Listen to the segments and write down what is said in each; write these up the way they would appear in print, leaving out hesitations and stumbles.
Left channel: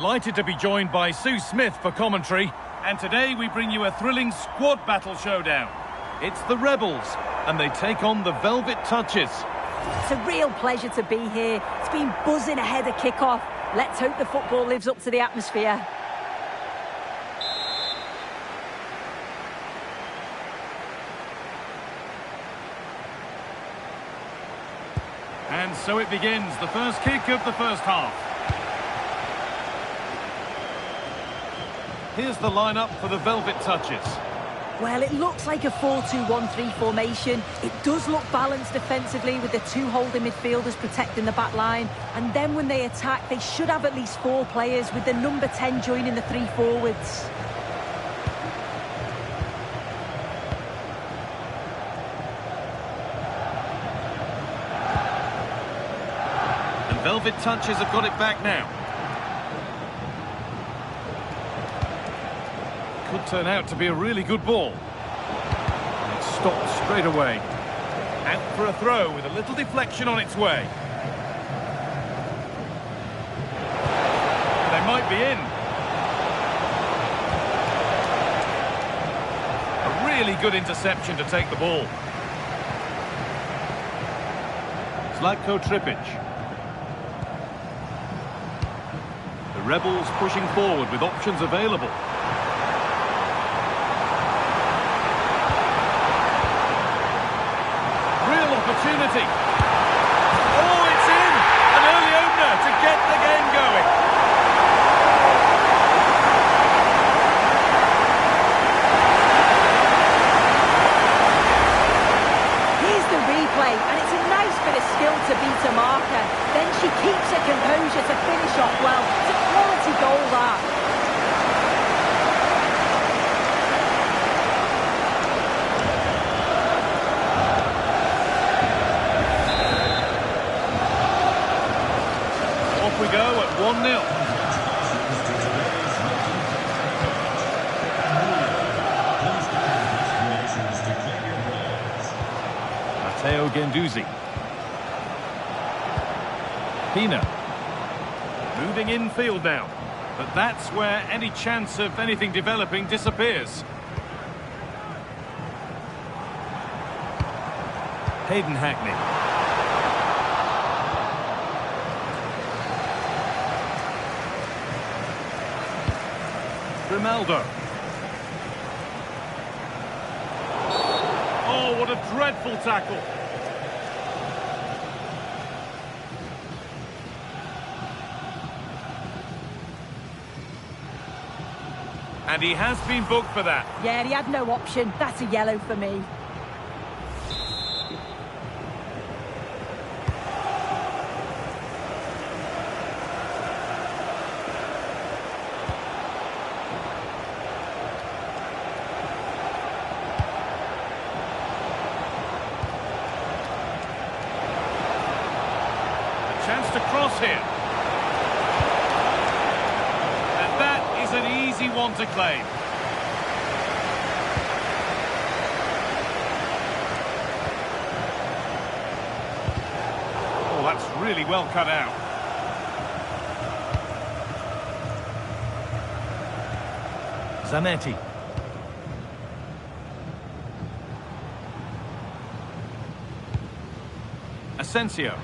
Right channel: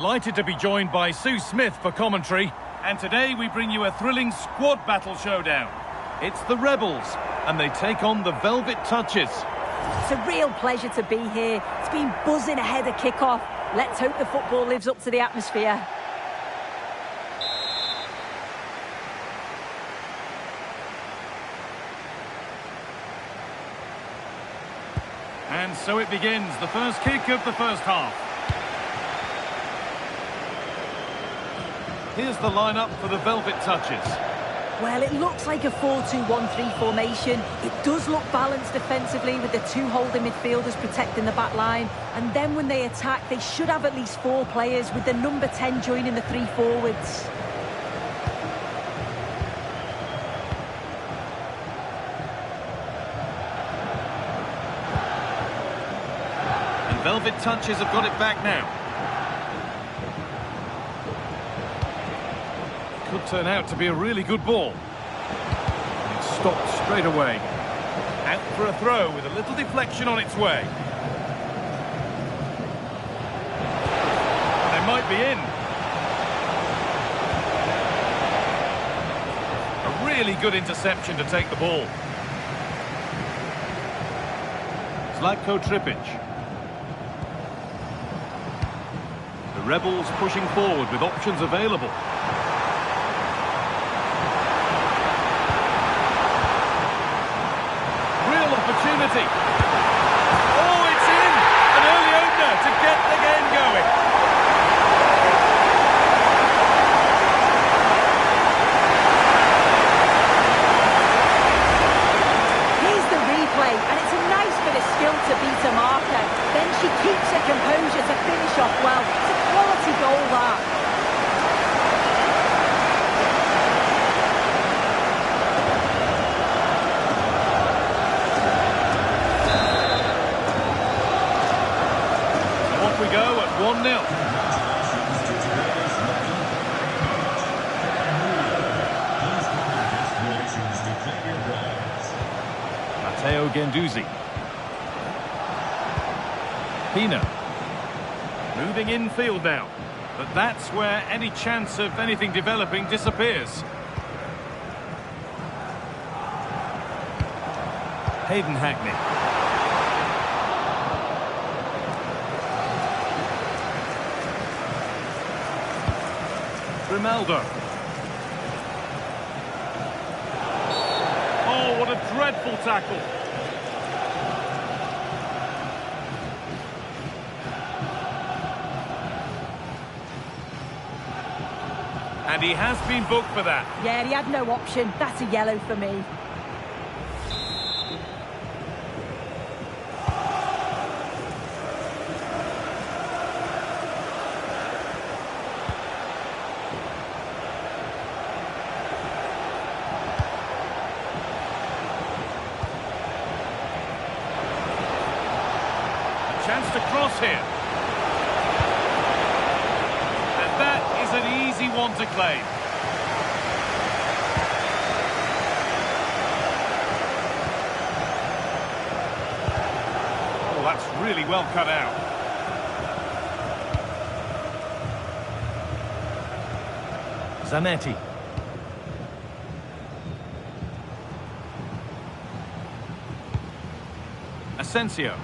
Delighted to be joined by Sue Smith for commentary. And today we bring you a thrilling squad battle showdown. It's the Rebels, and they take on the Velvet Touches. It's a real pleasure to be here. It's been buzzing ahead of kick-off. Let's hope the football lives up to the atmosphere. And so it begins, the first kick of the first half. Here's the lineup for the Velvet Touches. Well, it looks like a 4-2-1-3 formation. It does look balanced defensively with the two holding midfielders protecting the back line. And then when they attack, they should have at least 4 players with the number 10 joining the 3 forwards. And Velvet Touches have got it back now. Could turn out to be a really good ball. And it's stopped straight away. Out for a throw with a little deflection on its way. They might be in. A really good interception to take the ball. Zlatko Tripic. The Rebels pushing forward with options available. Opportunity. Oh, it's in! An early opener to get the game going. Here's the replay, and it's a nice bit of skill to beat a marker. Then she keeps her composure to finish off well. It's a quality goal, that. Off we go at 1-0. Matteo Guendouzi. Pina. Moving infield now. But that's where any chance of anything developing disappears. Hayden Hackney. Grimaldo. Oh, what a dreadful tackle. And he has been booked for that. Yeah, he had no option. That's a yellow for me. Chance to cross here. And that is an easy one to claim. Oh, that's really well cut out. Zanetti. Asensio.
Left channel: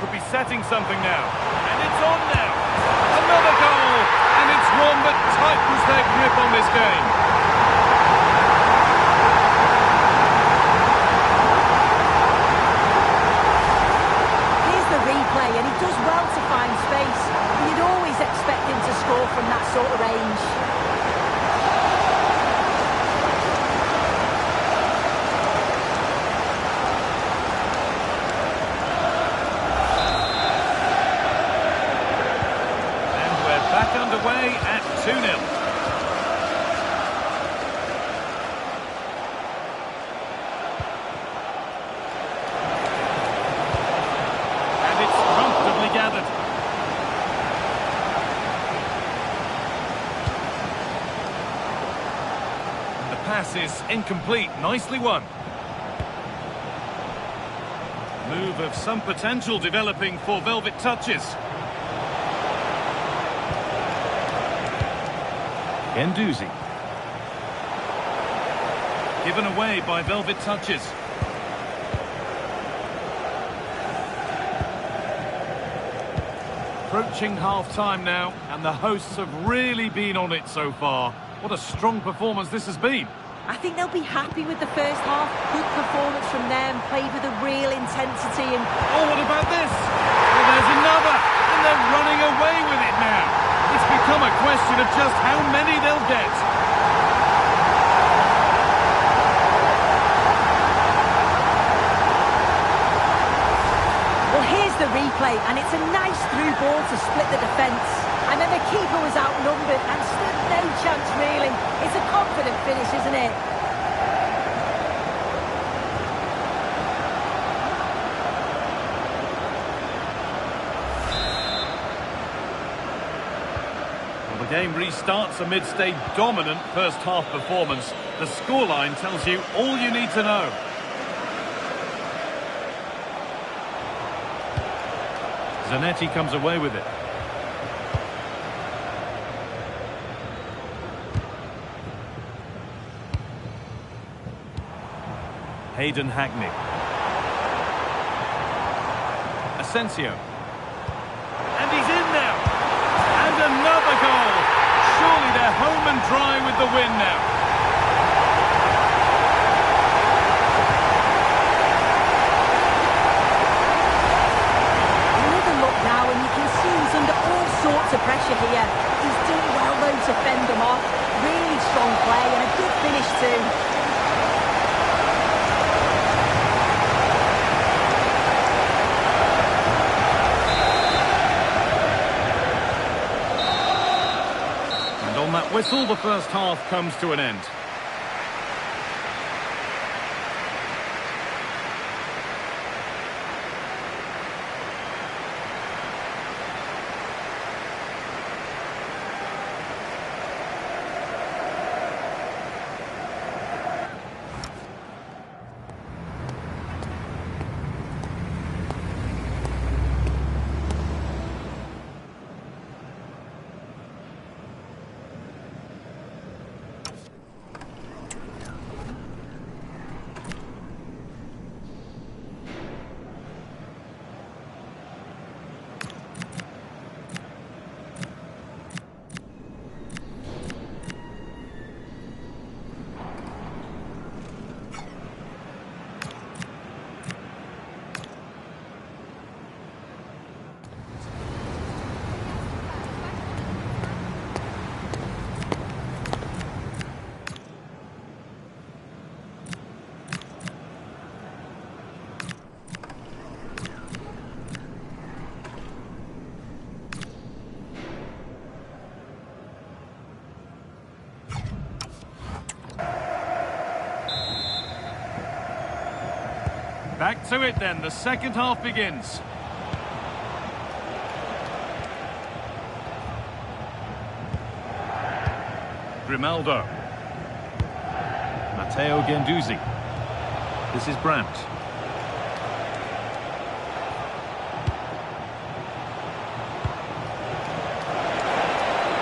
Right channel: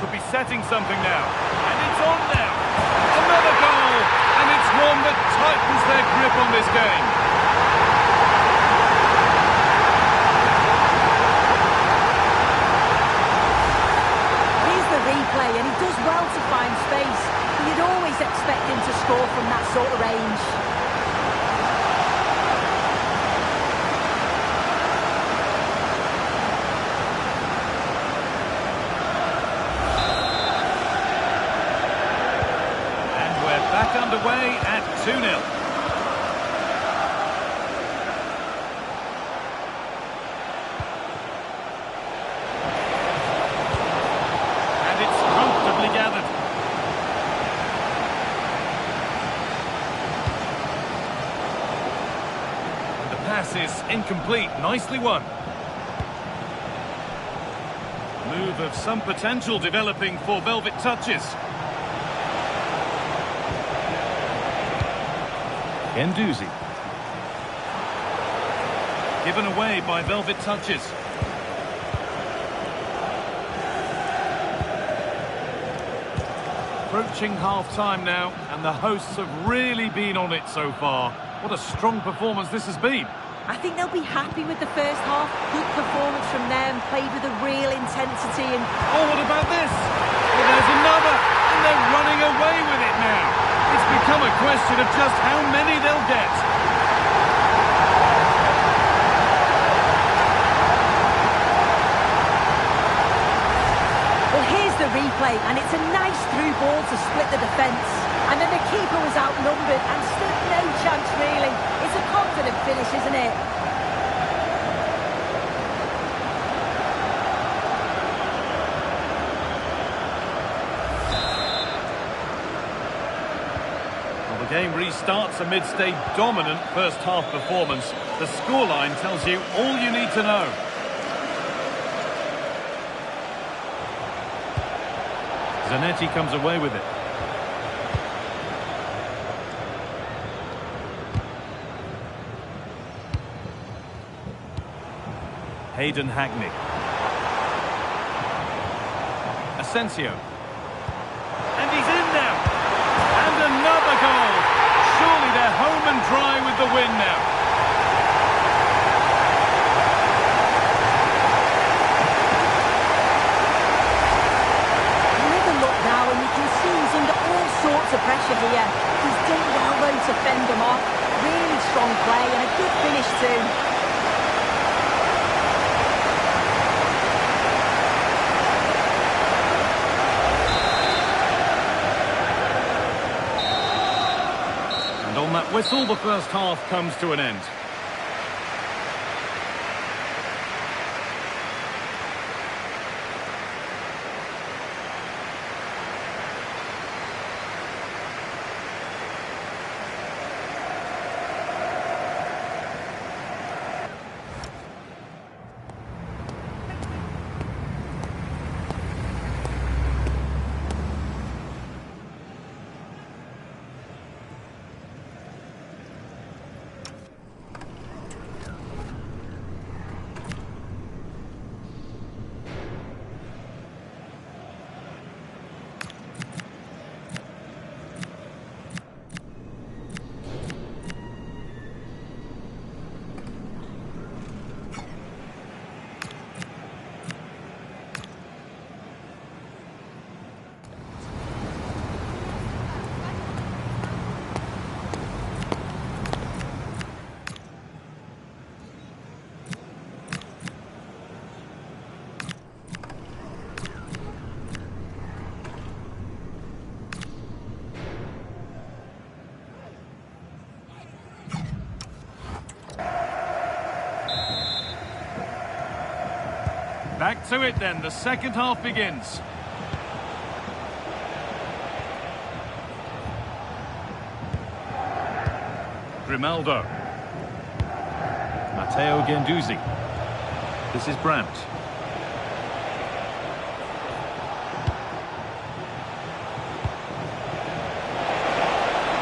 Could be setting something now. And it's on now. Another goal. And it's one that tightens their grip on this game. Here's the replay, and he does well to find space. But you'd always expect him to score from that sort of range. Back underway at 2-0. And it's comfortably gathered. And the pass is incomplete. Nicely won. Move of some potential developing for Velvet Touches. Guendouzi. Given away by Velvet Touches. Approaching half-time now, and the hosts have really been on it so far. What a strong performance this has been. I think they'll be happy with the first half. Good performance from them, played with a real intensity and... Oh, what about this? Well, there's another, and they're running away with it now. It's become a question of just how many they'll get. Well, here's the replay, and it's a nice through ball to split the defence. And then the keeper was outnumbered and stood no chance, really. It's a confident finish, isn't it? Well, the game restarts amidst a dominant first-half performance. The scoreline tells you all you need to know. Zanetti comes away with it. Hayden Hackney. Asensio. And he's in now. And another goal. Surely they're home and dry with the win now. Now, and you can see he's under all sorts of pressure here. He's done well, though, to fend them off. Really strong play and a good finish, too. And on that whistle, the first half comes to an end. Back to it then, the second half begins. Grimaldo. Matteo Guendouzi. This is Brandt.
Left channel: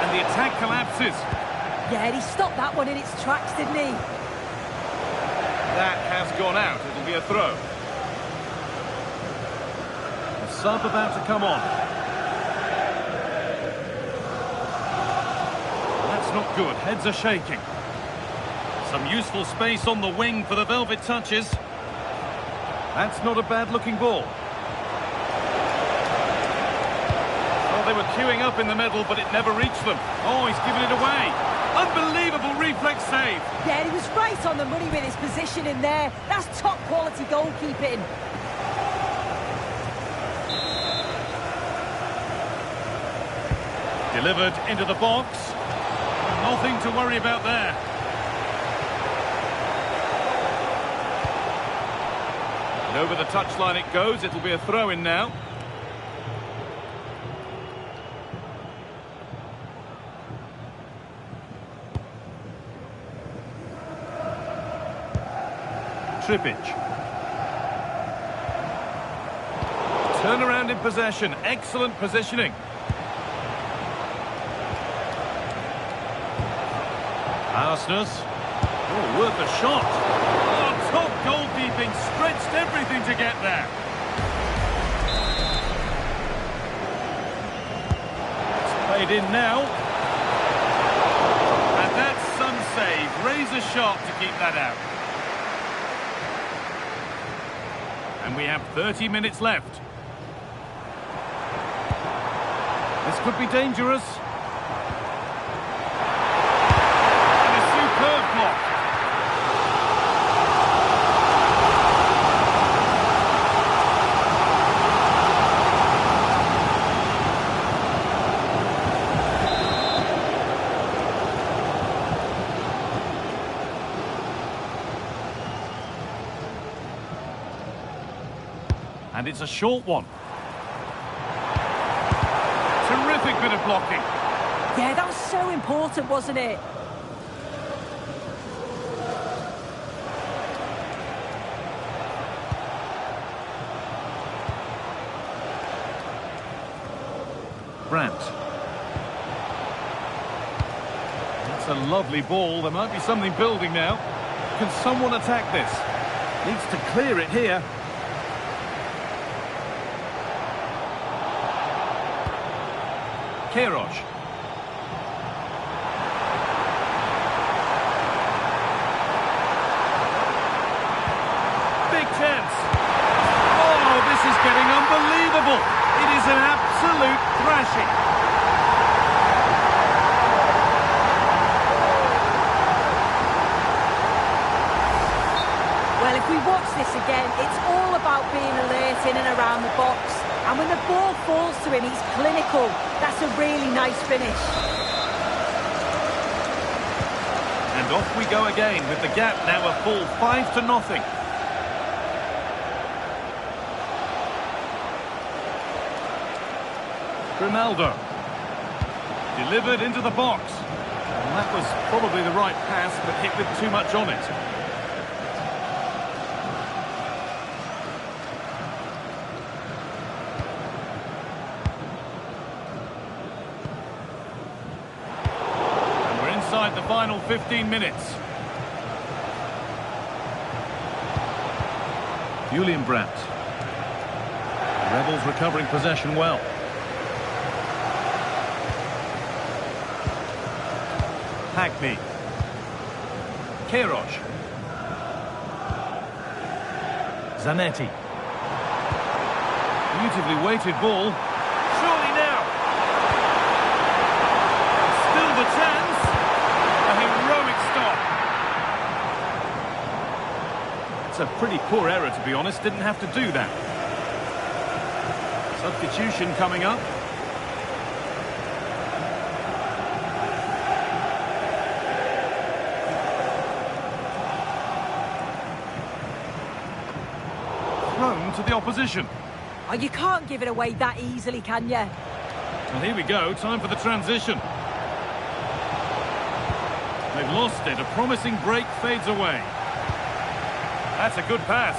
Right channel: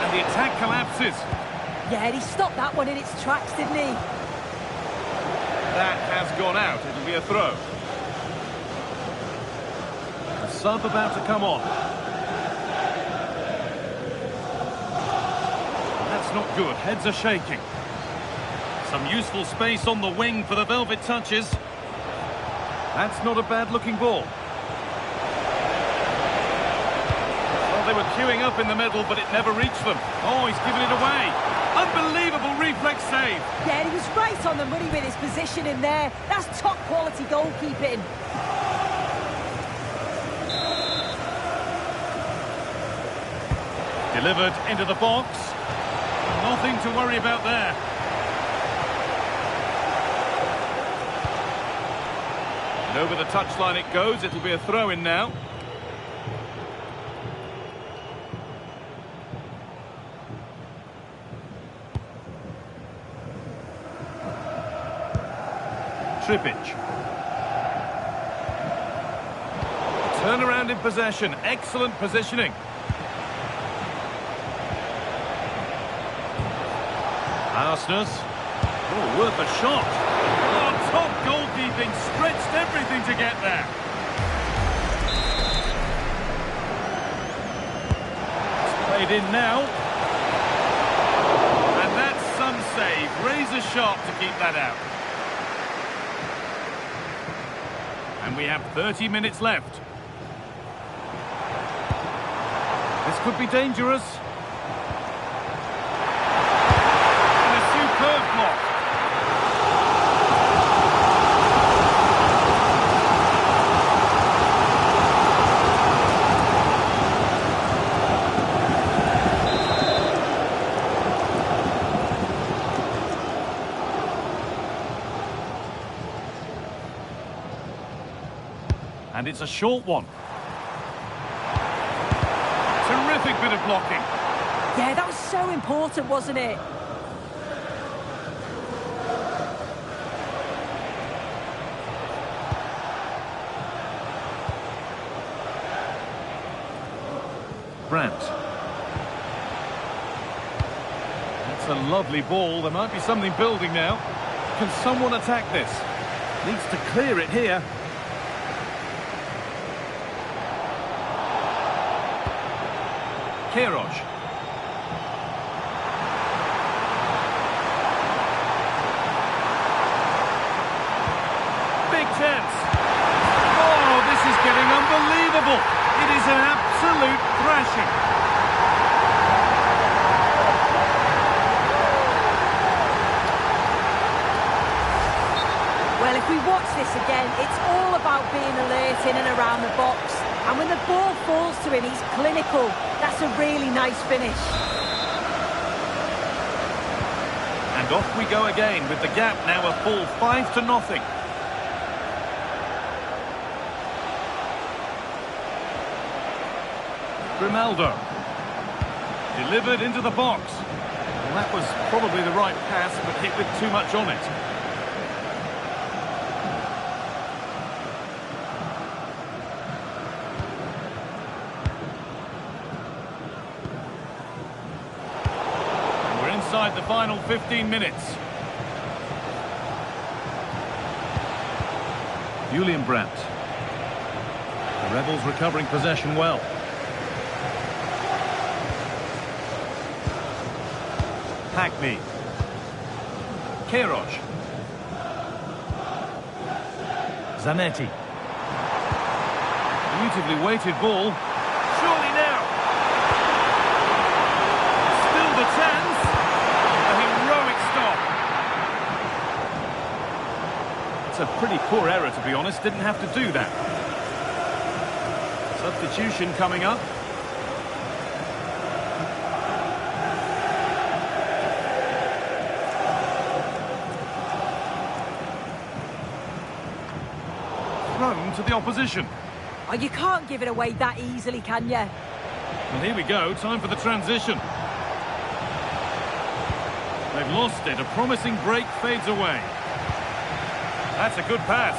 And the attack collapses. Yeah, he stopped that one in its tracks, didn't he? That has gone out. It'll be a throw. The sub about to come on. That's not good. Heads are shaking. Some useful space on the wing for the Velvet Touches. That's not a bad-looking ball. Well, they were queuing up in the middle, but it never reached them. Oh, he's given it away. Unbelievable reflex save. Yeah, he was right on the money with his position in there. That's top-quality goalkeeping. Delivered into the box. Nothing to worry about there. And over the touchline it goes. It'll be a throw-in now. Trippic. Turnaround in possession. Excellent positioning. Arsenal. Oh, worth a shot. Oh, top goalkeeping, stretched everything to get there. It's played in now. And that's some save. Razor sharp to keep that out. And we have 30 minutes left. This could be dangerous. And a superb block. And it's a short one. Terrific bit of blocking. Yeah, that was so important, wasn't it? Brandt. That's a lovely ball. There might be something building now. Can someone attack this? Needs to clear it here. Queiroz. Big chance. Oh, this is getting unbelievable. It is an absolute thrashing. Well, if we watch this again, it's all about being alert in and around the box. And when the ball falls to him, he's clinical. That's a really nice finish. And off we go again with the gap now a full 5-0. Grimaldo. Delivered into the box. Well, that was probably the right pass, but hit with too much on it. Inside the final 15 minutes. Julian Brandt. The Rebels recovering possession well. Hackney. Queiroz. Zanetti. Beautifully weighted ball. Surely now. Still the chance. A heroic stop. It's a pretty poor error, to be honest. Didn't have to do that. Substitution coming up. Thrown to the opposition. Oh, you can't give it away that easily, can you? Well, here we go. Time for the transition. They've lost it. A promising break fades away. That's a good pass.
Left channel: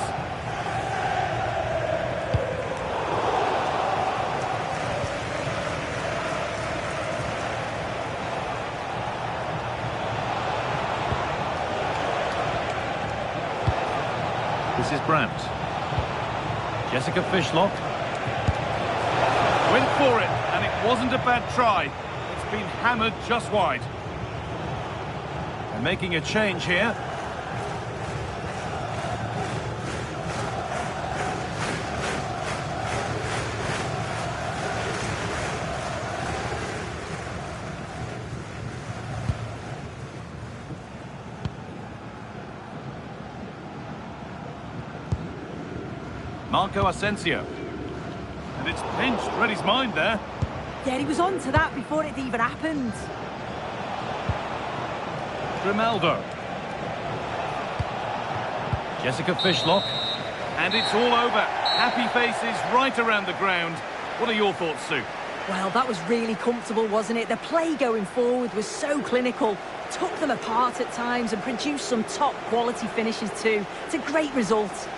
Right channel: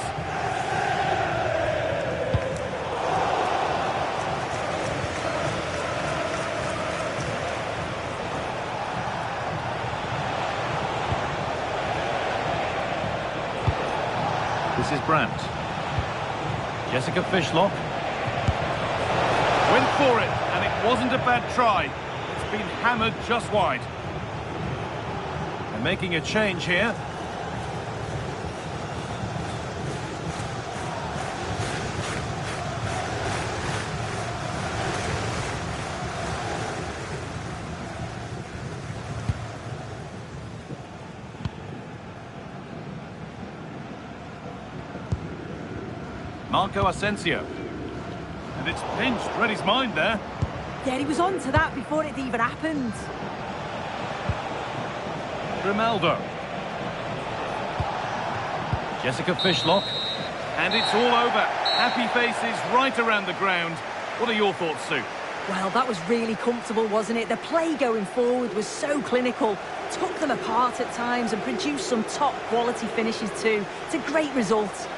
This is Brandt. Jessica Fishlock. Went for it, and it wasn't a bad try. It's been hammered just wide. They're making a change here. Marco Asensio. And it's pinched. Read his mind there. Yeah, he was on to that before it even happened. Grimaldo. Jessica Fishlock. And it's all over. Happy faces right around the ground. What are your thoughts, Sue? Well, that was really comfortable, wasn't it? The play going forward was so clinical. Took them apart at times and produced some top quality finishes too. It's a great result.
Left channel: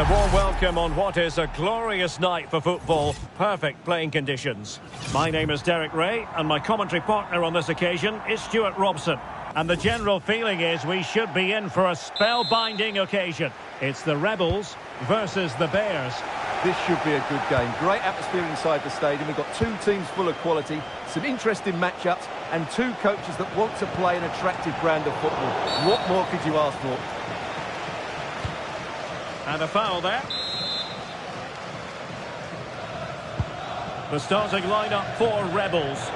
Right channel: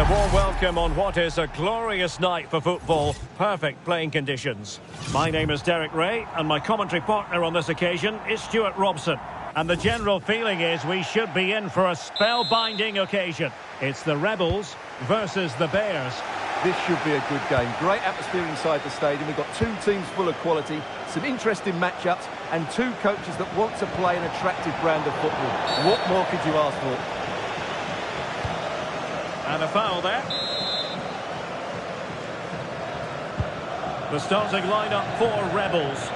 And a warm welcome on what is a glorious night for football. Perfect playing conditions. My name is Derek Ray, and my commentary partner on this occasion is Stuart Robson. And the general feeling is we should be in for a spellbinding occasion. It's the Rebels versus the Bears. This should be a good game. Great atmosphere inside the stadium. We've got two teams full of quality, some interesting matchups, and two coaches that want to play an attractive brand of football. What more could you ask for? And a foul there. The starting lineup for Rebels.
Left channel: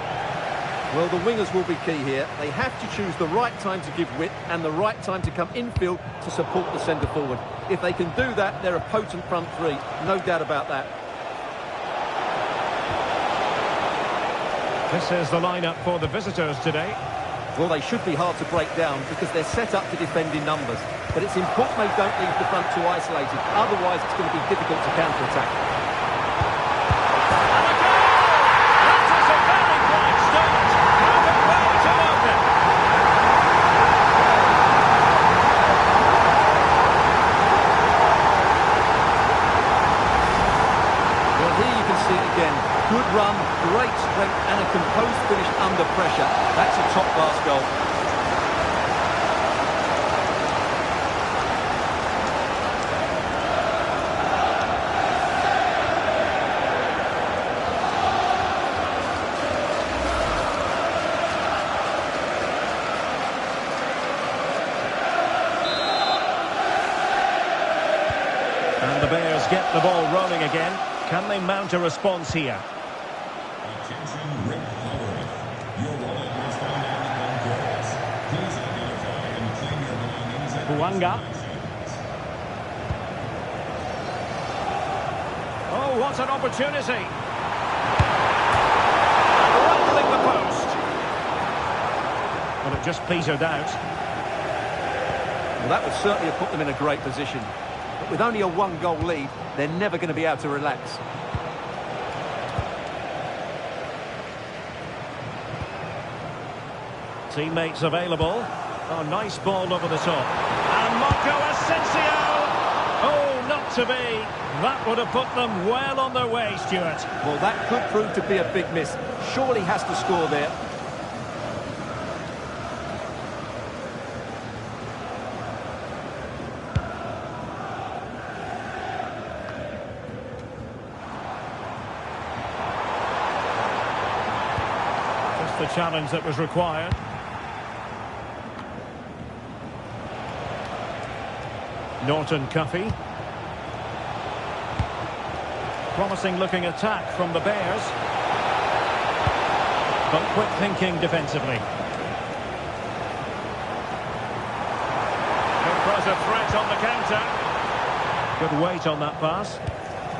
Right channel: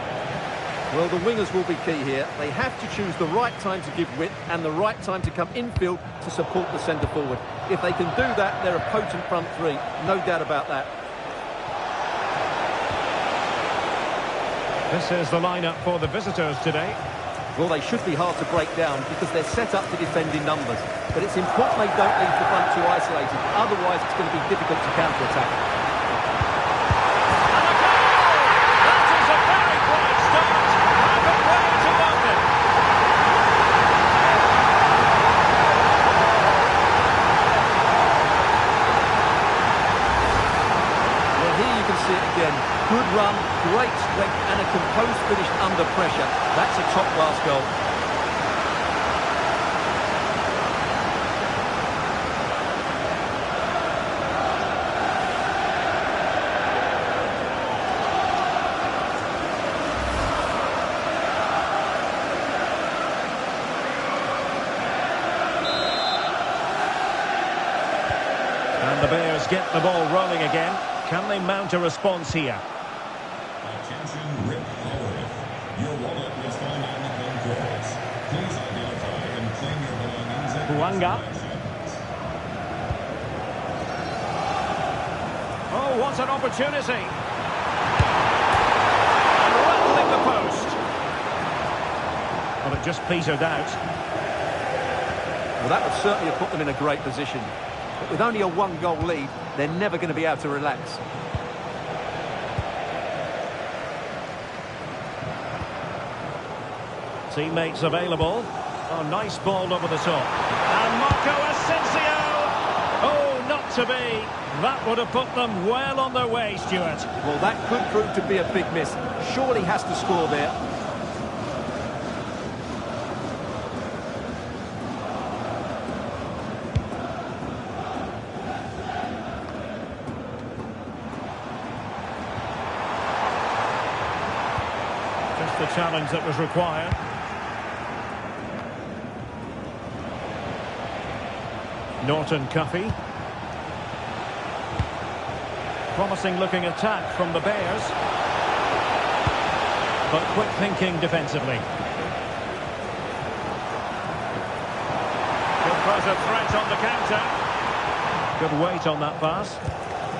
Well, the wingers will be key here. They have to choose the right time to give width and the right time to come infield to support the centre forward. If they can do that, they're a potent front three. No doubt about that. This is the lineup for the visitors today. Well, they should be hard to break down because they're set up to defend in numbers. But it's important they don't leave the front too isolated. Otherwise, it's going to be difficult to counter-attack. And a goal! That is a very bright start. Perfect way to open. Well, here you can see it again. Good run, great strength, and a composed finish under pressure. That's a top-class goal. And the Bears get the ball rolling again. Can they mount a response here? Attention, Rick Haworth. Your wallet was found on the concourse. Please identify and claim your belongings at Bouanga. Oh, what an opportunity. And rattling the post. Well, it just petered out. Well, that would certainly have put them in a great position. But with only a one-goal lead, they're never going to be able to relax. Teammates available. Oh, nice ball over the top. And Marco Asensio! Oh, not to be. That would have put them well on their way, Stuart. Well, that could prove to be a big miss. Surely has to score there. Just the challenge that was required. Norton Cuffy. Promising looking attack from the Bears. But quick thinking defensively. Could pose a threat on the counter. Good weight on that pass.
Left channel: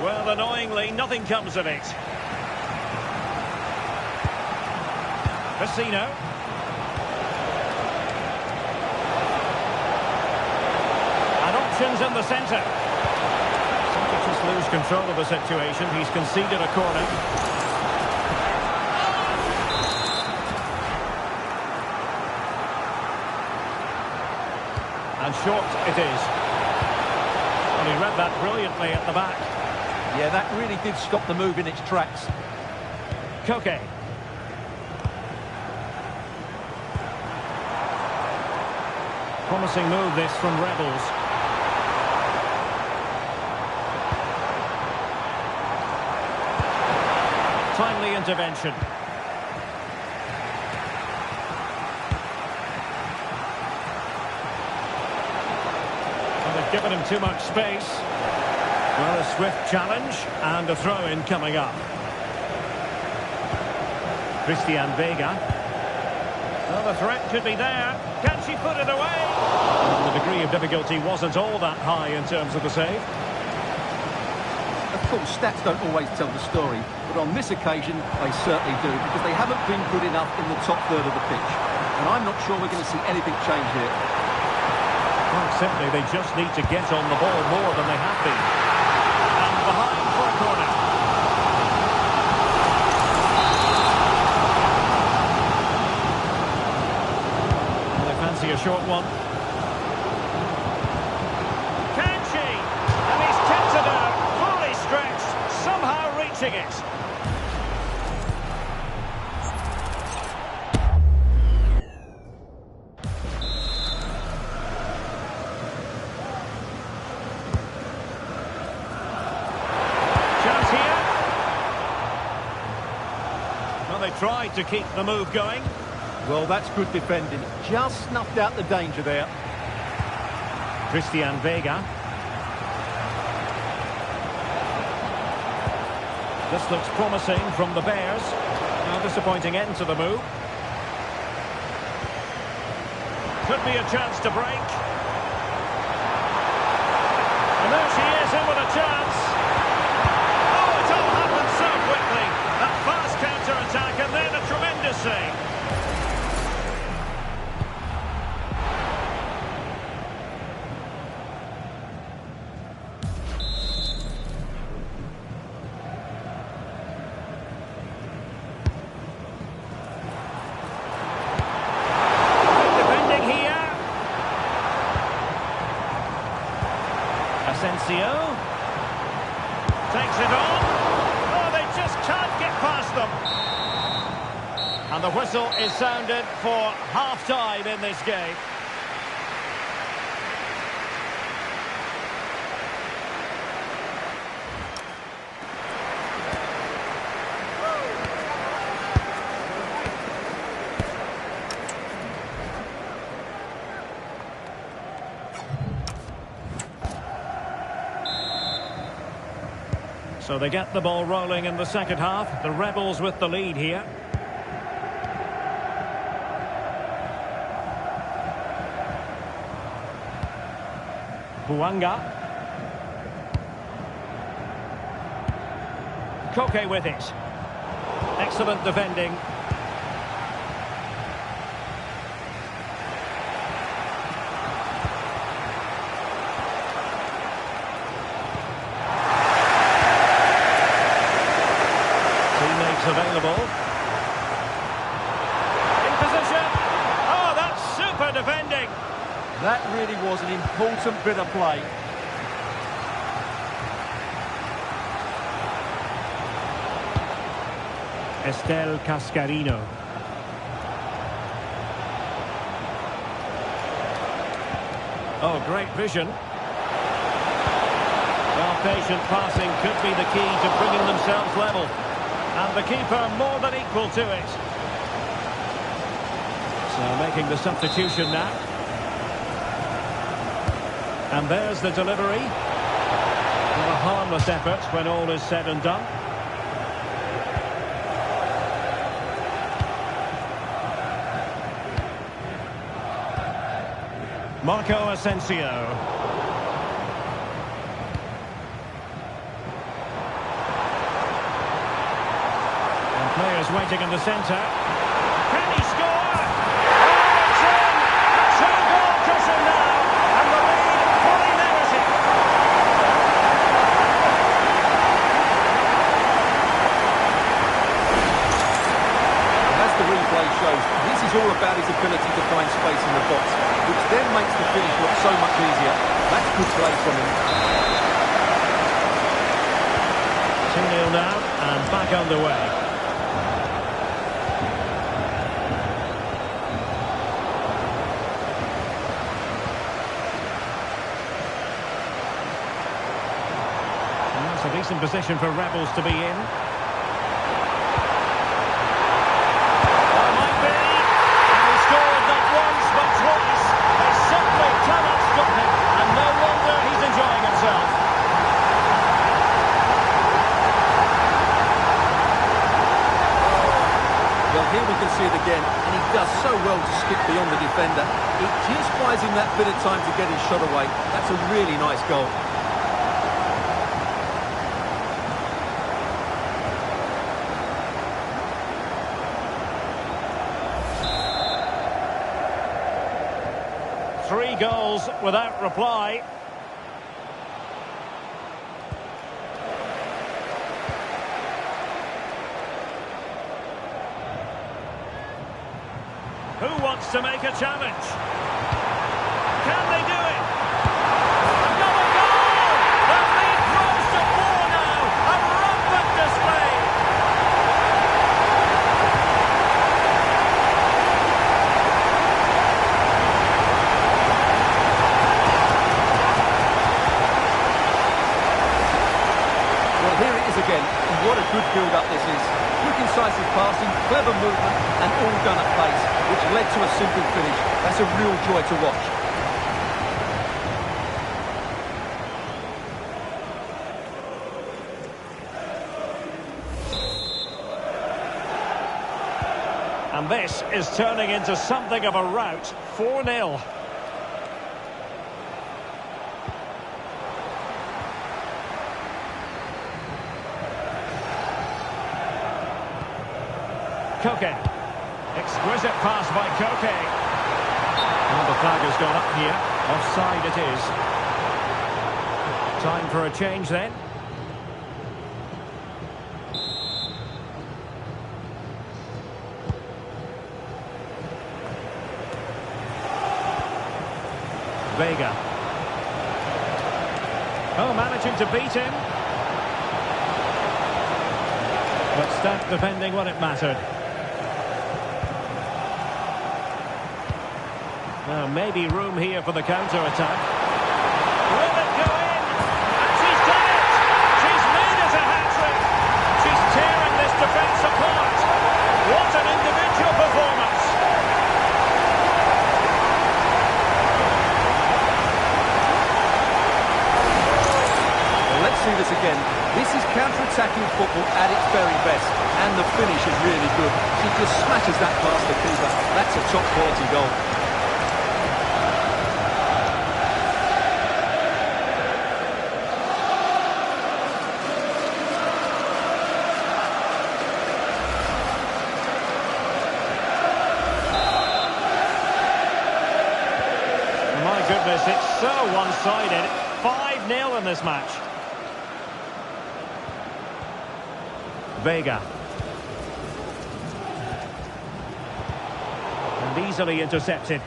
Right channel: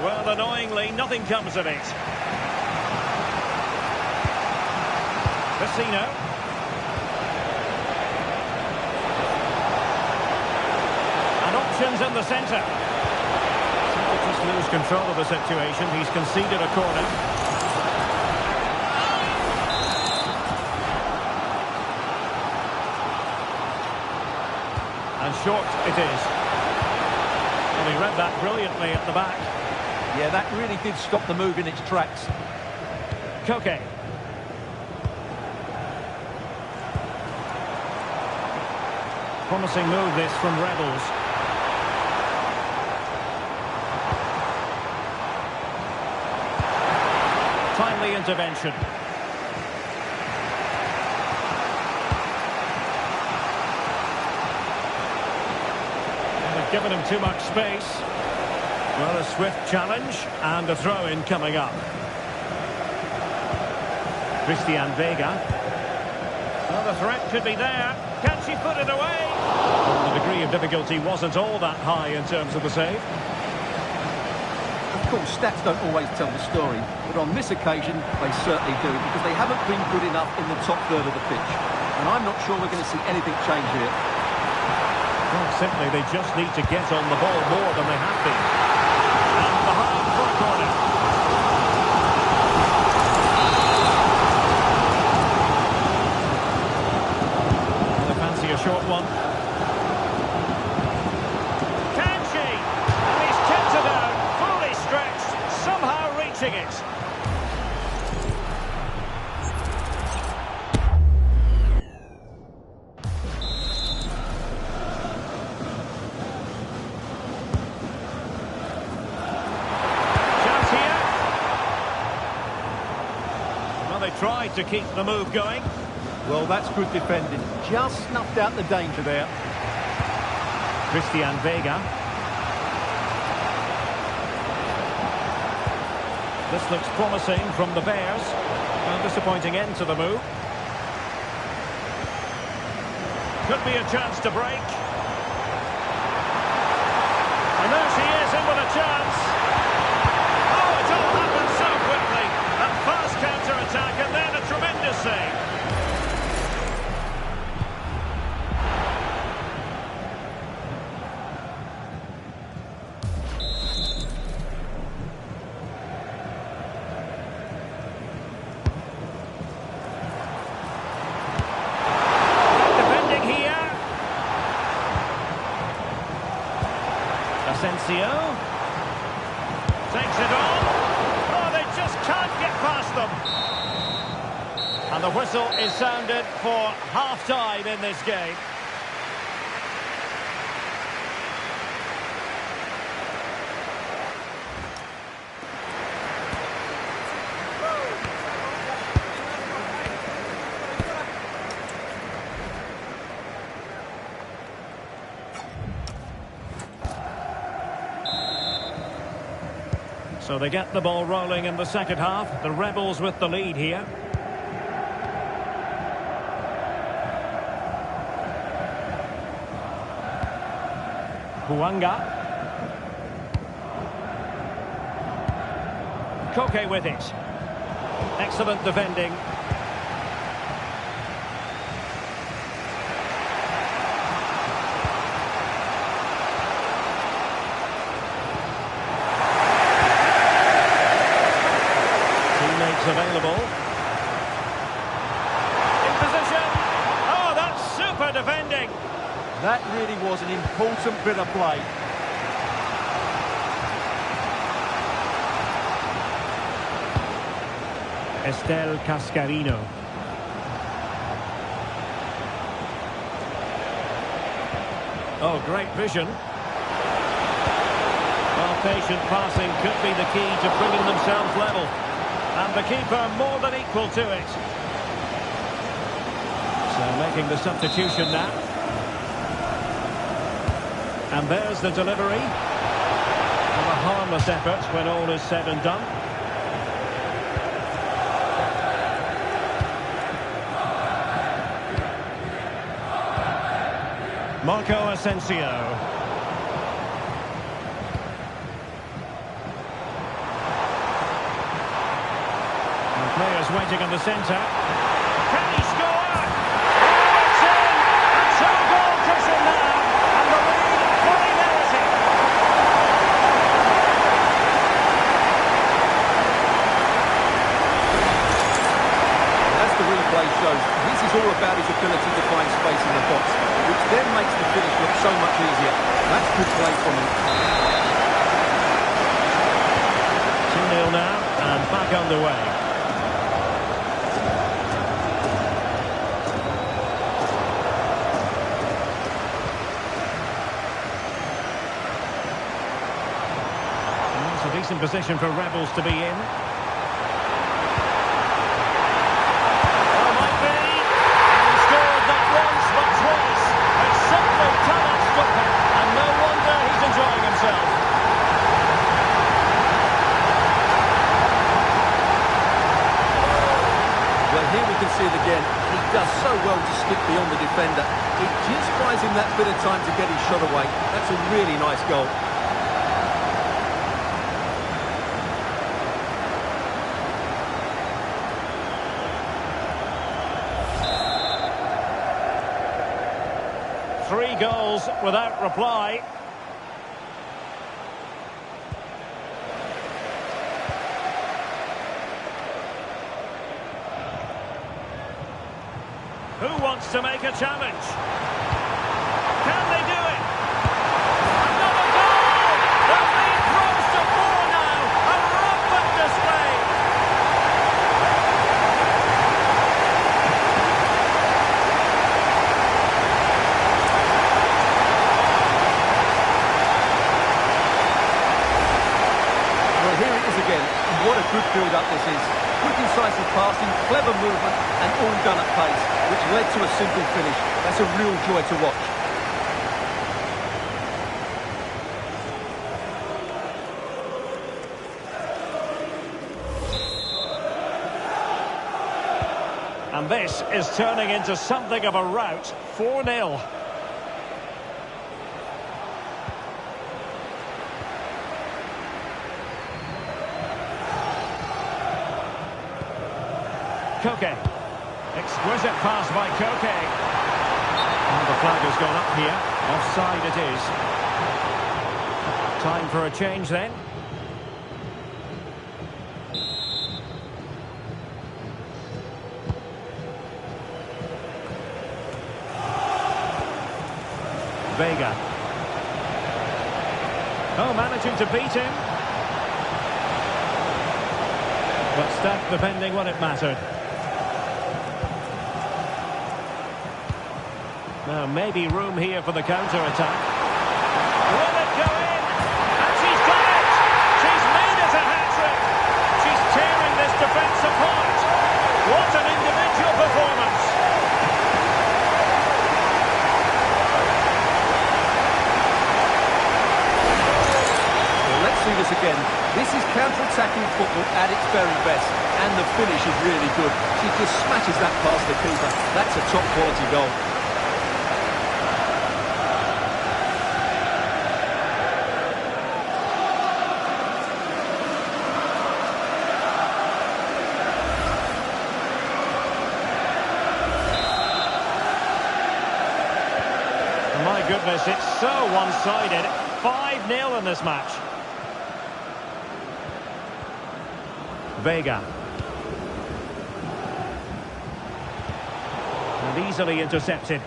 Well, annoyingly, nothing comes of it. Vecino. And options in the centre. Seems to just lose control of the situation. He's conceded a corner. And short it is. Well, he read that brilliantly at the back. Yeah, that really did stop the move in its tracks. Koke. Promising move this from Rebels. Timely intervention. Well, they've given him too much space. Well, a swift challenge and a throw-in coming up. Christian Vega. Well, the threat could be there. Can she put it away? Well, the degree of difficulty wasn't all that high in terms of the save. Of course, stats don't always tell the story, but on this occasion, they certainly do, because they haven't been good enough in the top third of the pitch. And I'm not sure we're going to see anything change here. Well, simply, they just need to get on the ball more than they have been. And behind for a corner. A short one. Can she? And he's kept reaching it. Chance here. Well, they tried to keep the move going. Well, that's good defending. Just snuffed out the danger there. Christian Vega. This looks promising from the Bears. A disappointing end to the move. Could be a chance to break. And there she is, in with a chance. Oh, it all happened so quickly. A fast counter-attack and then a tremendous save. Asensio takes it on. Oh, they just can't get past them. And the whistle is sounded for half-time in this game. So they get the ball rolling in the second half. The Rebels with the lead here. Hwanga. Koke with it. Excellent defending. Teammates available. In position. Oh, that's super defending. That really was an important bit of play. Estel Cascarino. Oh, great vision. Well, patient passing could be the key to bringing themselves level. And the keeper more than equal to it. So making the substitution now. And there's the delivery. Not a harmless effort when all is said and done. Marco Asensio. And players waiting in the centre. Can he score? Oh, it's in! A two-goal cushion now, and the lead fully merited. As the replay shows, this is all about his ability to find space in the box, which then makes the finish look so much easier. That's good play from him. 2-0 now, and back underway. It's a decent position for Rebels to be in. Oh, might be. And he scored not once, but twice. They simply cannot stop him. And no wonder he's enjoying himself. Well, here we can see it again, and he does so well to skip beyond the defender. It just buys him that bit of time to get his shot away. That's a really nice goal. Three goals without reply. Who wants to make a challenge? Can they do it? Another goal! The lead grows to 4 now. A rampant display What a good build-up this is. Quick, incisive passing, clever movement, and all done at pace, which led to a simple finish. That's a real joy to watch. And this is turning into something of a rout. 4-0. Koke. Exquisite pass by Koke. Well, the flag has gone up here. Offside it is. Time for a change then. Vega. Oh, managing to beat him. But staff defending when it mattered. Now, maybe room here for the counter-attack. Will it go in? And she's done it! She's made it a hat-trick! She's tearing this defence apart! What an individual performance! Well, let's see this again. This is counter-attacking football at its very best. And the finish is really good. She just smashes that past the keeper. That's a top-quality goal. My goodness, it's so one-sided. 5-0 in this match. Vega. And easily intercepted.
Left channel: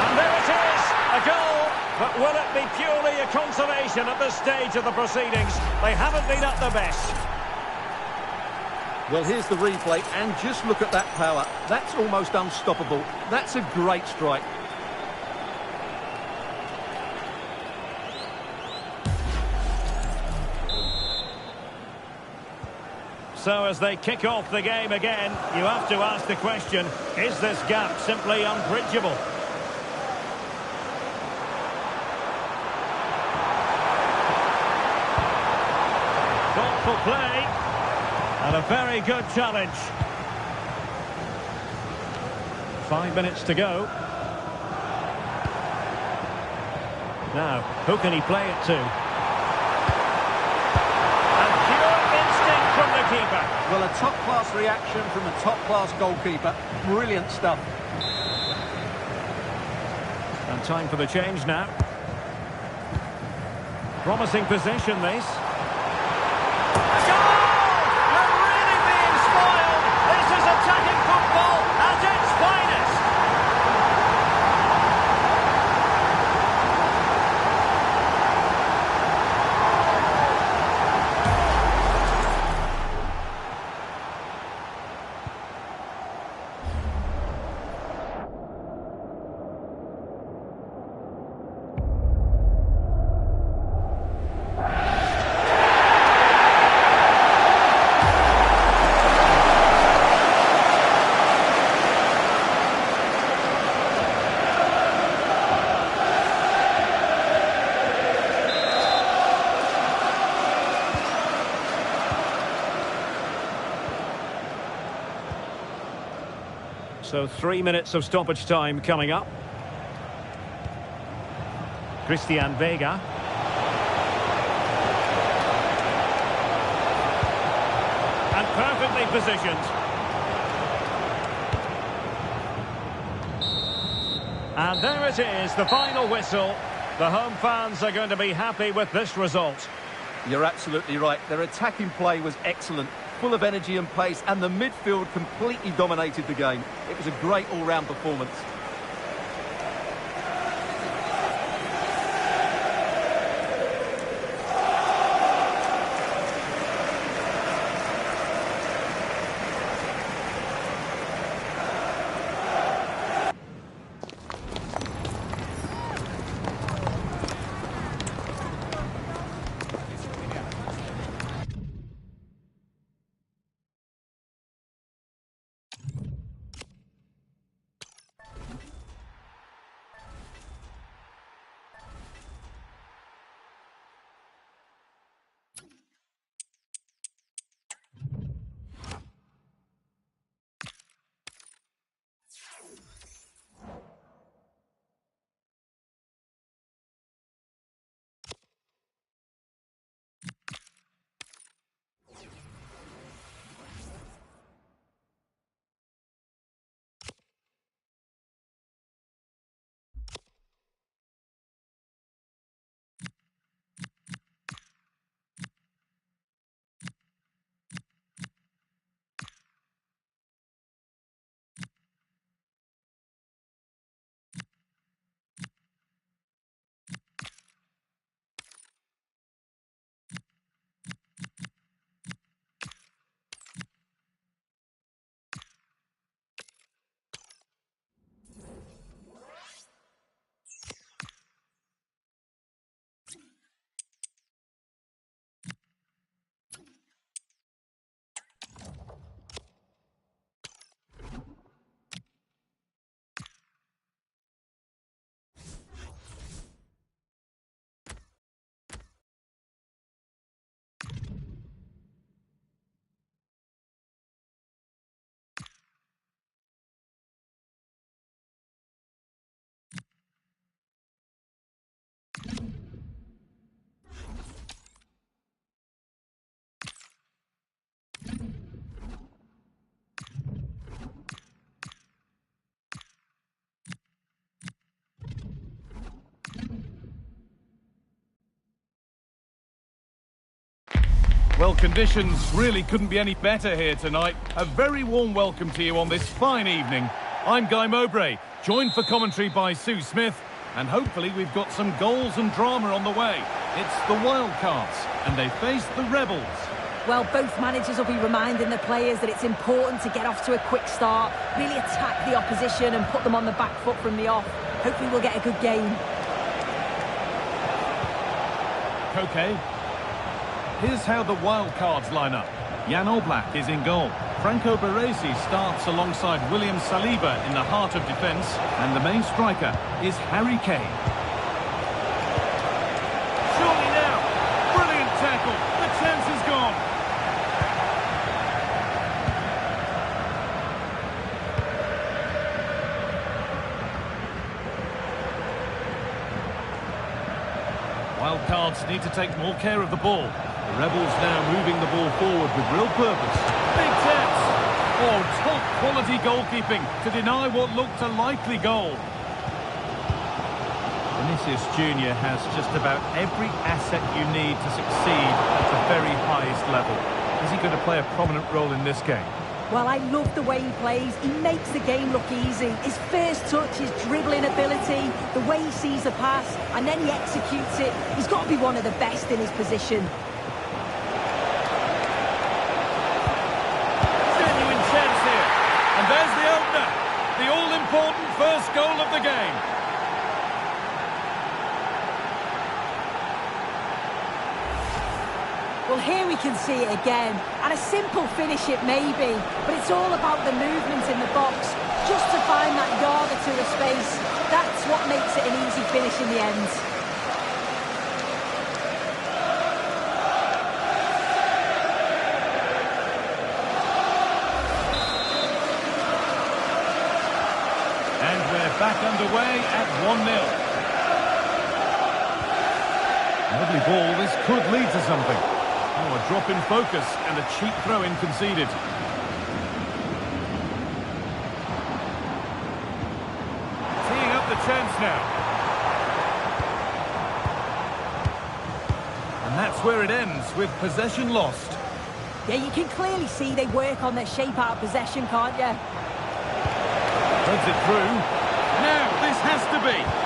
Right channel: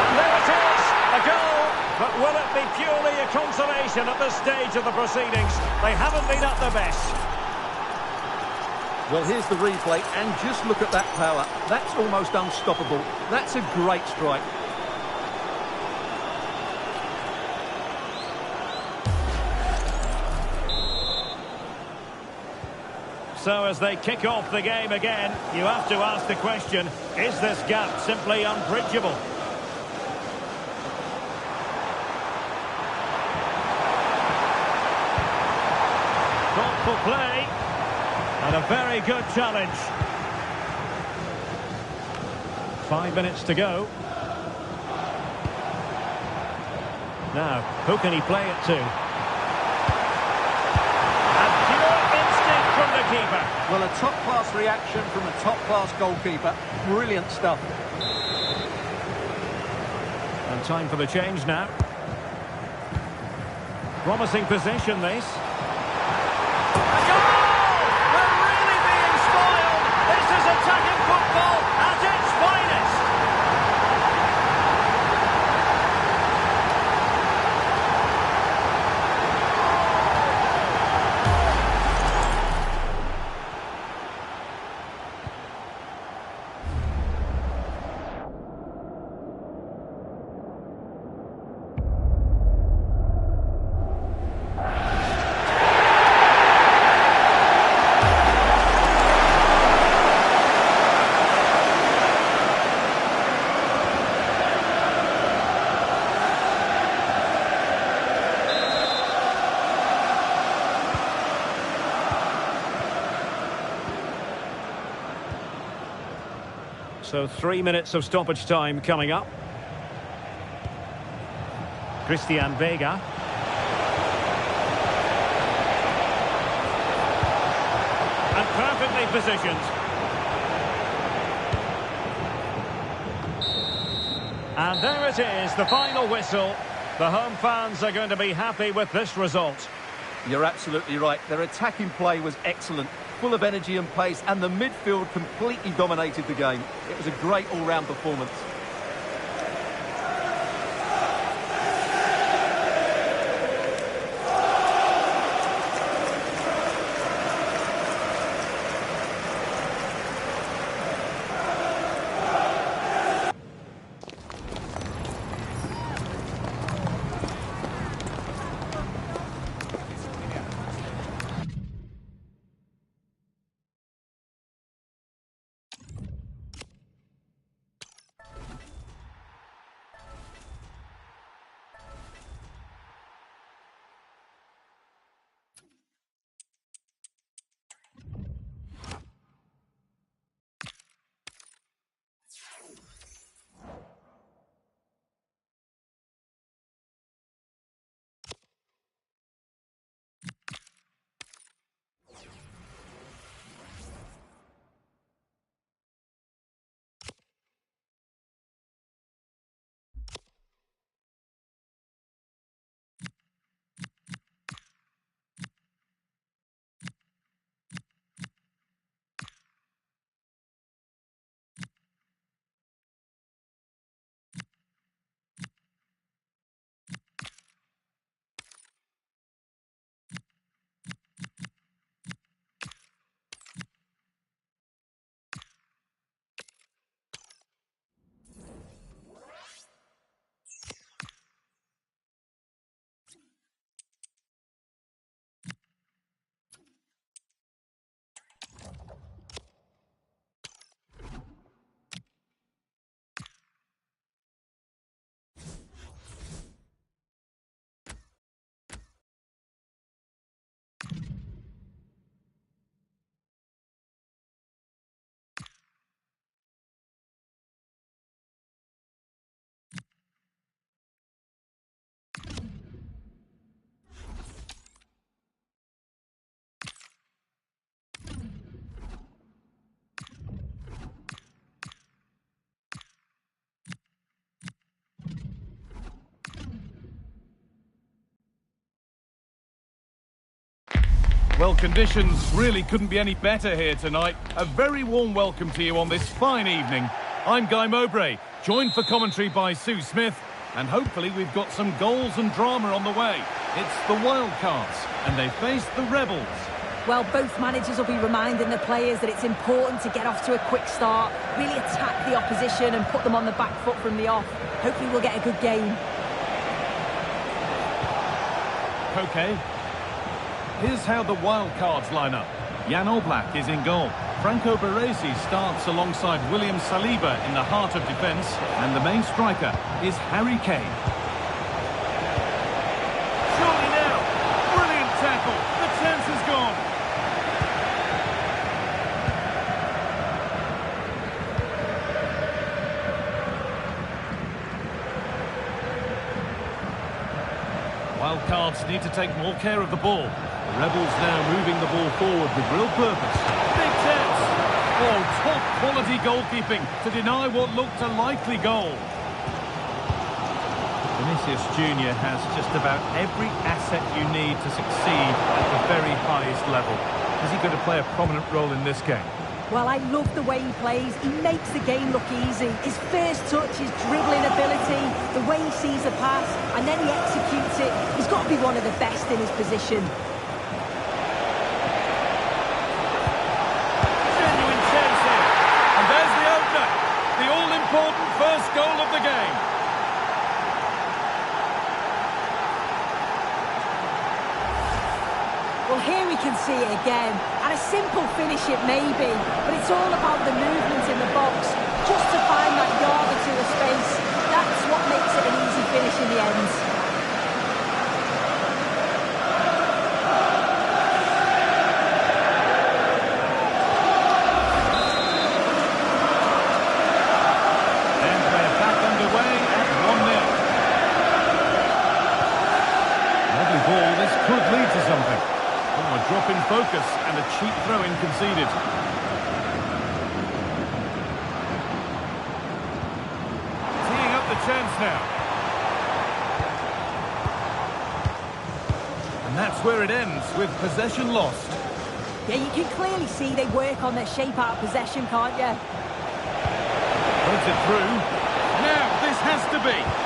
And there it is! A goal! But will it be purely a consolation at this stage of the proceedings? They haven't been at their best. Well, here's the replay, and just look at that power. That's almost unstoppable. That's a great strike. So as they kick off the game again, you have to ask the question, is this gap simply unbridgeable? Thoughtful play. And a very good challenge. 5 minutes to go. Now, who can he play it to? And pure instinct from the keeper. Well, a top-class reaction from a top-class goalkeeper. Brilliant stuff. And time for the change now. Promising possession, this. A goal! This is attacking football at its finest. So 3 minutes of stoppage time coming up. Christian Vega. And perfectly positioned. And there it is, the final whistle. The home fans are going to be happy with this result. You're absolutely right. Their attacking play was excellent, full of energy and pace, and the midfield completely dominated the game. It was a great all-round performance. Well, conditions really couldn't be any better here tonight. A very warm welcome to you on this fine evening. I'm Guy Mowbray, joined for commentary by Sue Smith, and hopefully we've got some goals and drama on the way. It's the Wildcards, and they face the Rebels. Well, both managers will be reminding the players that it's important to get off to a quick start, really attack the opposition and put them on the back foot from the off. Hopefully we'll get a good game. Koke. Here's how the Wildcards line up. Jan Oblak is in goal. Franco Baresi starts alongside William Saliba in the heart of defence. And the main striker is Harry Kane. Surely now. Brilliant tackle. The chance is gone. Wildcards need to take more care of the ball. The Rebels now moving the ball forward with real purpose. Big chance! Oh, top quality goalkeeping to deny what looked a likely goal. Vinicius Junior has just about every asset you need to succeed at the very highest level. Is he going to play a prominent role in this game? Well, I love the way he plays. He makes the game look easy. His first touch, his dribbling ability, the way he sees the pass, and then he executes it. He's got to be one of the best in his position. Genuine chance here. And there's the opener. The all-important first goal of the game. Well, here we can see it again, and a simple finish it may be, but it's all about the movement in the box, just to find that yard or two of space. That's what makes it an easy finish in the end. And we're back underway at 1-0. Lovely ball, this could lead to something. Oh, a drop in focus and a cheap throw-in conceded. Teeing up the chance now. And that's where it ends, with possession lost. Yeah, you can clearly see they work on their shape out of possession, can't you? Runs it through. Now, this has to be.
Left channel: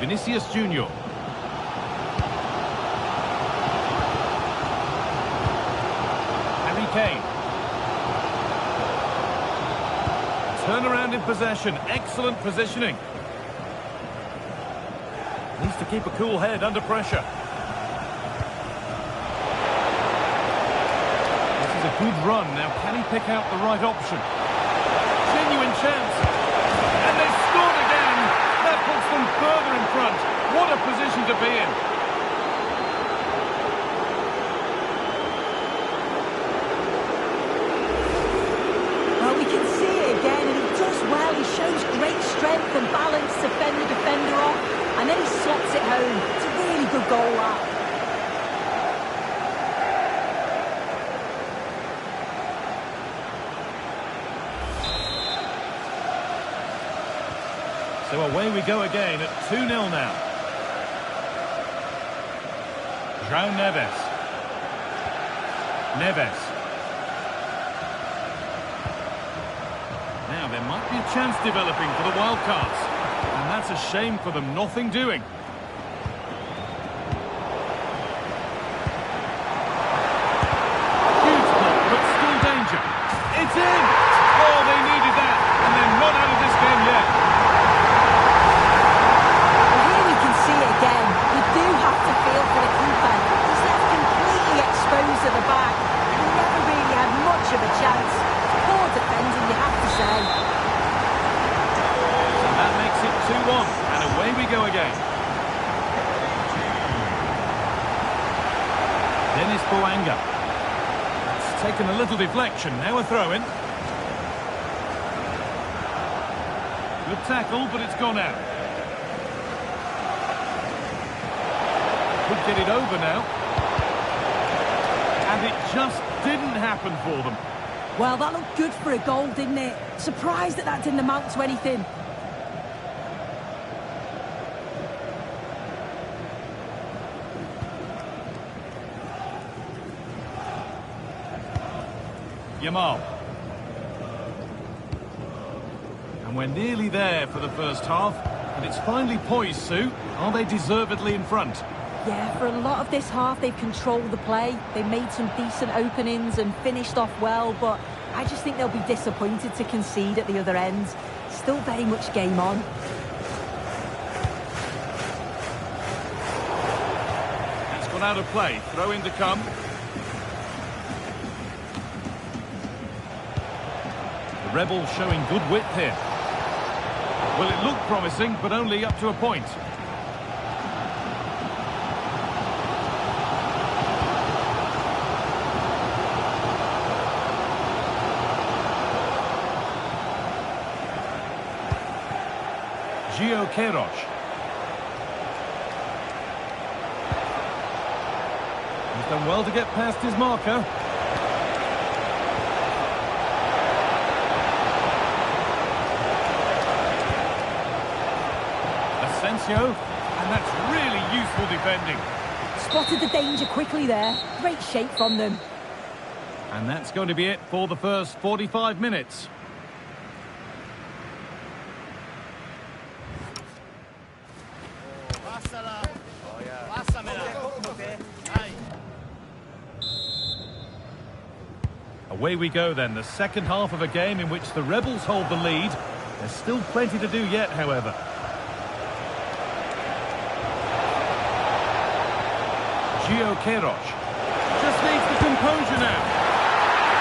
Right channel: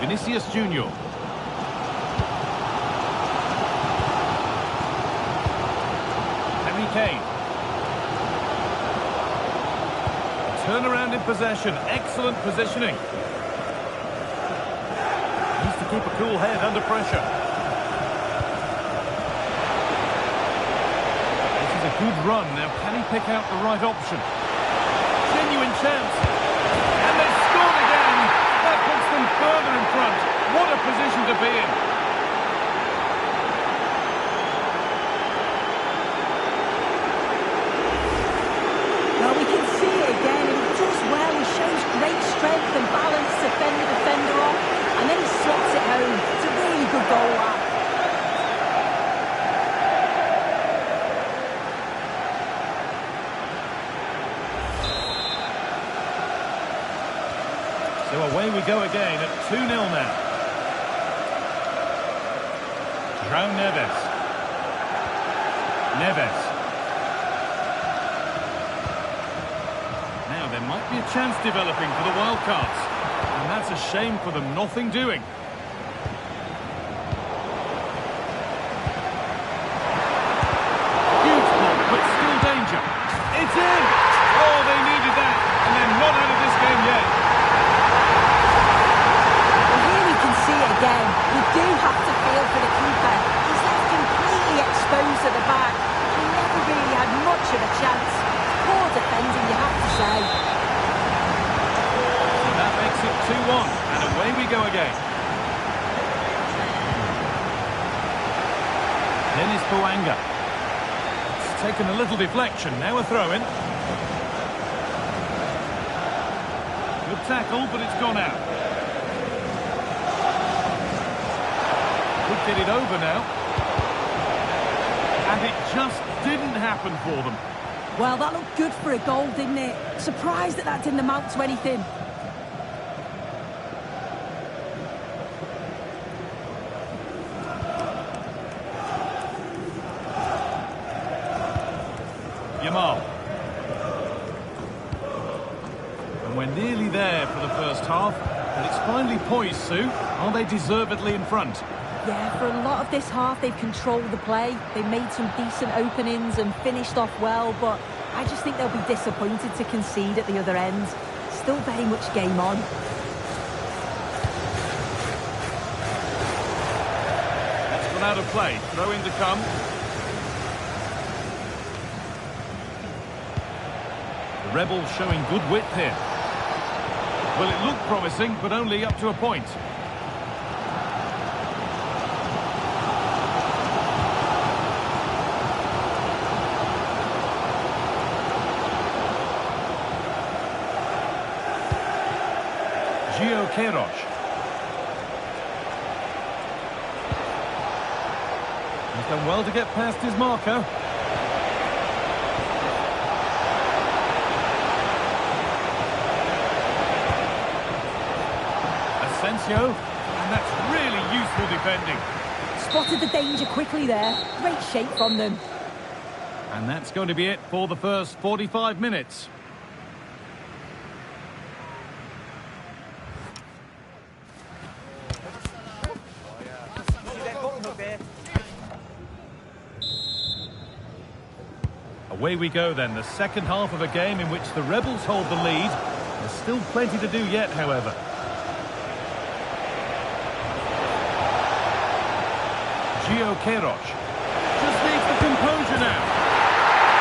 Vinicius Junior. Harry Kane. Turnaround in possession. Excellent positioning. Needs to keep a cool head under pressure. This is a good run. Now, can he pick out the right option? Genuine chance. And they've scored again. That puts them further in front. What a position to be in. Well, we can see it again, and he does well. He shows great strength and balance to fend the defender off, and then he slots it home. It's a really good goal, that. So away we go again at 2-0 now. João Neves. Neves. Now there might be a chance developing for the Wildcards. And that's a shame for them, nothing doing. Huge ball, but still danger. It's in! Oh, they needed that, and they're not out of this game yet. See it again. We do have to feel for the keeper. He's left completely exposed at the back. He never really had much of a chance. Poor defending, you have to say. So that makes it 2-1, and away we go again. Dennis Bouanga. It's taken a little deflection, now a throw-in. Good tackle, but it's gone out. Could get it over now. And it just didn't happen for them. Well, that looked good for a goal, didn't it? Surprised that didn't amount to anything. Yamal. And we're nearly there for the first half. And it's finally poised, Sue. Are they deservedly in front? Yeah, for a lot of this half, they've controlled the play. They made some decent openings and finished off well, but I just think they'll be disappointed to concede at the other end. Still very much game on. That's gone out of play. Throw in to come. The Rebels showing good width here. Well, it looked promising, but only up to a point. Gio Queiroz. He's done well to get past his marker. Asensio, and that's really useful defending. Spotted the danger quickly there. Great shape from them. And that's going to be it for the first 45 minutes. Away we go then, the second half of a game in which the Rebels hold the lead. There's still plenty to do yet, however. Gio Queiroz just needs the composure now.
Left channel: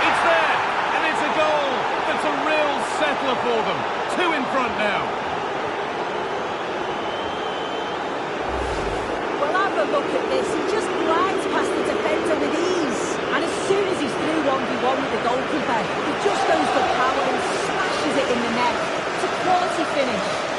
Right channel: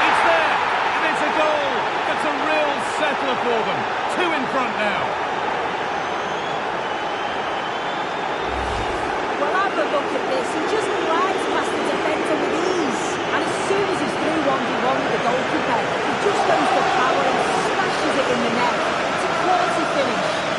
It's there, and it's a goal. That's a real settler for them. 2 in front now. Well, have a look at this. He just glides past the defender with ease. And as soon as he's through 1v1 with the goalkeeper, he just goes for power and smashes it in the net. It's a quality finish.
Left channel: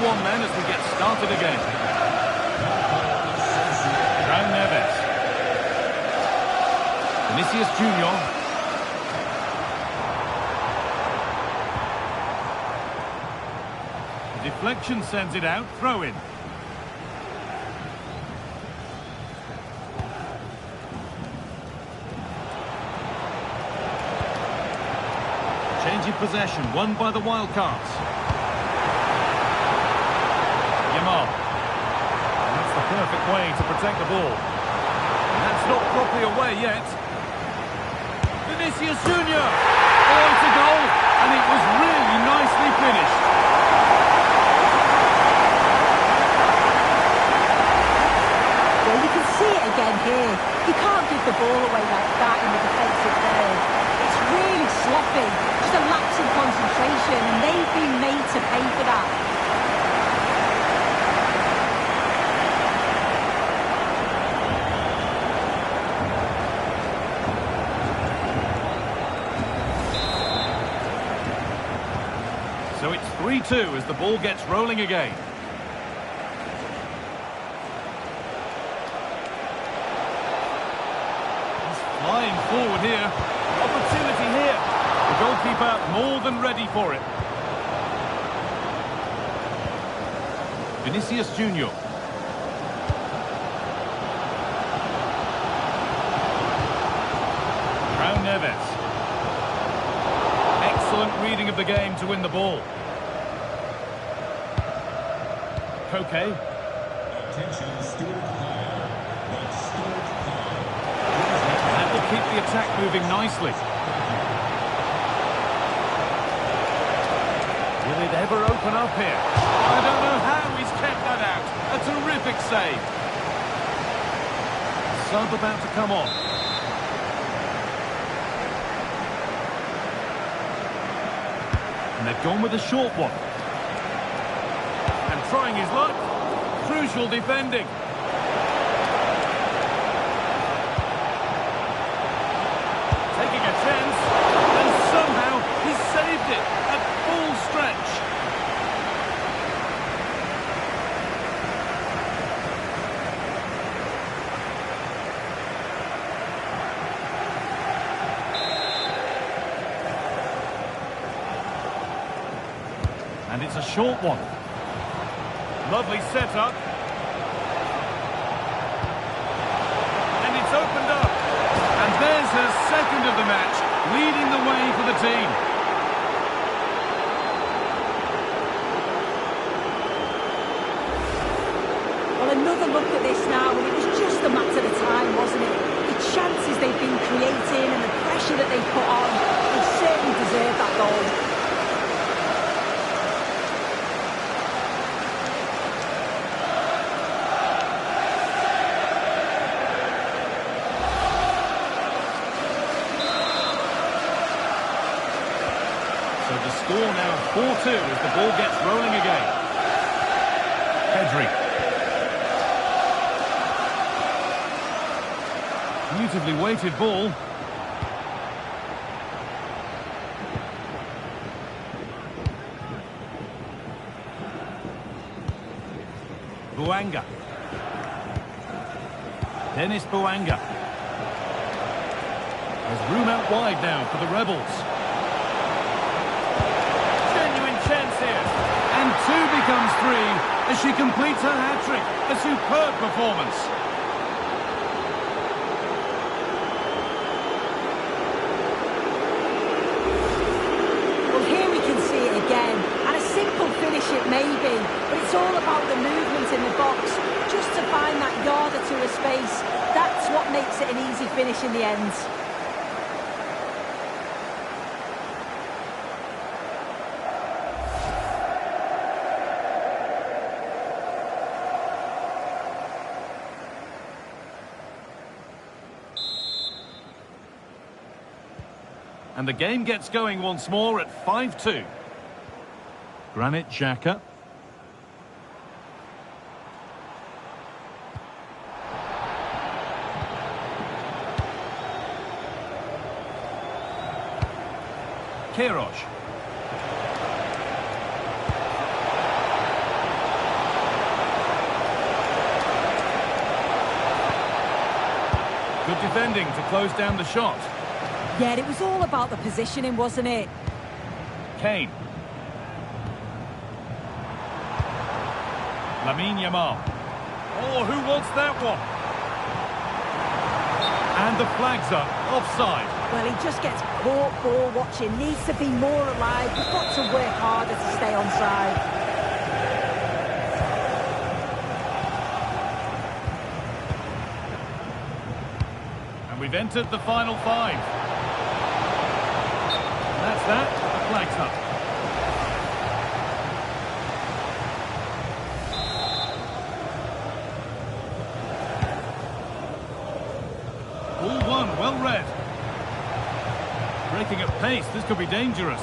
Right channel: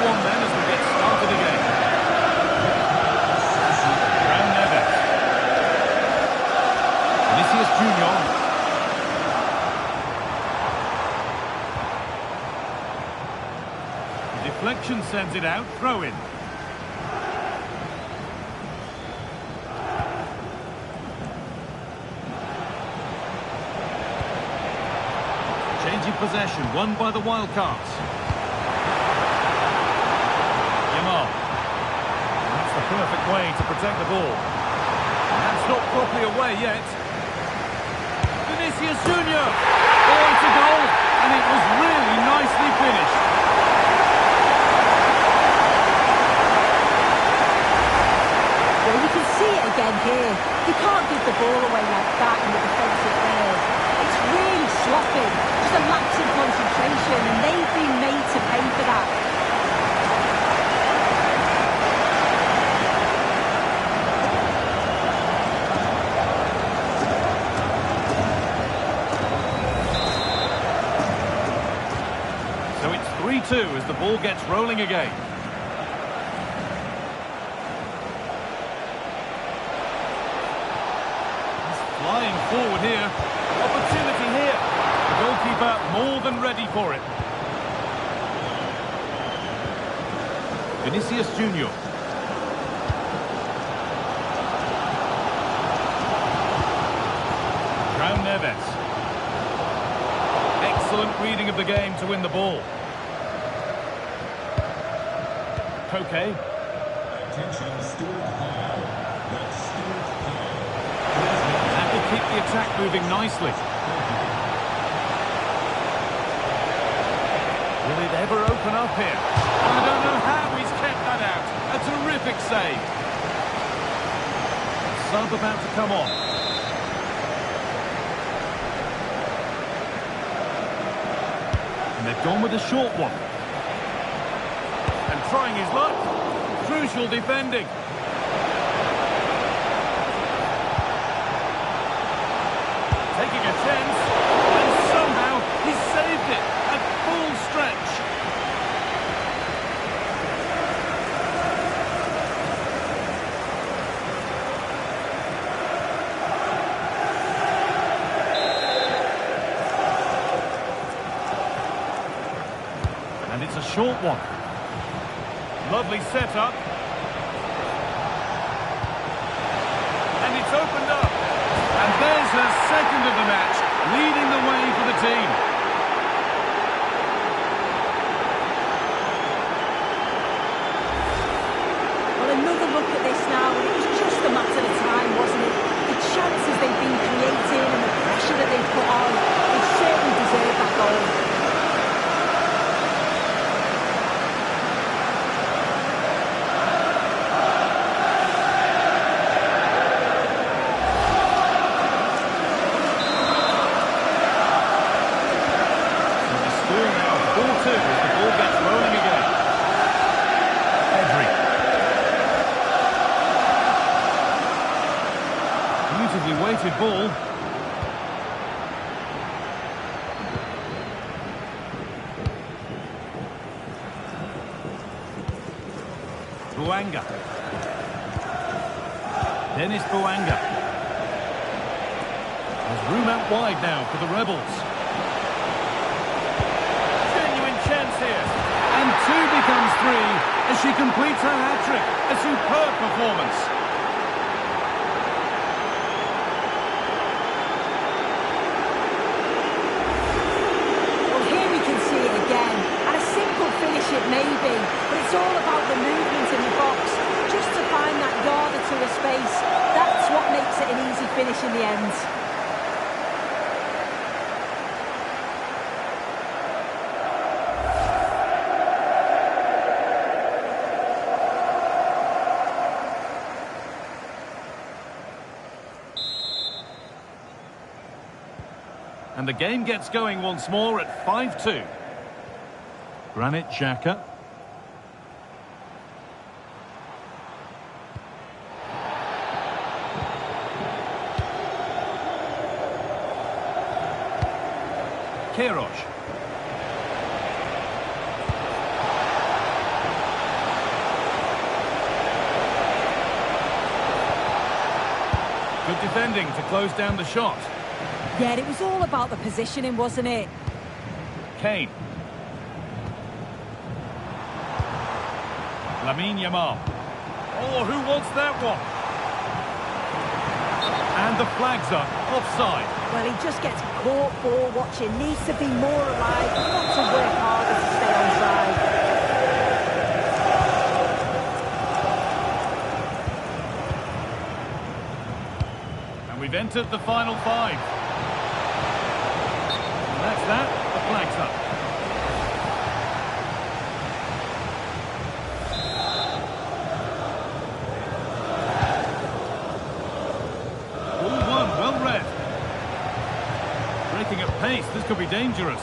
One then as we get started again. Raul Neves. Vinicius Junior. The deflection sends it out. Throw in. Change in possession, won by the Wildcats. Yamal. And that's the perfect way to protect the ball. And that's not properly away yet. Vinicius Junior. Oh, it's a goal. And it was really nicely finished. Well, you can see it again here. You can't give the ball away like that in the defensive third. It's really sloppy. Just a lapse in concentration, and they've been made to pay for that. So it's 3-2 as the ball gets rolling again. He's flying forward here. Opportunity here. The goalkeeper more than ready for it. Vinicius Junior. Raul Neves. Excellent reading of the game to win the ball. Koke. Attention, Stuart Hile. That's Stuart Hile. That will keep the attack moving nicely. Will it ever open up here? I don't know how he's kept that out. A terrific save. Sub about to come on. And they've gone with a short one. And trying his luck. Crucial defending. Taking a chance. And somehow he's saved it at full stretch. It's a short one. Lovely setup. And it's opened up. And there's her second of the match, leading the way for the team. Well, another look at this now, and it was just a matter of time, wasn't it? The chances they've been creating and the pressure that they've put on, they certainly deserve that goal. So the score now 4-2 as the ball gets rolling again. Pedri. Beautifully weighted ball. Bouanga. Dennis Bouanga. There's room out wide now for the Rebels. Genuine chance here. And 2 becomes 3 as she completes her hat-trick. A superb performance. Here we can see it again, and a simple finish it may be, but it's all about the movement in the box, just to find that yard or two of space. That's what makes it an easy finish in the end. And the game gets going once more at 5-2. Granit Xhaka. Queiroz. Good defending to close down the shot. Yeah, it was all about the positioning, wasn't it? Kane. Lamine Yamal. Oh, who wants that one? And the flag's up, offside. Well, he just gets caught ball watching, needs to be more alive. He's got to work harder to stay onside. And we've entered the final 5. And that's that, the flag's up. Ball one, well read. Breaking at pace, this could be dangerous.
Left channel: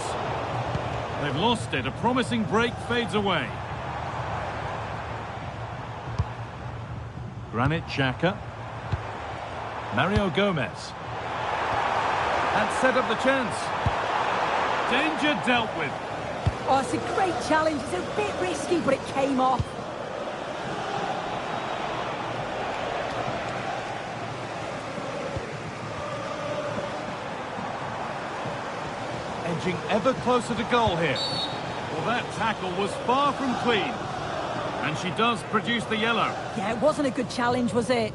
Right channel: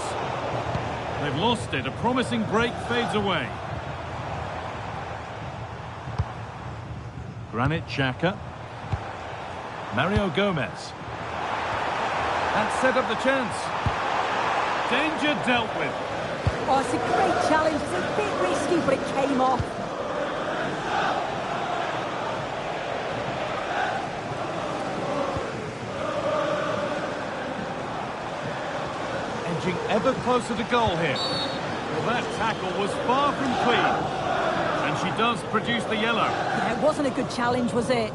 They've lost it, a promising break fades away. Granit Xhaka. Mario Gomez. That set up the chance. Danger dealt with. Oh, it's a great challenge. It's a bit risky, but it came off. Edging ever closer to goal here. Well, that tackle was far from clean. And she does produce the yellow. Yeah, it wasn't a good challenge, was it?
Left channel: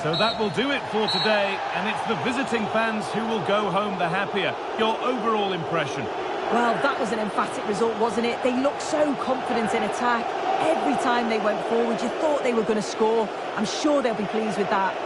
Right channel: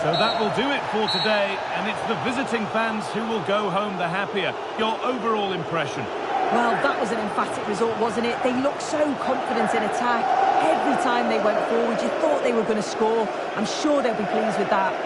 So that will do it for today, and it's the visiting fans who will go home the happier. Your overall impression? Well, that was an emphatic result, wasn't it? They looked so confident in attack. Every time they went forward, you thought they were going to score. I'm sure they'll be pleased with that.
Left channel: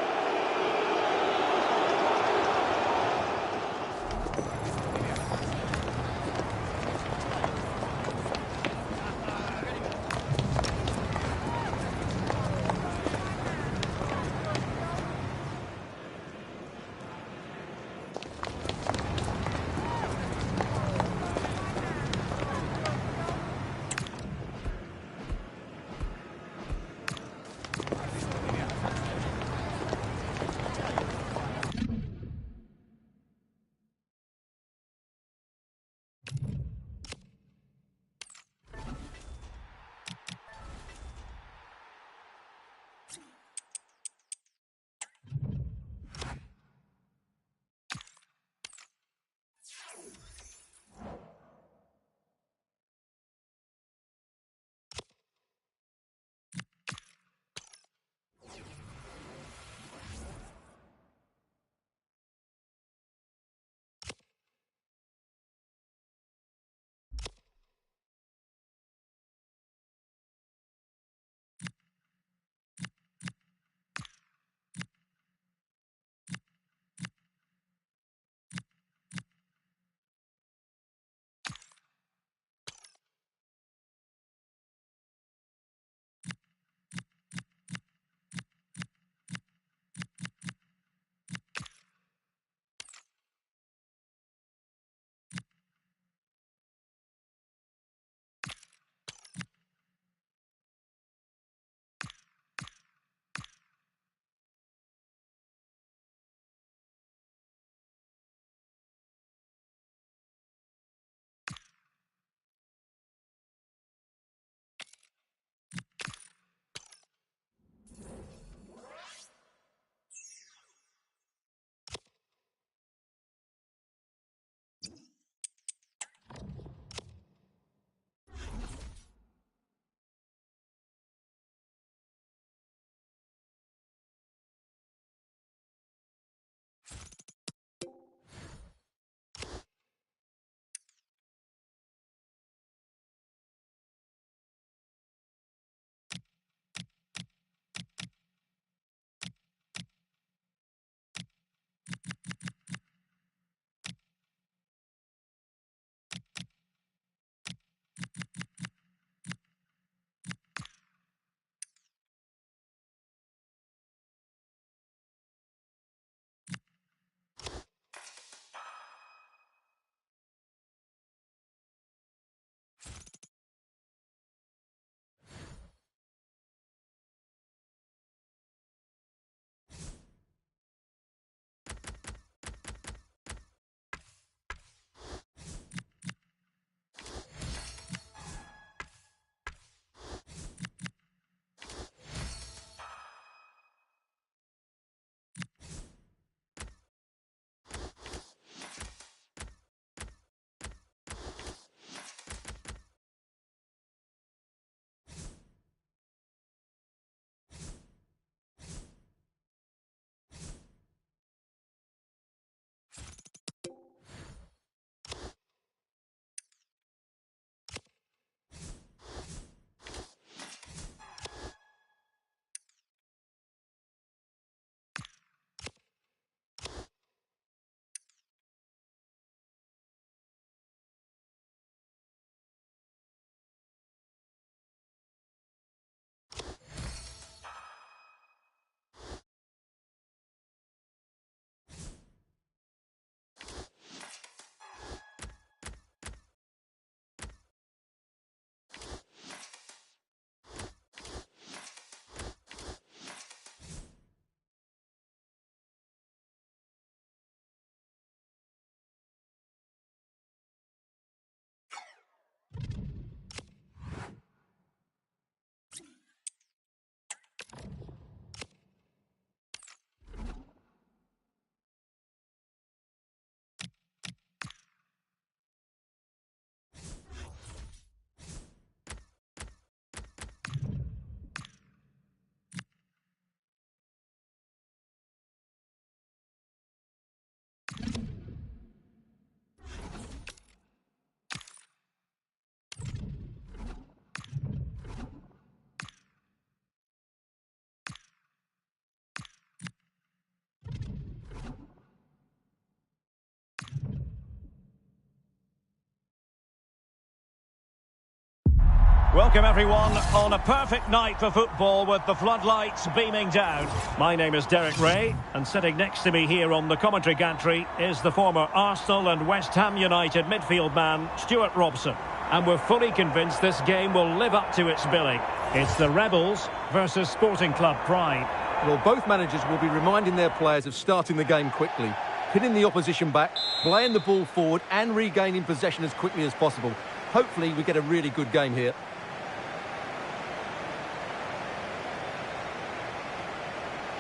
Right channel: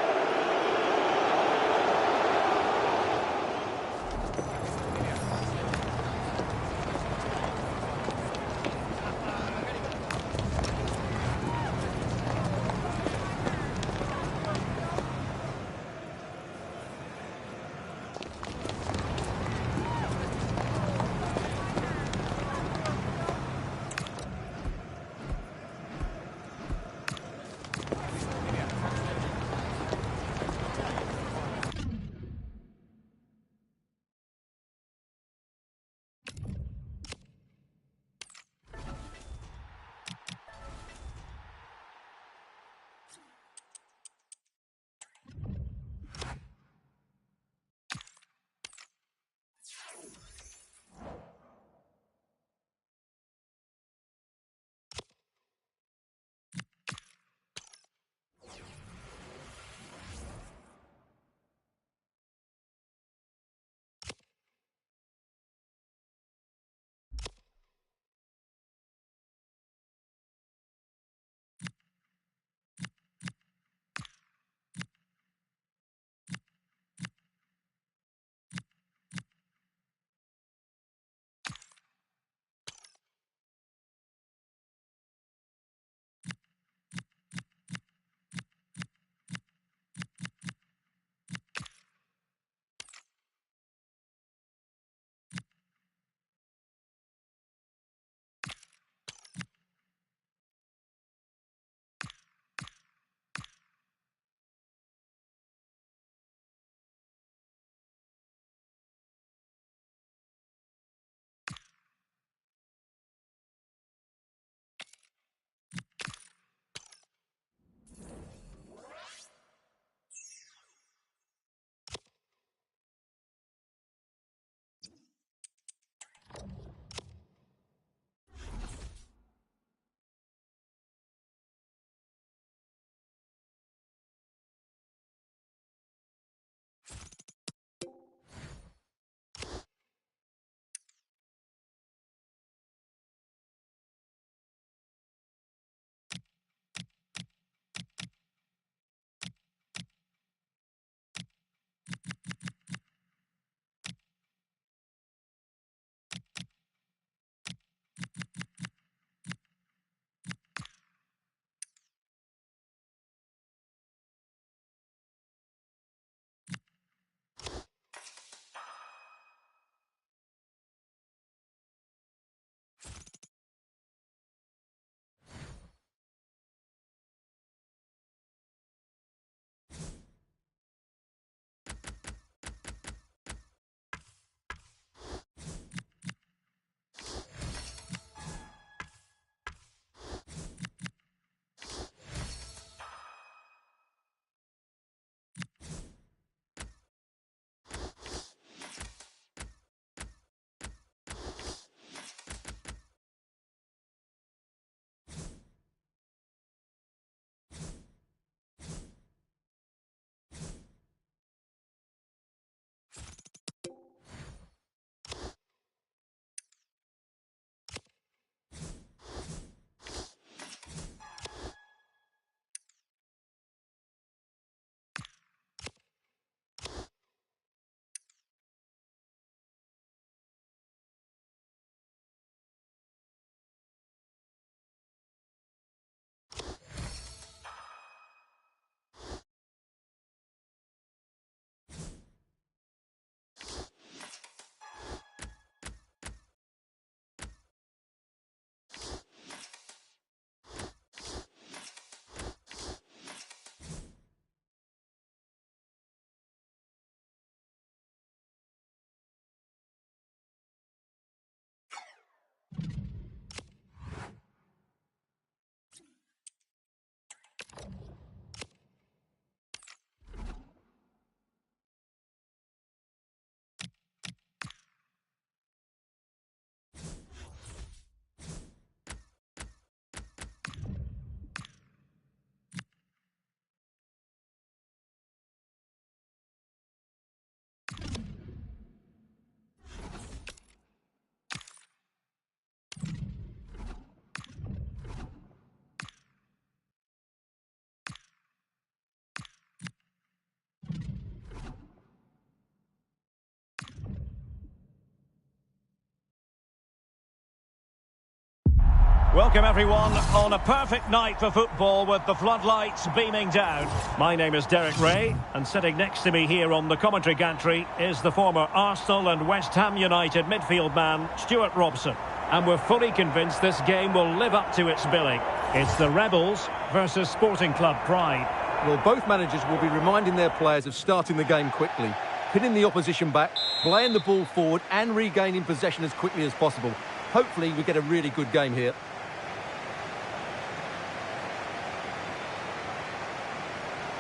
Welcome everyone on a perfect night for football with the floodlights beaming down. My name is Derek Ray, and sitting next to me here on the commentary gantry is the former Arsenal and West Ham United midfield man, Stuart Robson. And we're fully convinced this game will live up to its billing. It's the Rebels versus Sporting Club Pride. Well, both managers will be reminding their players of starting the game quickly, pinning the opposition back, playing the ball forward and regaining possession as quickly as possible. Hopefully we get a really good game here.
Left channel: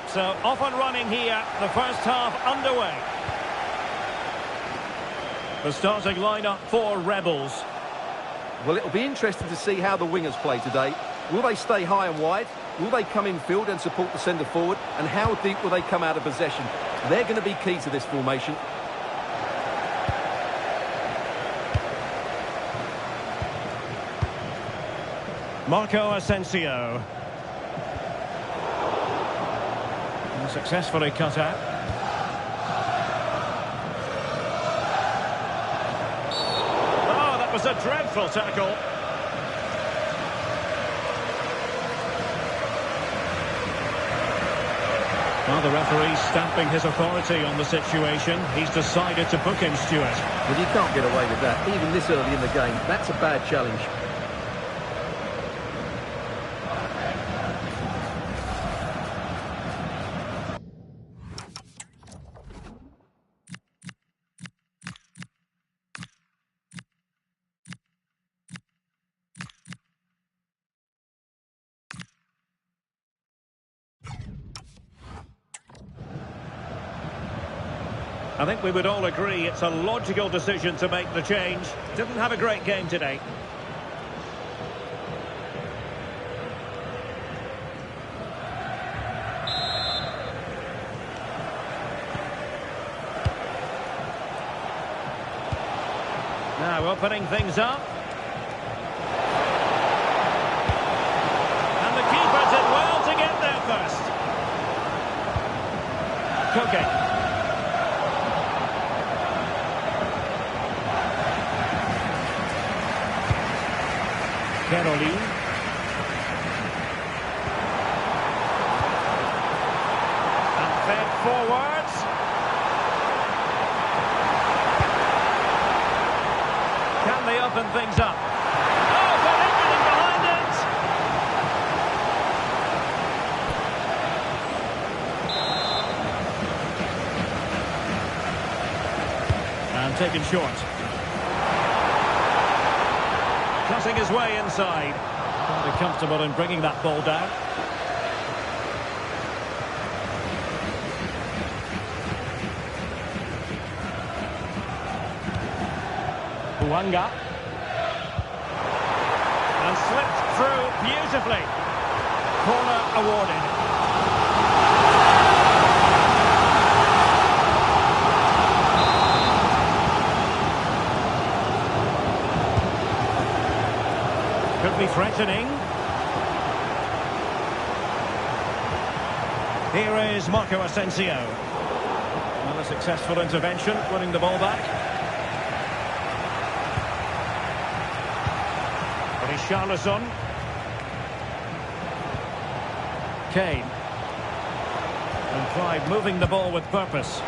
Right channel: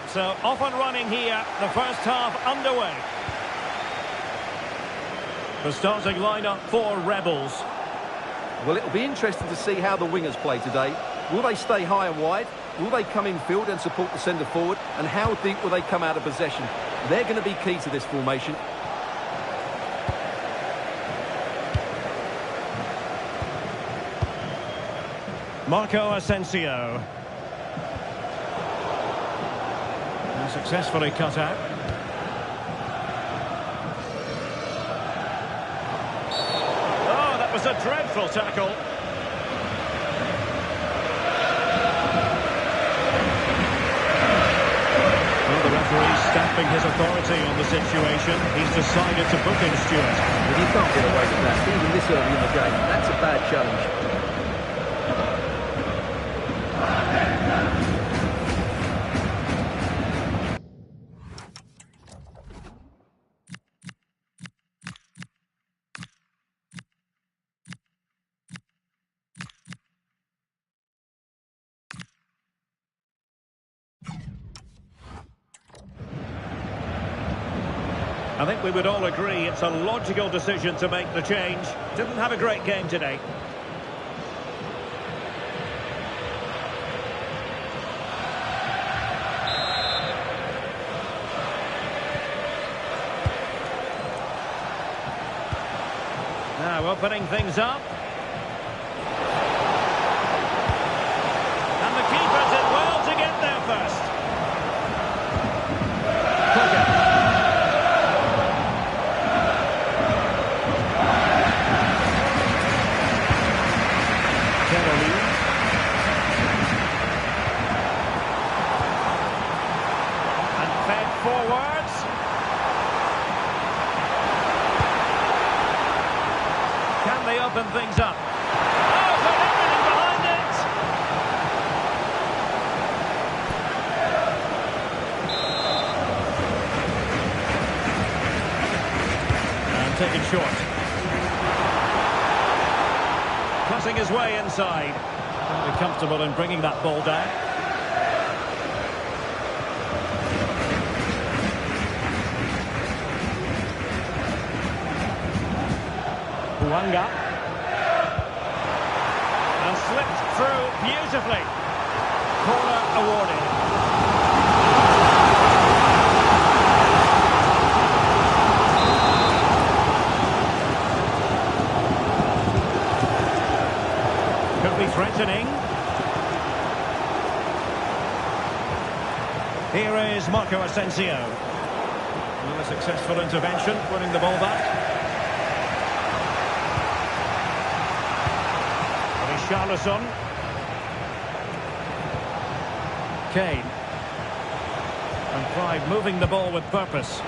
So off and running here, the first half underway. The starting lineup for Rebels. Well, it'll be interesting to see how the wingers play today. Will they stay high and wide? Will they come in field and support the centre forward? And how deep will they come out of possession? They're going to be key to this formation. Marco Asensio. Successfully cut out. Oh, that was a dreadful tackle. Well, the referee's stamping his authority on the situation. He's decided to book him, Stuart. Well, you can't get away with that, even this early in the game. That's a bad challenge. I think we would all agree it's a logical decision to make the change. Didn't have a great game today. Now opening things up. And the keeper did well to get there first. Koke. Caroline. And fed forwards. Can they open things up? Oh, got everything behind it! And taken short. Cutting his way inside. Very comfortable in bringing that ball down. Hwanga. And slipped through beautifully. Corner awarded. Could be threatening. Here is Marco Asensio. Another successful intervention, winning the ball back. Richarlison. Kane. And Pride moving the ball with purpose.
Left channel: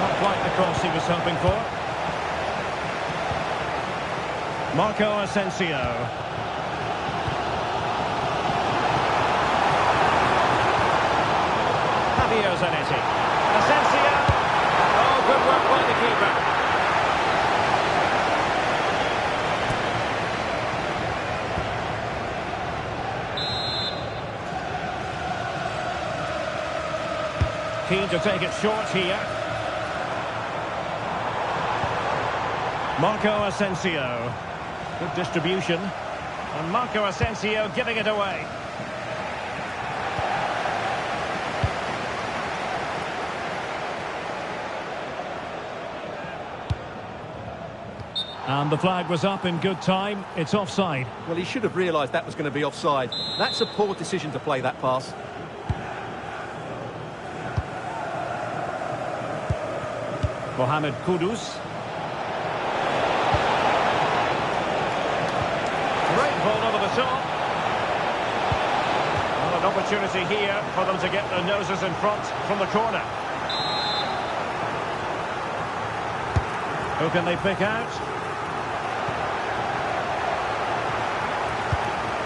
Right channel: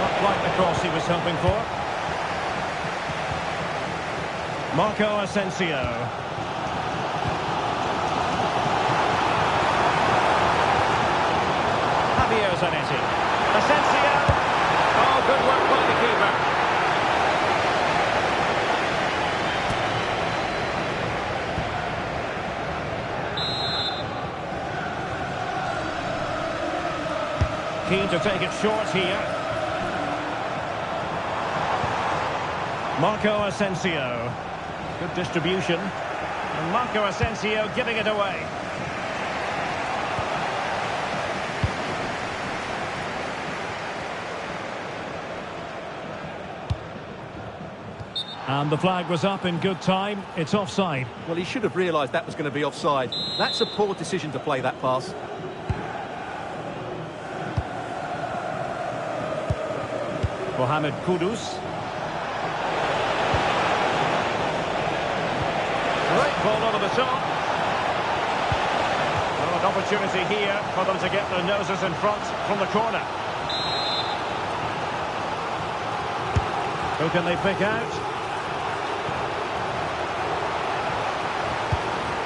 Not quite the cross he was hoping for. Marco Asensio. Javier Zanetti. Asensio. Oh, good work by the keeper. Keen to take it short here. Marco Asensio. Good distribution. And Marco Asensio giving it away. And the flag was up in good time. It's offside. Well, he should have realised that was going to be offside. That's a poor decision to play that pass. Mohamed Kudus. Great ball over the top. Well, an opportunity here for them to get their noses in front from the corner. Who can they pick out?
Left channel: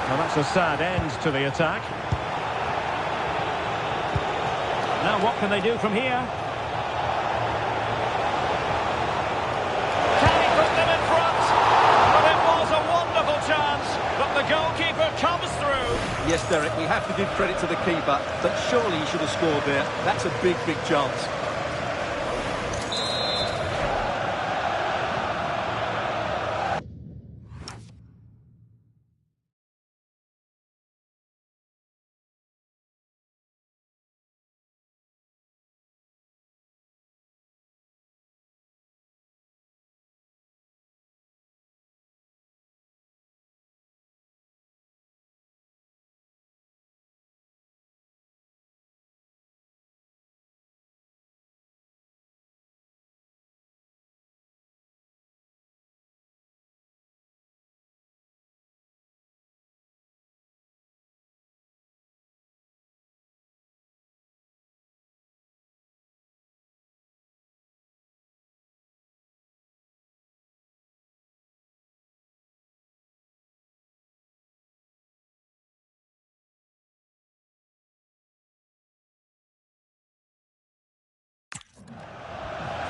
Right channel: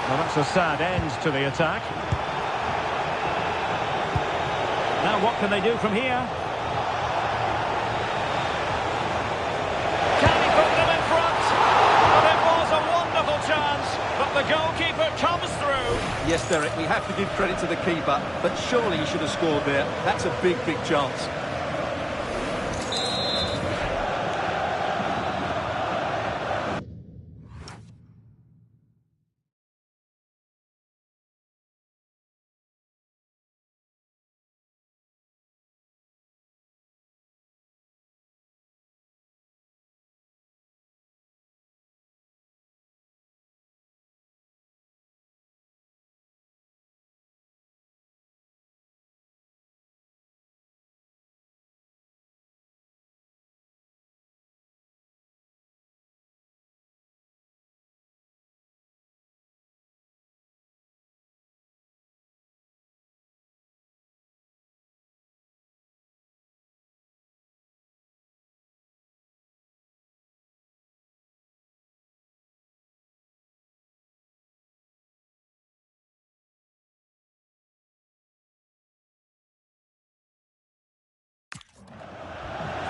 Well, that's a sad end to the attack. Now what can they do from here? Can he put them in front? Well, it was a wonderful chance, but the goalkeeper comes through. Yes, Derek, we have to give credit to the keeper, but surely he should have scored there. That's a big, big chance.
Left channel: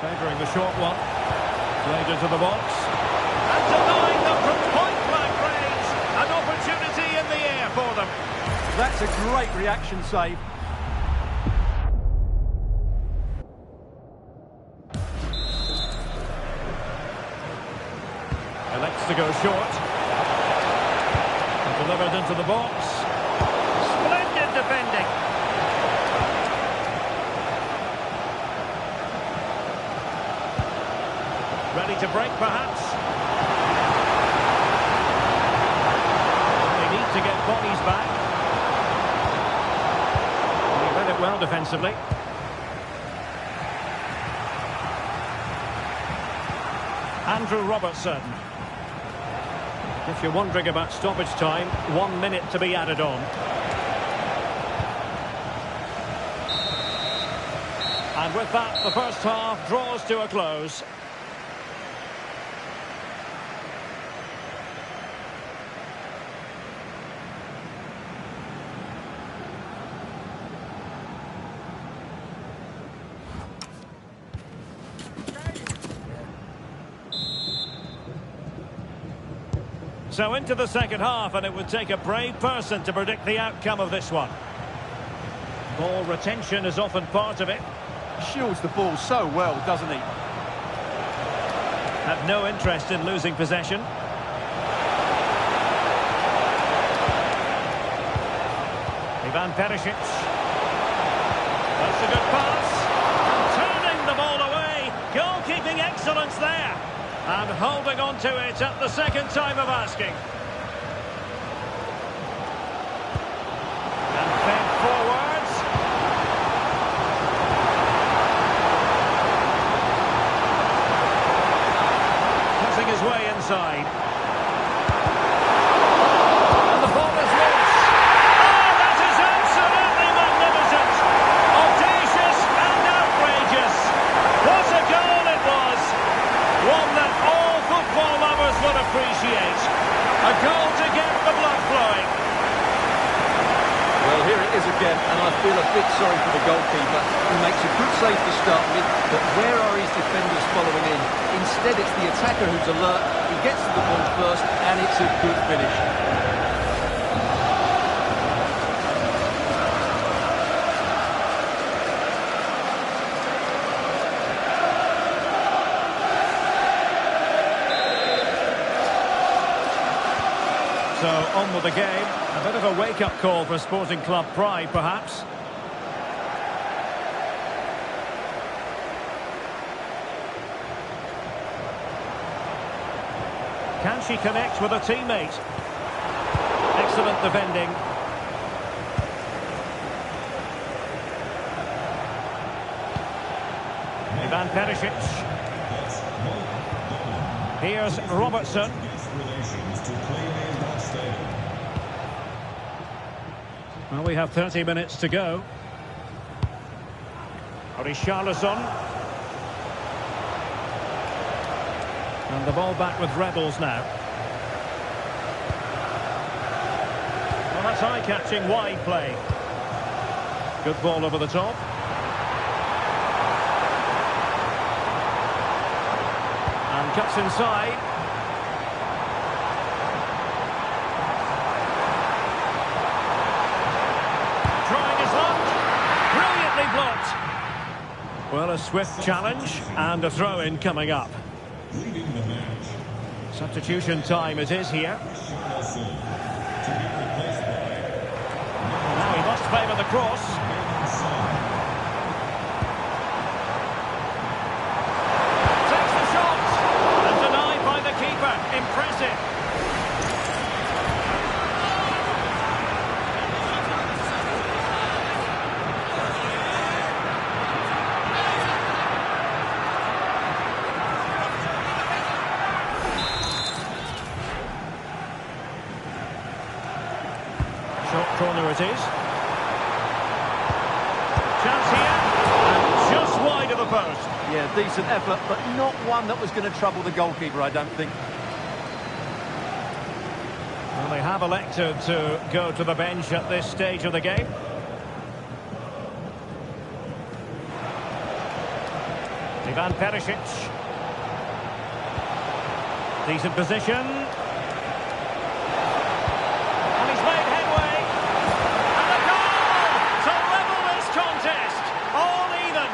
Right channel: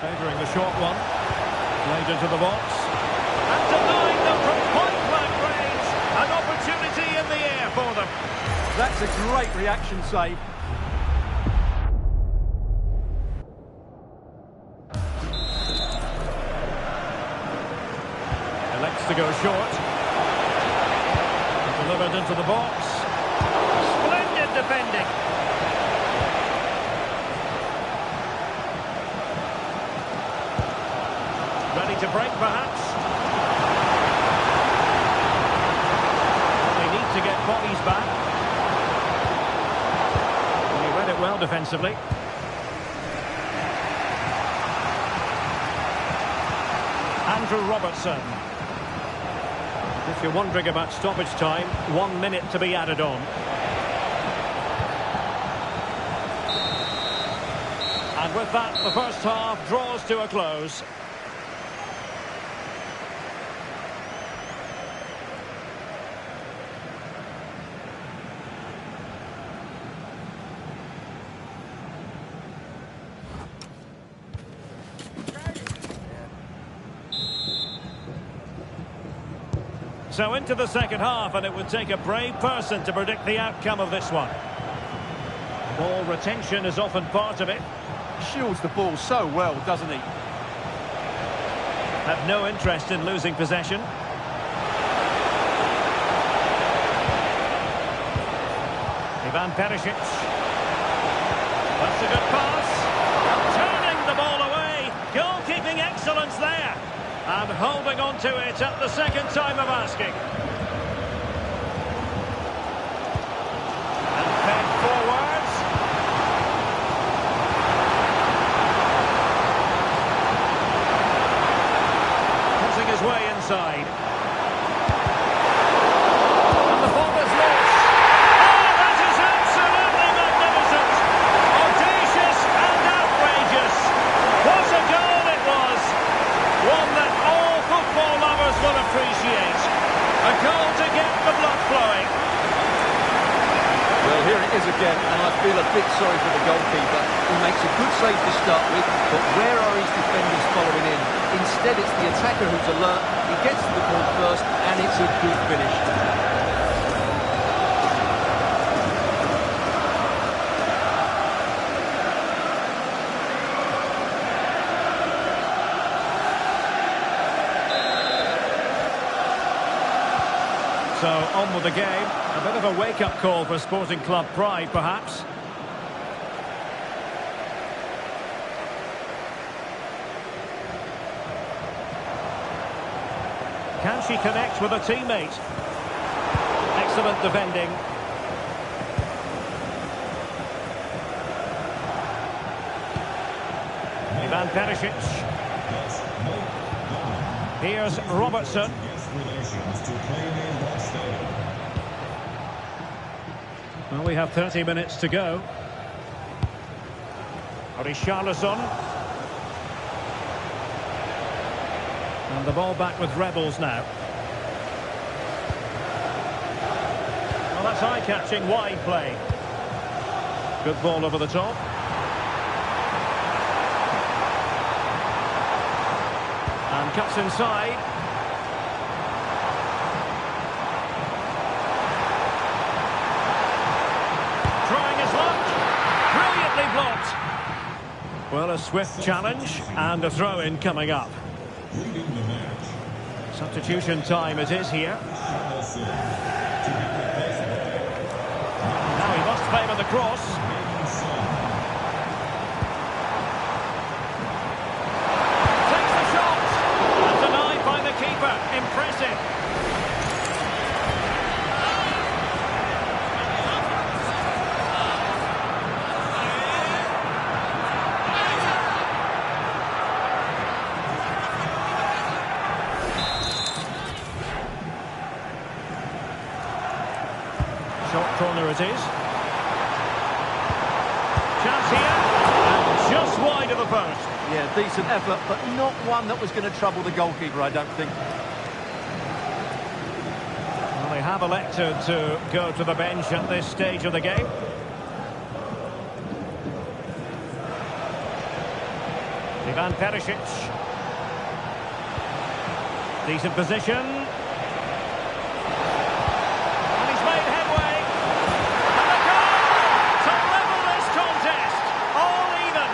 Favouring the short one. Played into the box. And denying them from point-blank range. An opportunity in the air for them. That's a great reaction save. Elects to go short. And delivered into the box. Splendid defending. Ready to break, perhaps. They need to get bodies back. And he read it well defensively. Andrew Robertson. If you're wondering about stoppage time, 1 minute to be added on. And with that, the first half draws to a close. So into the second half, and it would take a brave person to predict the outcome of this one. Ball retention is often part of it. Shields the ball so well, doesn't he? Have no interest in losing possession. Ivan Perisic. That's a good pass. And turning the ball away. Goalkeeping excellence there. And holding on to it at the second time of asking. And fed forwards. Cutting his way inside. And the ball is loose. Oh, that is absolutely magnificent. Audacious and outrageous. What a goal it was. One that all football lovers will appreciate. A goal to get the blood flowing. Well, here it is again, and I feel a bit sorry for the goalkeeper. He makes a good save to start with, but where are his defenders following in? Instead, it's the attacker who's alert. He gets to the ball first, and it's a good finish. So, on with the game. A bit of a wake-up call for Sporting Club Pride, perhaps. Can she connect with a teammate? Excellent defending. Ivan Perisic. Here's Robertson. relations to Plainview Watch Stadium. Well, we have 30 minutes to go. Richarlison. And the ball back with Rebels now. Well, that's eye-catching wide play. Good ball over the top. And cuts inside. Trying his luck. Brilliantly blocked. Well, a swift challenge and a throw-in coming up. Leading the match. Substitution time it is here. Richarlison to be replaced by Now he must favour the cross. Son. Takes the shot. And denied by the keeper. Impressive. Short corner it is. Chance here, and just wide of the post. Yeah, decent effort, but not one that was going to trouble the goalkeeper, I don't think. Well, they have elected to go to the bench at this stage of the game. Ivan Perisic. Decent position. And he's made headway. And the goal to level this contest. All even.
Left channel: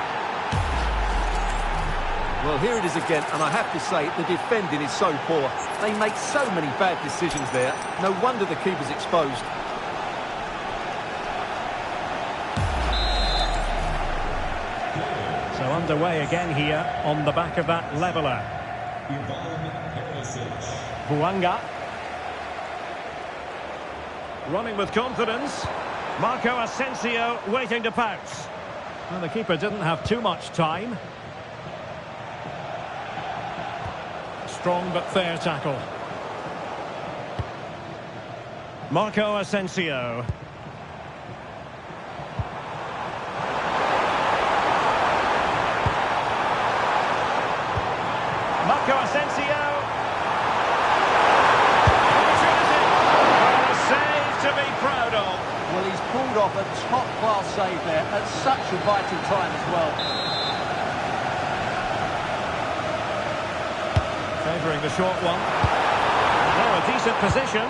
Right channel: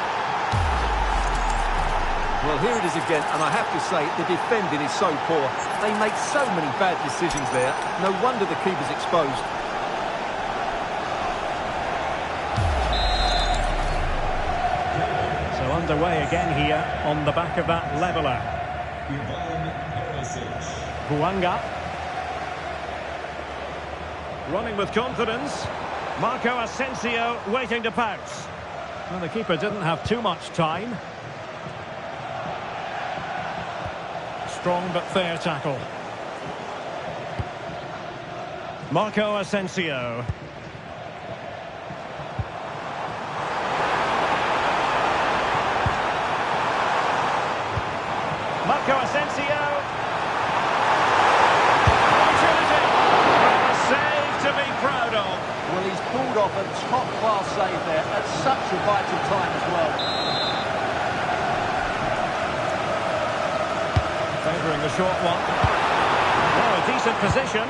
Well, here it is again, and I have to say, the defending is so poor. They make so many bad decisions there. No wonder the keeper's exposed. So underway again here on the back of that leveller. Ivan Perisic. Buanga. Running with confidence. Marco Asensio waiting to pounce. Well, the keeper didn't have too much time. Strong but fair tackle. Marco Asensio. Marco Asensio. Opportunity. Well, a save to be proud of. Well, he's pulled off a top-class save there at such a vital time as well. Favouring the short one. Well, a decent position.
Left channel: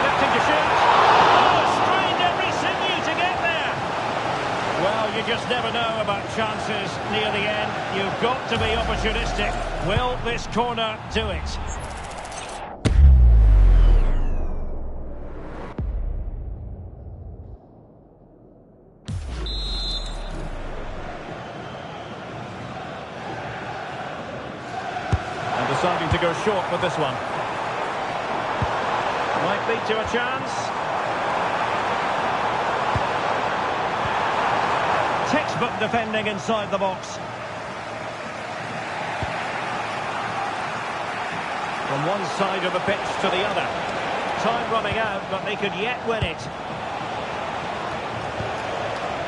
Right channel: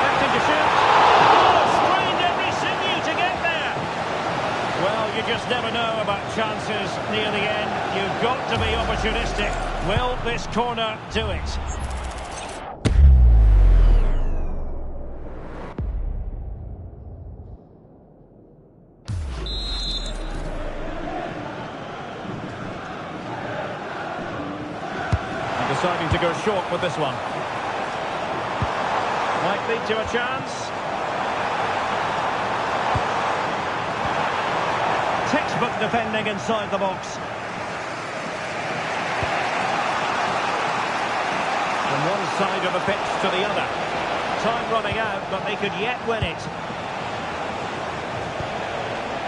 Electing to shoot. Oh, strained every sinew to get there. Well, you just never know about chances near the end. You've got to be opportunistic. Will this corner do it? Deciding to go short with this one. Might lead to a chance. Textbook defending inside the box. From one side of the pitch to the other. Time running out, but they could yet win it.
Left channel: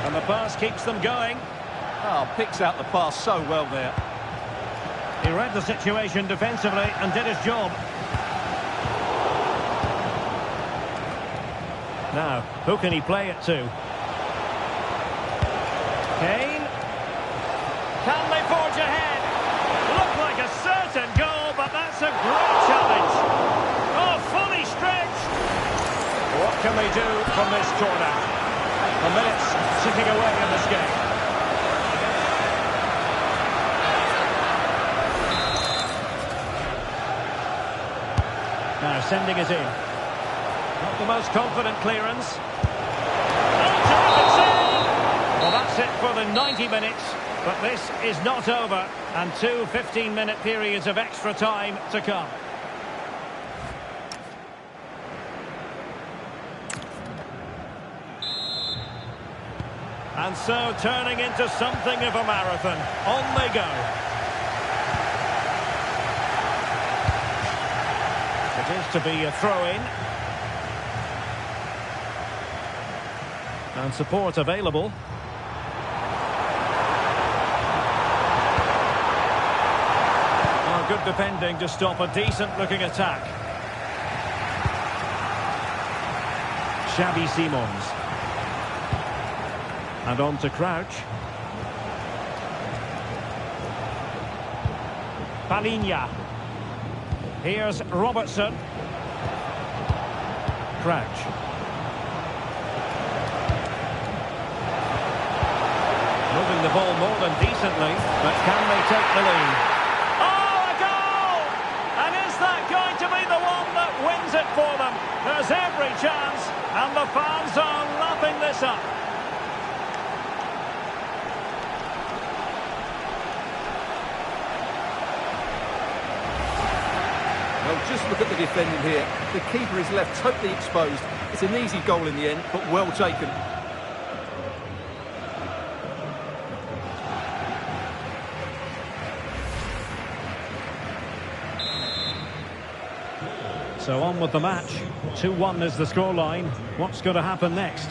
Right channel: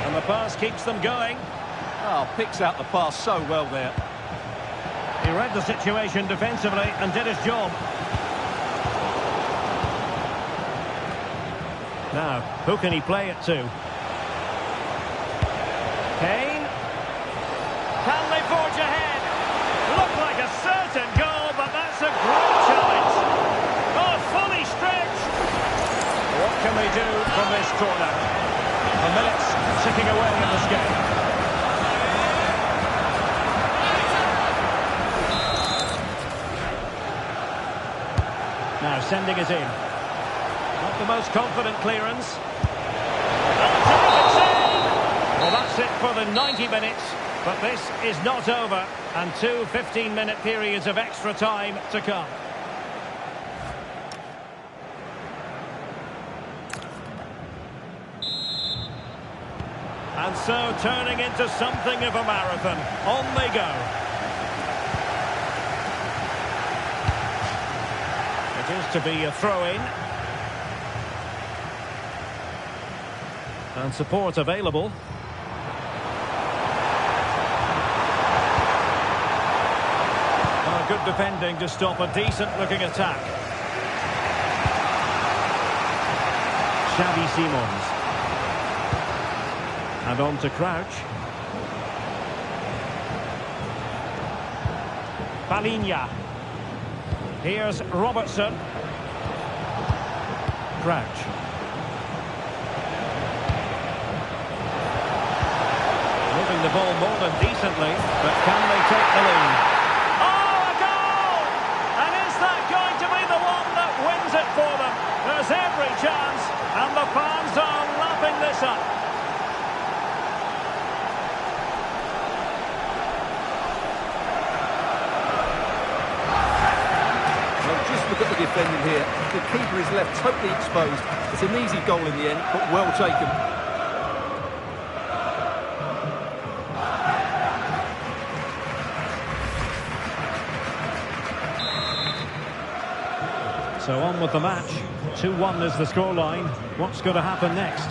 And the pass keeps them going. Oh, picks out the pass so well there. He read the situation defensively and did his job. Now, who can he play it to? Kane. Can they forge ahead? Looked like a certain goal, but that's a great challenge. Oh, fully stretched. What can they do from this corner? The minutes ticking away in this game. Now sending it in. Not the most confident clearance. Oh, terrific save! Well, that's it for the 90 minutes. But this is not over. And two 15-minute periods of extra time to come. And so turning into something of a marathon. On they go. It is to be a throw-in. And support available. Oh, good defending to stop a decent-looking attack. Xavi Simons. And on to Crouch. Palinha. Here's Robertson. Crouch. Moving the ball more than decently, but can they take the lead? Oh, a goal! And is that going to be the one that wins it for them? There's every chance, and the fans are lapping this up. Well, just look at the defending here. The keeper is left totally exposed. It's an easy goal in the end, but well taken. So on with the match. 2-1 is the scoreline. What's going to happen next?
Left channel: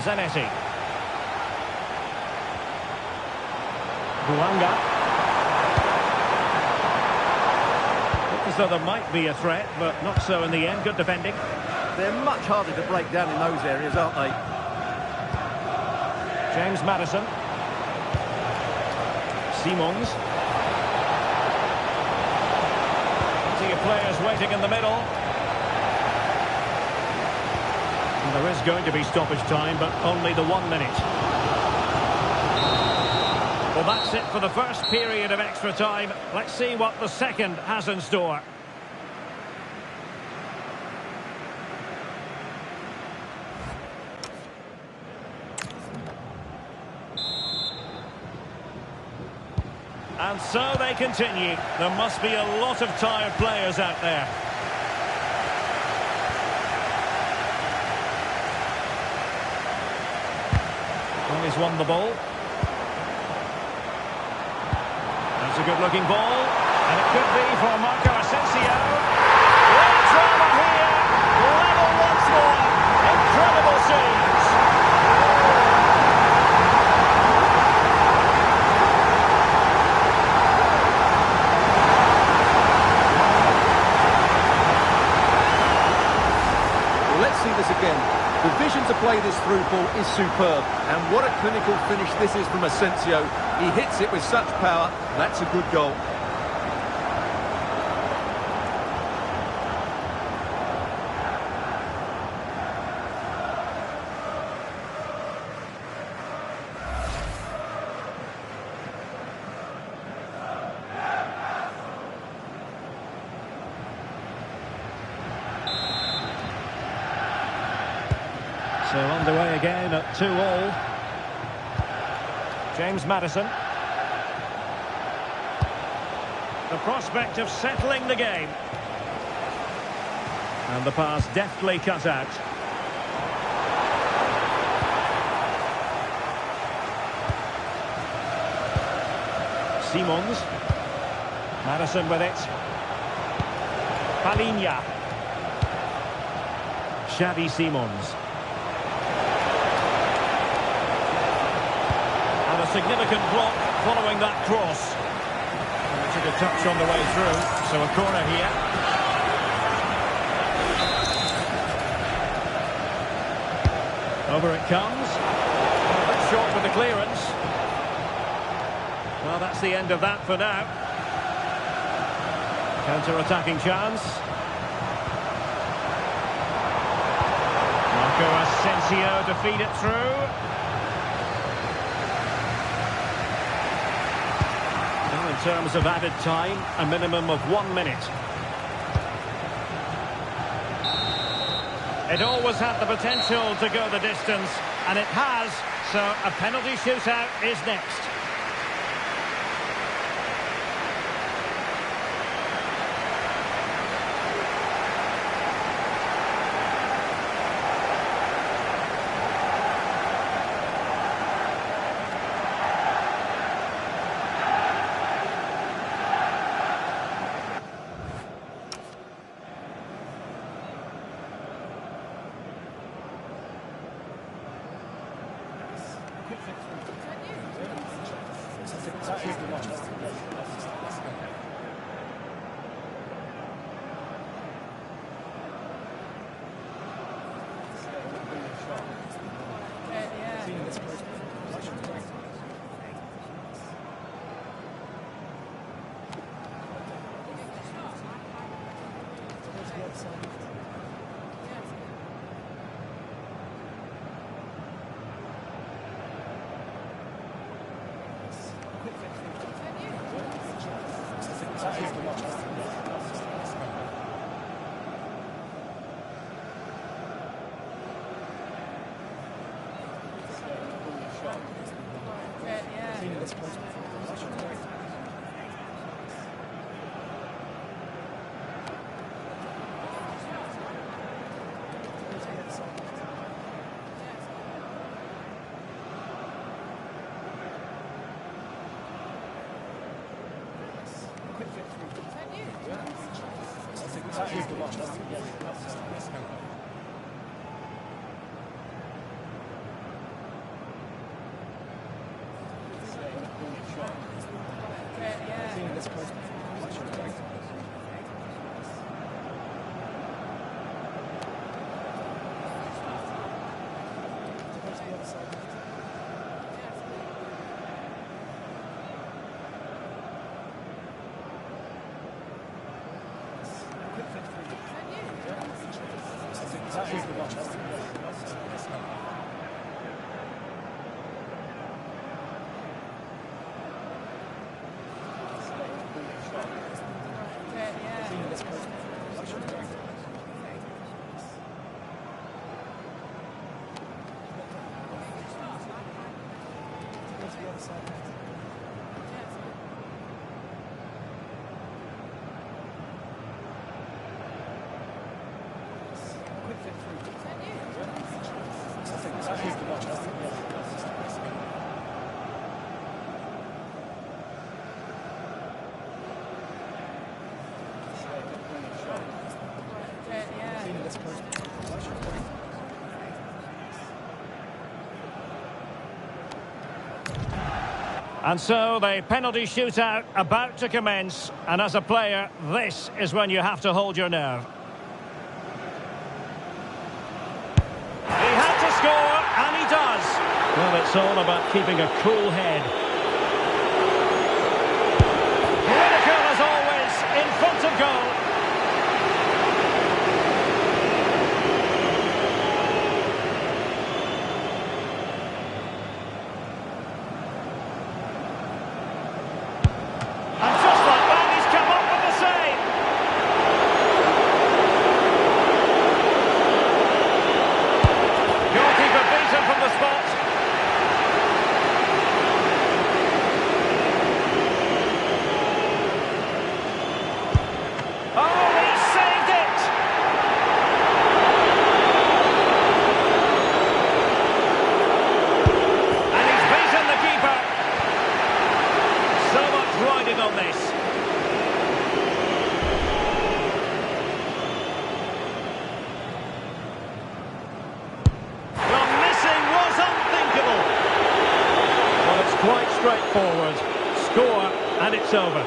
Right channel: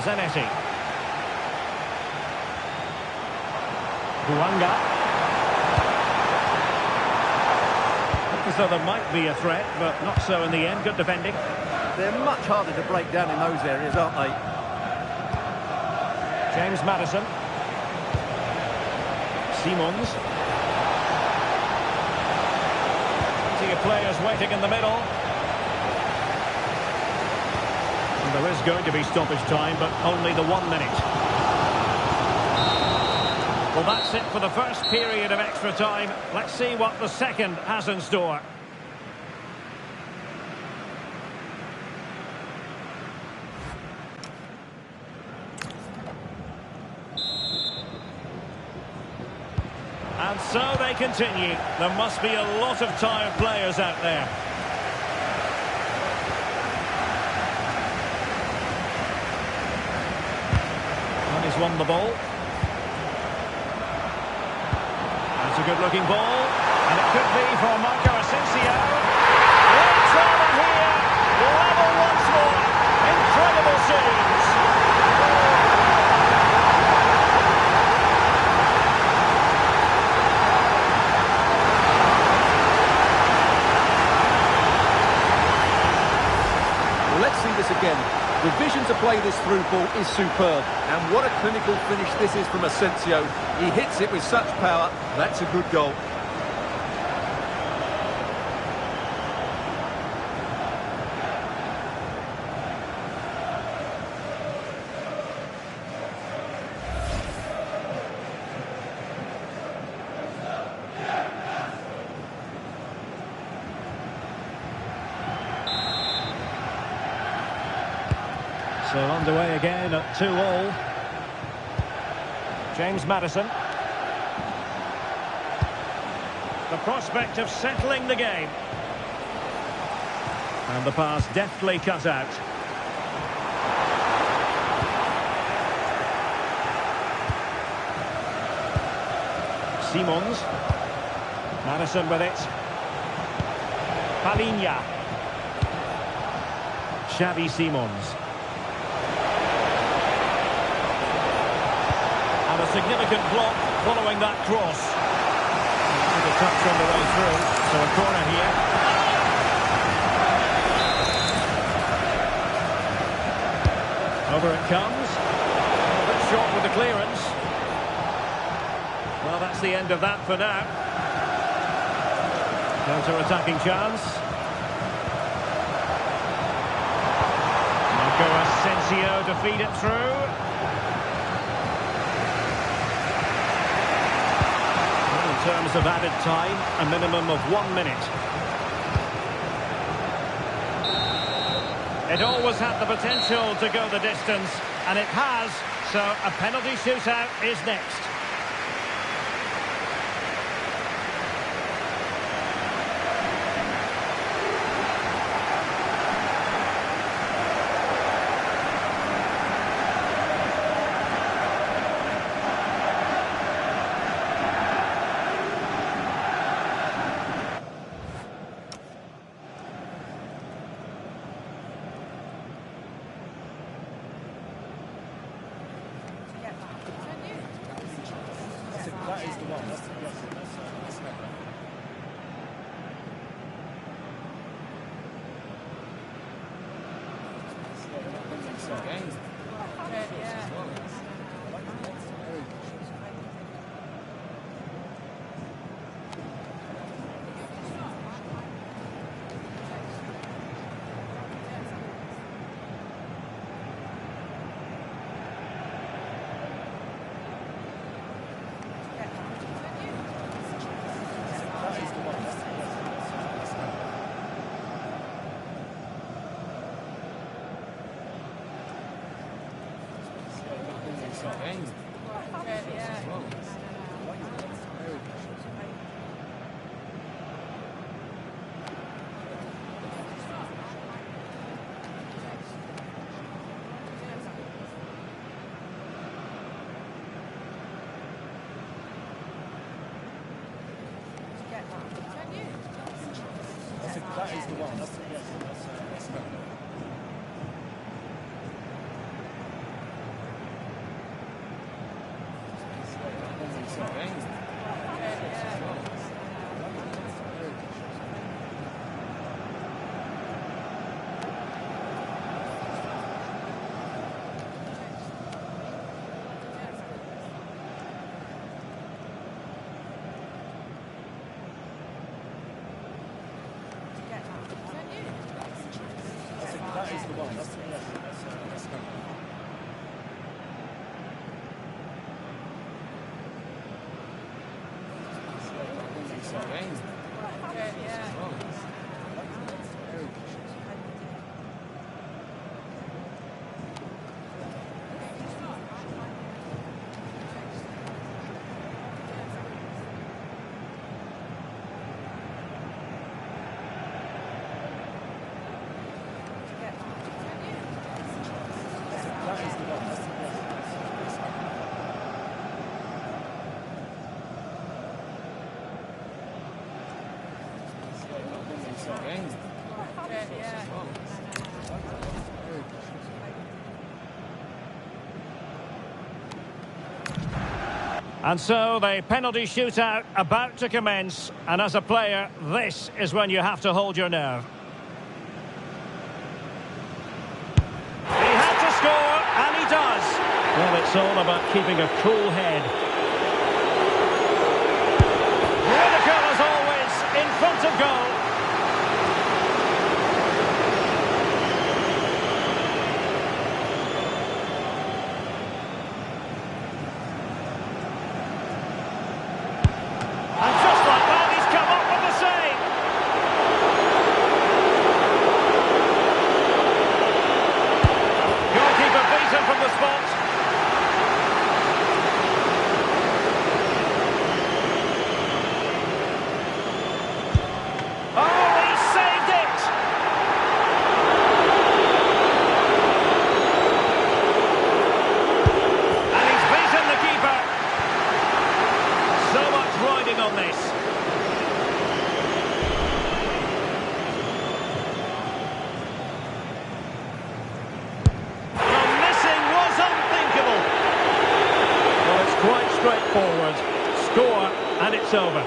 Zanetti. Buanga. Look as though there might be a threat, but not so in the end. Good defending. They're much harder to break down in those areas, aren't they? James Maddison. Simons. Plenty of players waiting in the middle. And there is going to be stoppage time, but only the 1 minute. Well, that's it for the first period of extra time. Let's see what the second has in store. And so they continue. There must be a lot of tired players out there. And he's won the ball. That's a good-looking ball. And it could be for Marco Asensio. Great drama here. Level once more. Incredible scenes. Well, let's see this again. The vision to play this through ball is superb. And what a clinical finish this is from Asensio. He hits it with such power. That's a good goal. So underway again at 2-2. James Maddison. The prospect of settling the game. And the pass deftly cut out. Simons. Maddison with it. Palinha. Xavi Simons. And a significant block following that cross. And took a touch on the way through, so a corner here. Over it comes. A bit short with the clearance. Well, that's the end of that for now. Counter-attacking chance. Marco Asensio to feed it through. In terms of added time, a minimum of 1 minute. It always had the potential to go the distance, and it has, so a penalty shootout is next. That is the one. That's That is the one. That is the one. That's That is the one. That is the one. And so the penalty shootout about to commence, and as a player, this is when you have to hold your nerve. He had to score, and he does. Well, it's all about keeping a cool head. Critical as always, in front of goal. And just like that, he's come up with the save. Goalkeeper beaten from the spot. Oh, he saved it! And he's beaten the keeper. So much riding on this. The missing was unthinkable. Well, it's quite straightforward. Score, and it's over.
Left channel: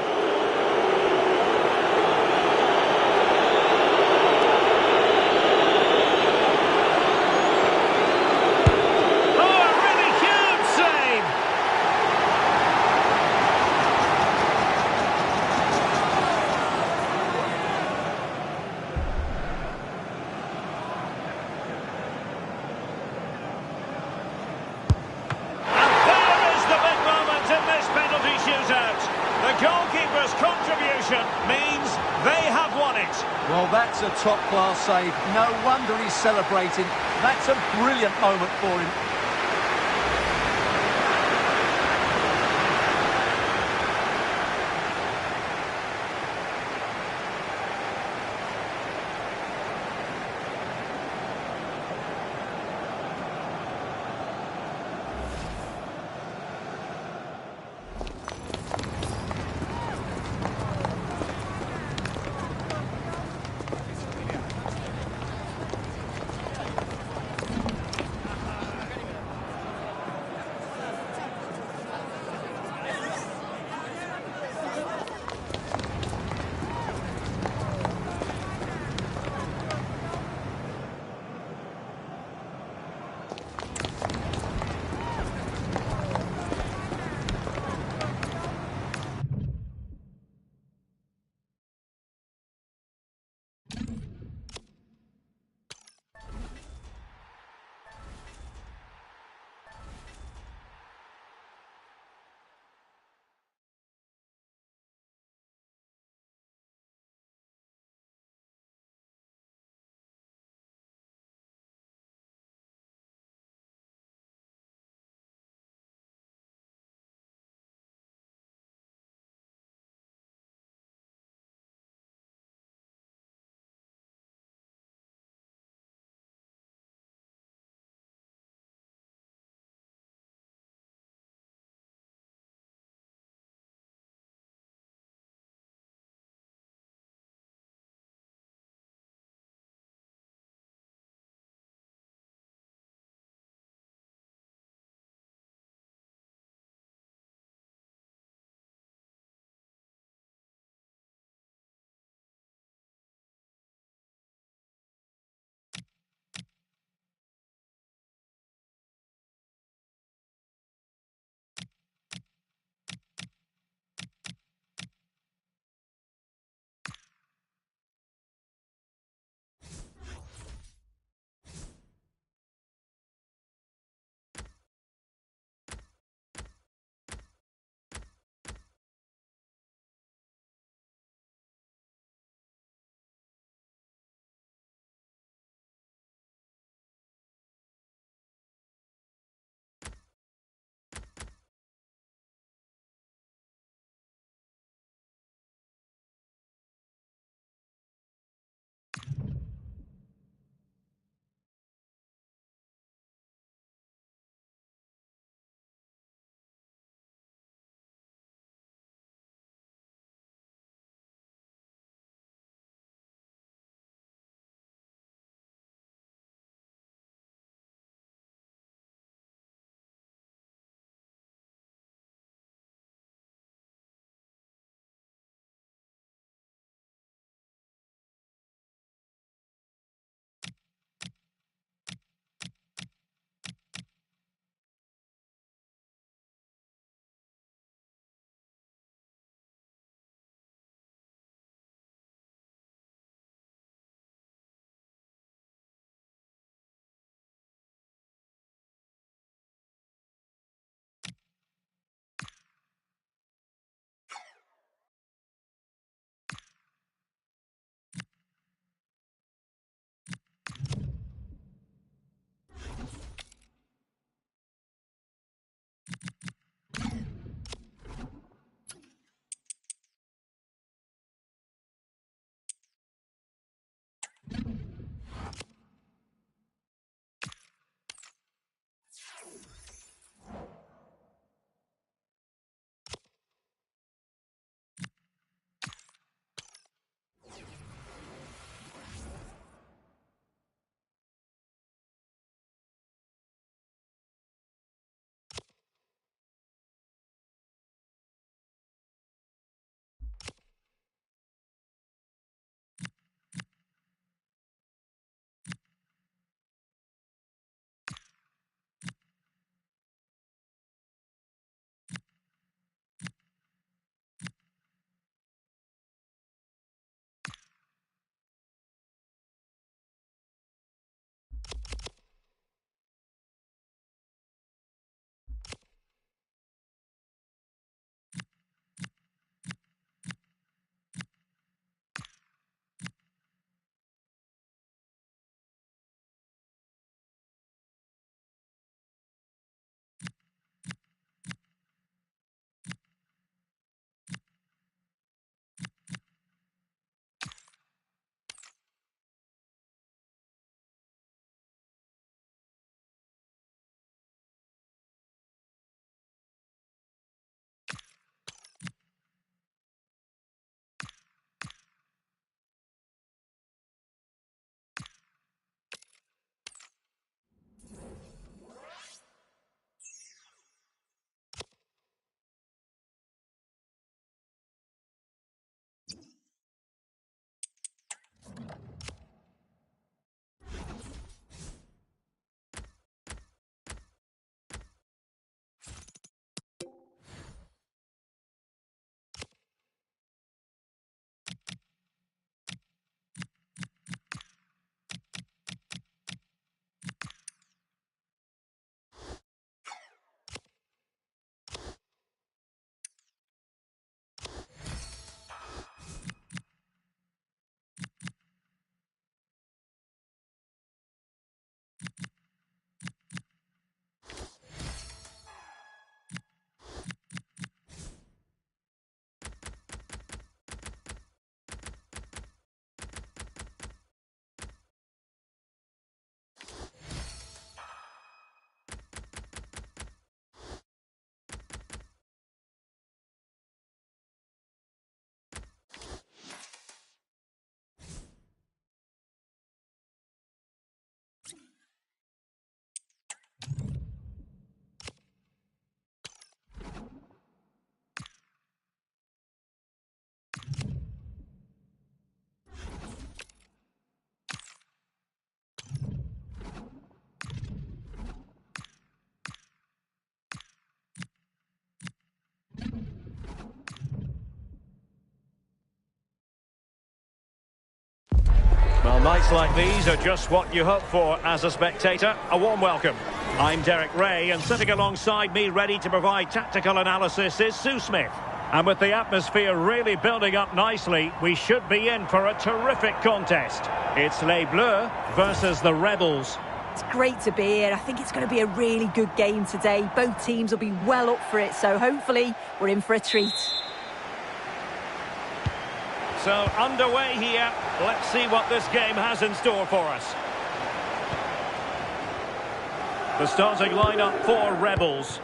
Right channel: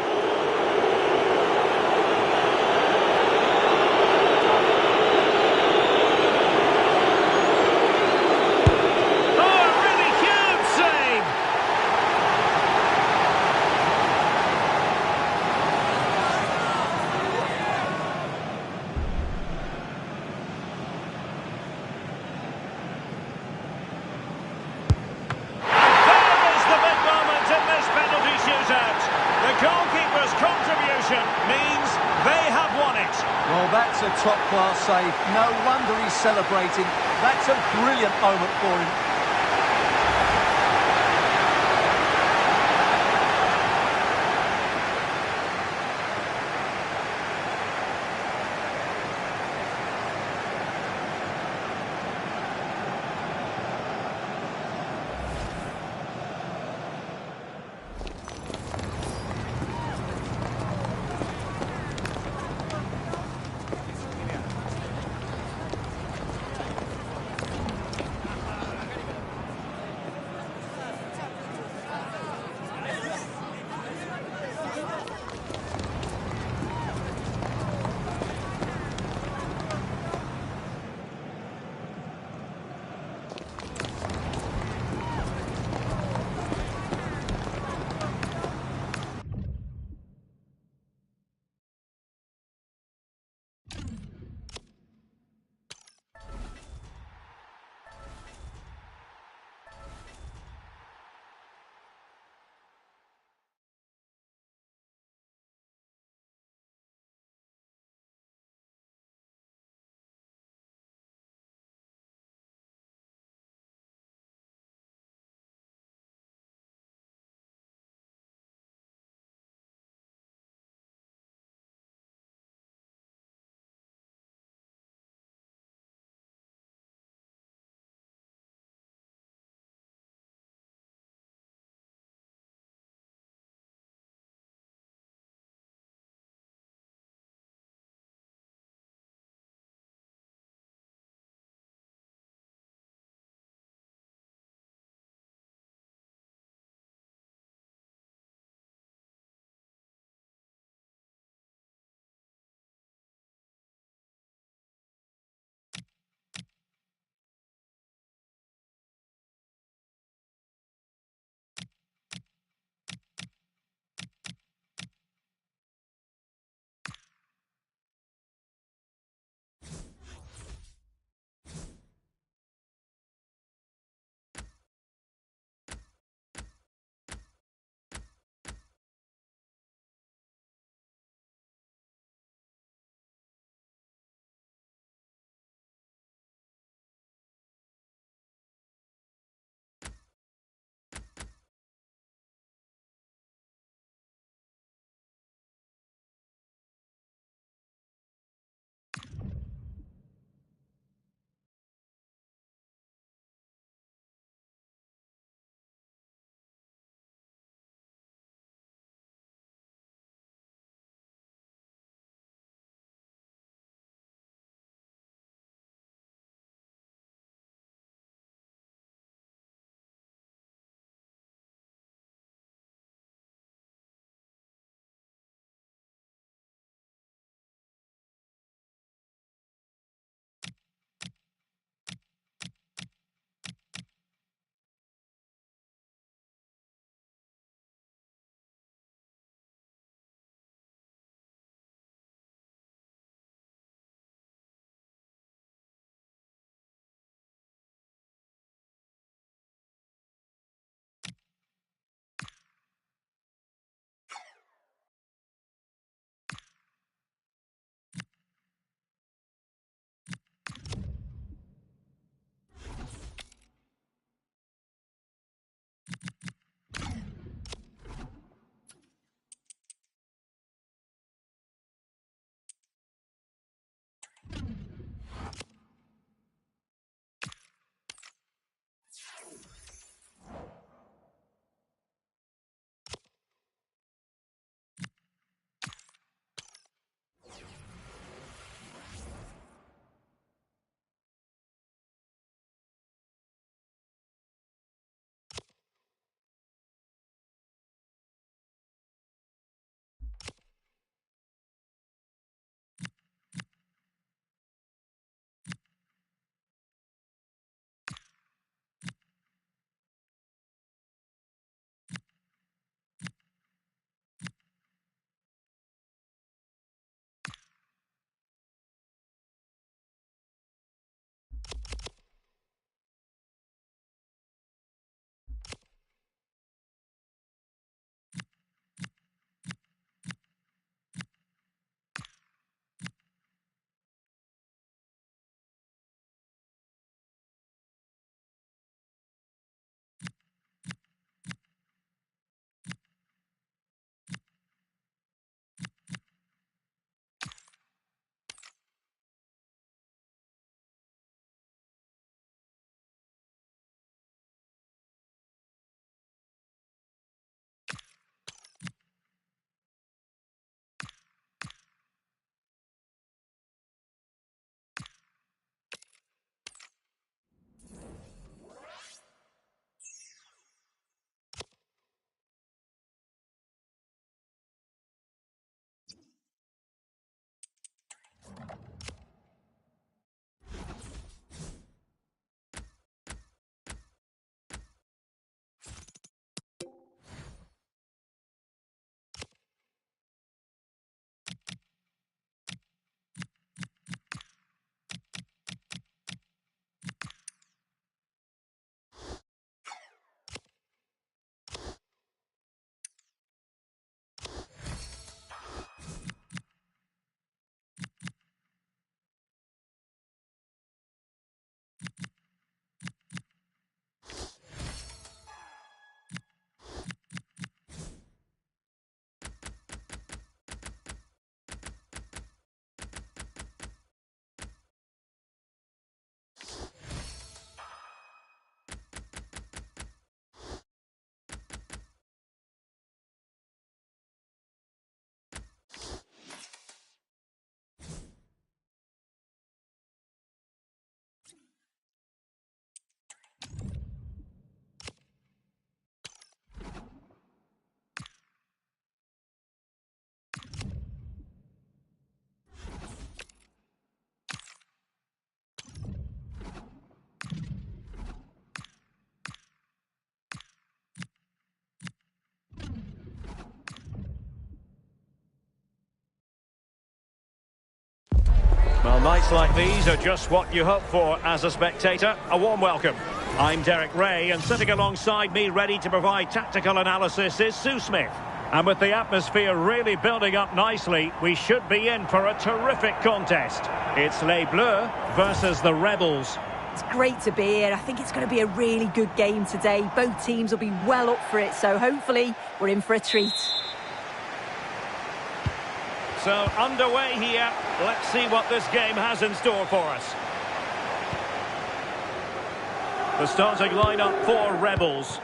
Oh, a really huge save! And there is the big moment in this penalty shootout. The goalkeeper's contribution means they have won it. Well, that's a top-class save. No wonder he's celebrating. That's a brilliant moment for him. Nights like these are just what you hope for as a spectator. A warm welcome. I'm Derek Ray, and sitting alongside me ready to provide tactical analysis is Sue Smith. And with the atmosphere really building up nicely, we should be in for a terrific contest. It's Les Bleus versus the Rebels. It's great to be here. I think it's going to be a really good game today. Both teams will be well up for it, so hopefully we're in for a treat. So, underway here. Let's see what this game has in store for us. The starting lineup for Rebels.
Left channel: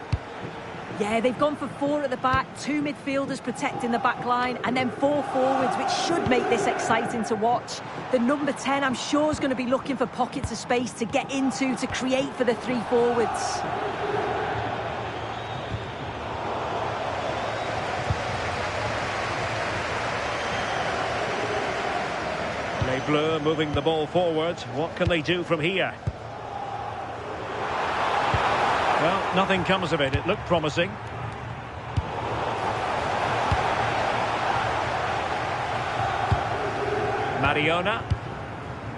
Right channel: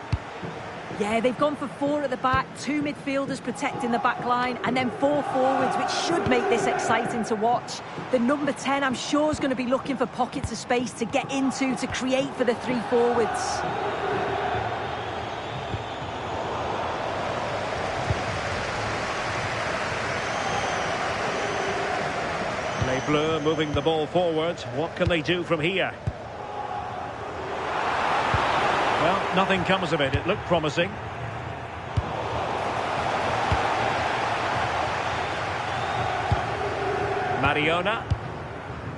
Yeah, they've gone for 4 at the back, 2 midfielders protecting the back line, and then 4 forwards, which should make this exciting to watch. The number 10, I'm sure, is going to be looking for pockets of space to get into, to create for the 3 forwards. Les Bleus moving the ball forward. What can they do from here? Well, nothing comes of it. It looked promising. Mariona.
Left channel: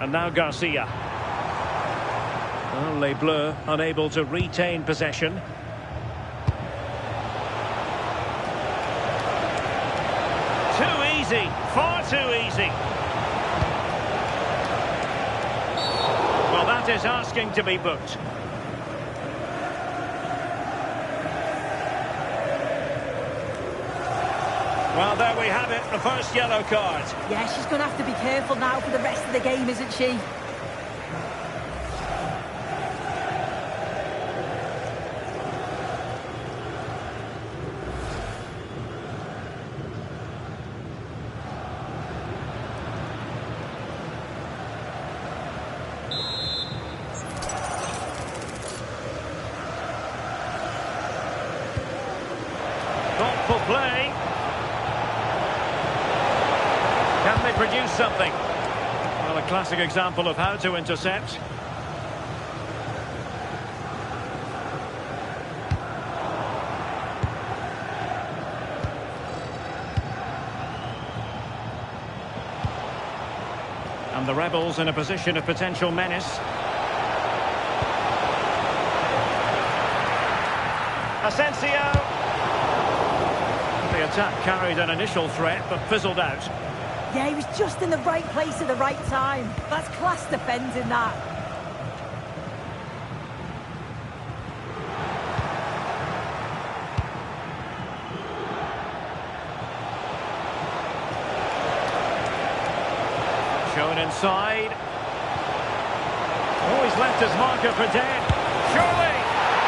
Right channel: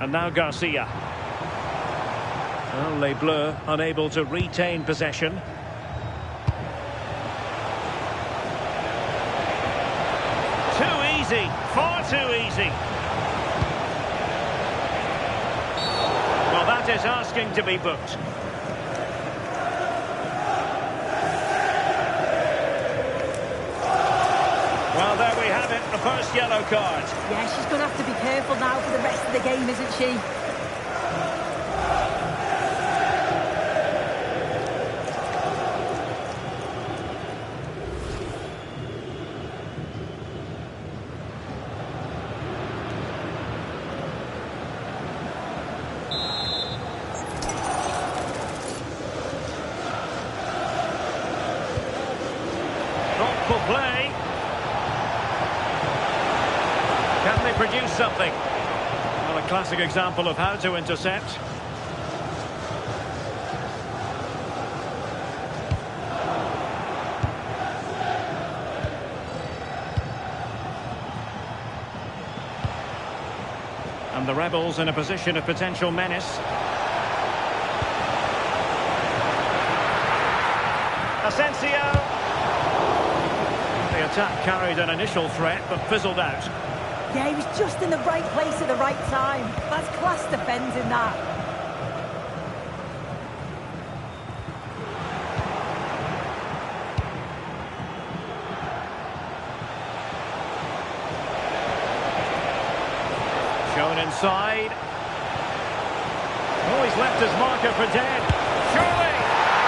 And now Garcia. Well, Les Bleus unable to retain possession. Too easy. Far too easy. Well, that is asking to be booked. Well, there we have it, the first yellow card. Yeah, she's going to have to be careful now for the rest of the game, isn't she? Thoughtful play. Can they produce something? Well, a classic example of how to intercept. And the Rebels in a position of potential menace. Asensio. The attack carried an initial threat, but fizzled out. Yeah, he was just in the right place at the right time. That's class defending, that. Shown inside. Oh, he's left his marker for dead. Surely!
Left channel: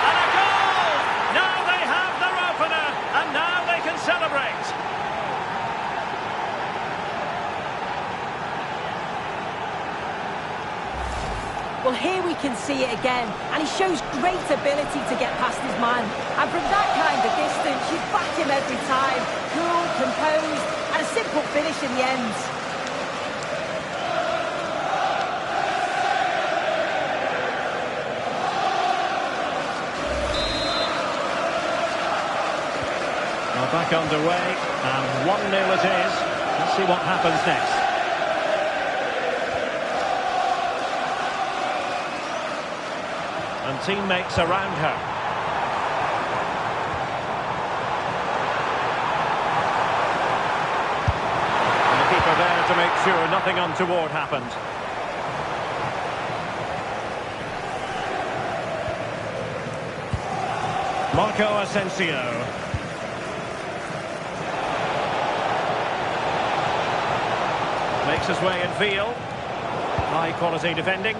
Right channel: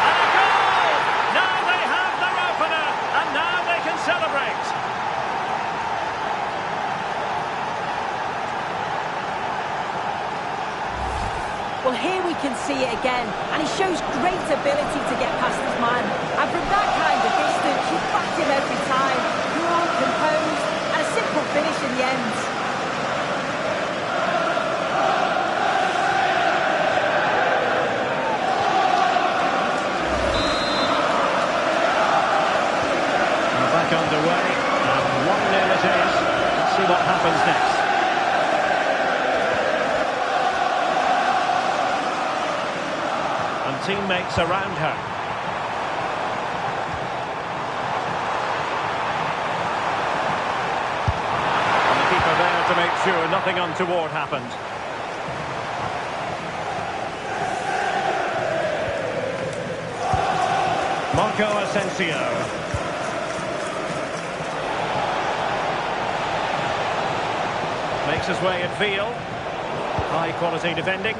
And a goal! Now they have their opener, and now they can celebrate. Well, here we can see it again, and he shows great ability to get past his man. And from that kind of distance, you back him every time. Cool, composed, and a simple finish in the end. Well, back underway, and 1-0 it is. Let's see what happens next. And teammates around her. And the keeper there to make sure nothing untoward happened. Marco Asensio. Makes his way in field. High quality defending.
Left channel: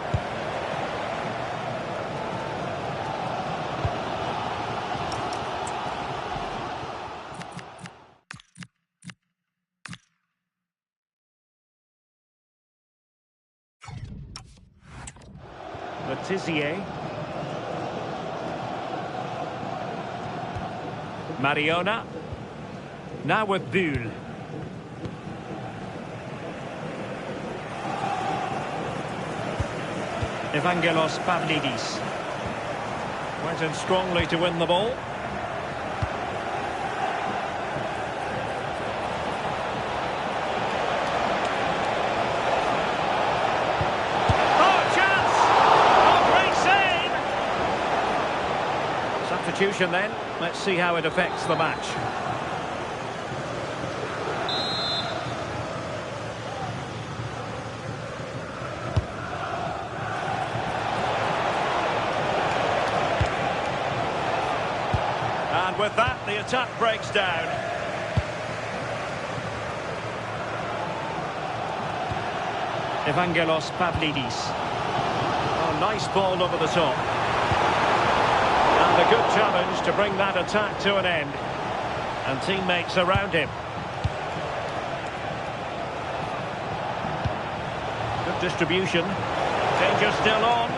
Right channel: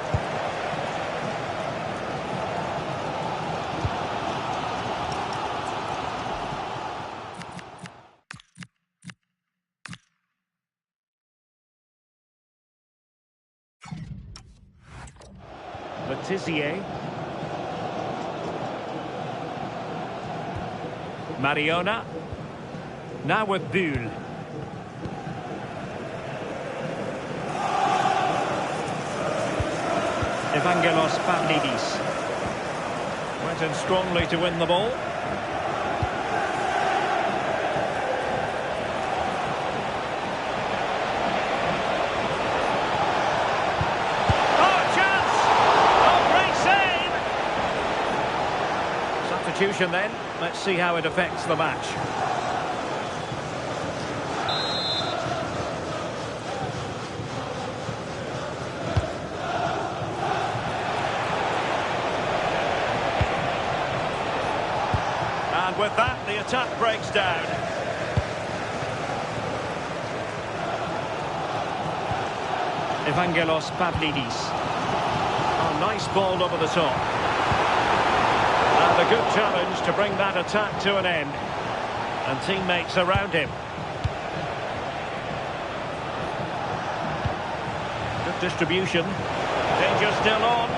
Letizier. Mariona. Now with Bull. Evangelos Pavlidis. Went in strongly to win the ball. substitution then. Let's see how it affects the match. And with that, the attack breaks down. Evangelos Pavlidis. Oh, nice ball over the top. And a good challenge to bring that attack to an end. And teammates around him. Good distribution. Danger still on.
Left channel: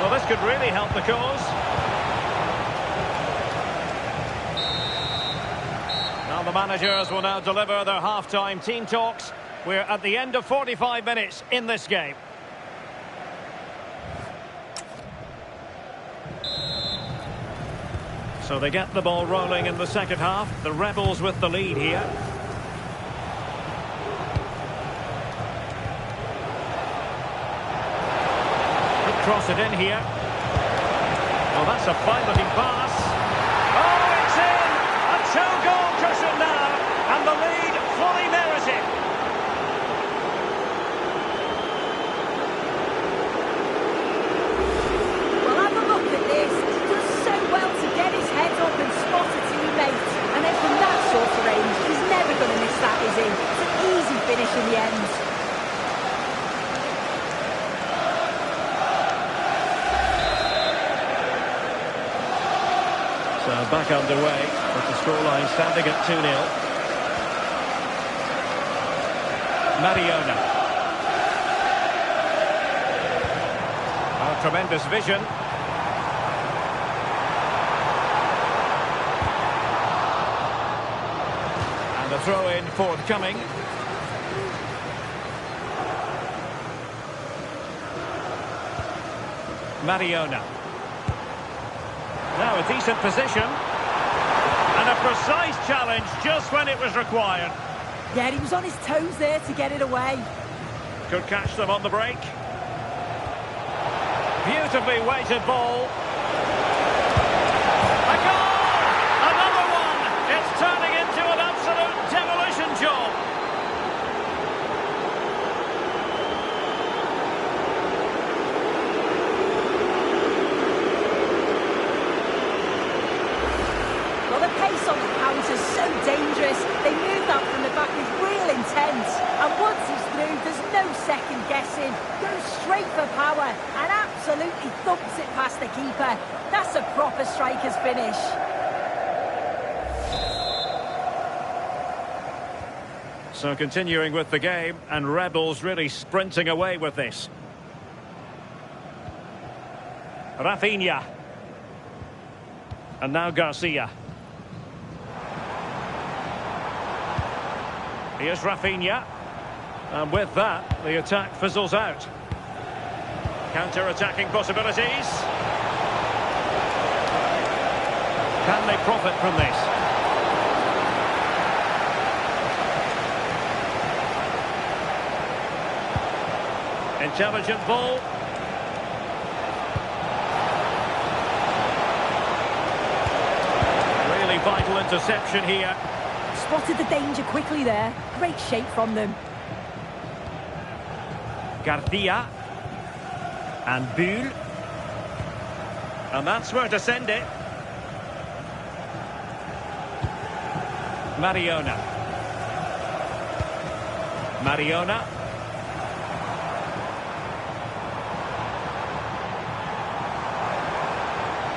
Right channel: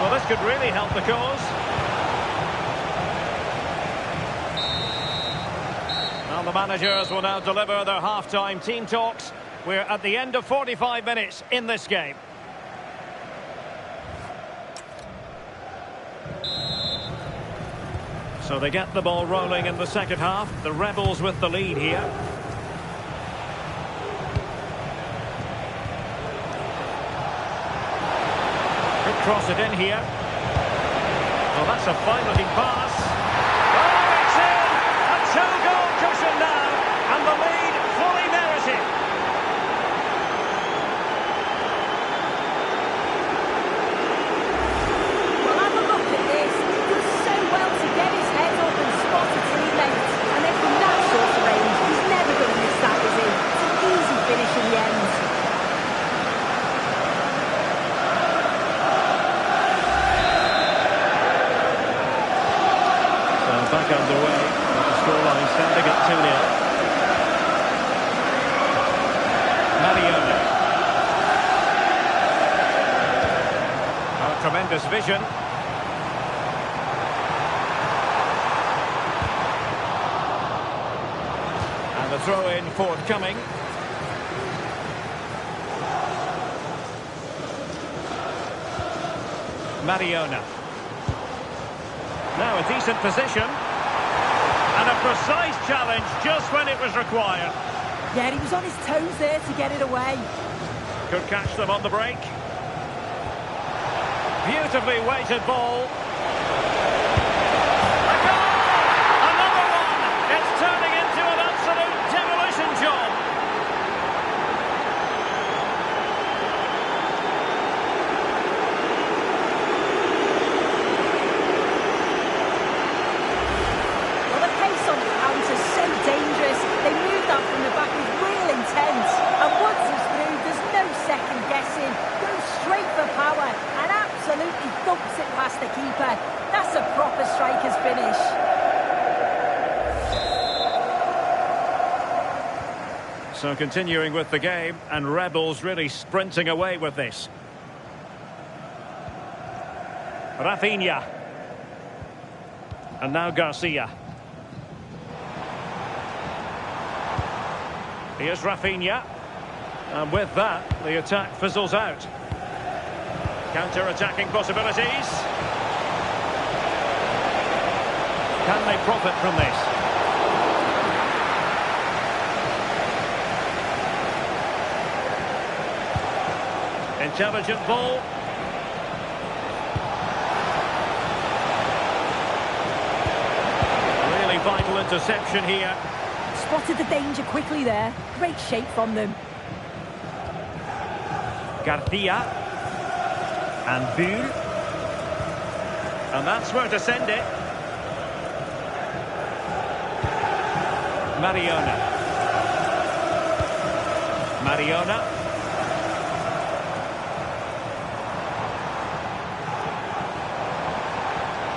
Well, this could really help the cause. Now the managers will now deliver their half-time team talks. We're at the end of 45 minutes in this game. So they get the ball rolling in the second half. The Rebels with the lead here. Could cross it in here. Oh, that's a fine-looking pass. Oh, it's in! A two-goal cushion now, and the lead fully merited. Well, have a look at this. He does so well to get his head up and spot a teammate. And then from that sort of range, he's never going to miss that, is he? It's an easy finish in the end. So back underway, with the scoreline standing at 2-0. Mariona. Oh, tremendous vision. And the throw-in forthcoming. Mariona. Now a decent position. And a precise challenge just when it was required. Yeah, he was on his toes there to get it away. Could catch them on the break. Beautifully weighted ball. A goal! Another one! It's turning into an absolute demolition job. Well, the pace on the counter's so dangerous. They move that from the back with real intent. And once he's through, there's no second guessing. Goes straight for power and absolutely thumps it past the keeper. That's a proper striker's finish. So continuing with the game, and Rebels really sprinting away with this. Rafinha. And now Garcia. Here's Rafinha. And with that, the attack fizzles out. Counter-attacking possibilities. Can they profit from this? Intelligent ball. Really vital interception here. Spotted the danger quickly there. Great shape from them. Garcia. And Bull. And that's where to send it. Mariona. Mariona.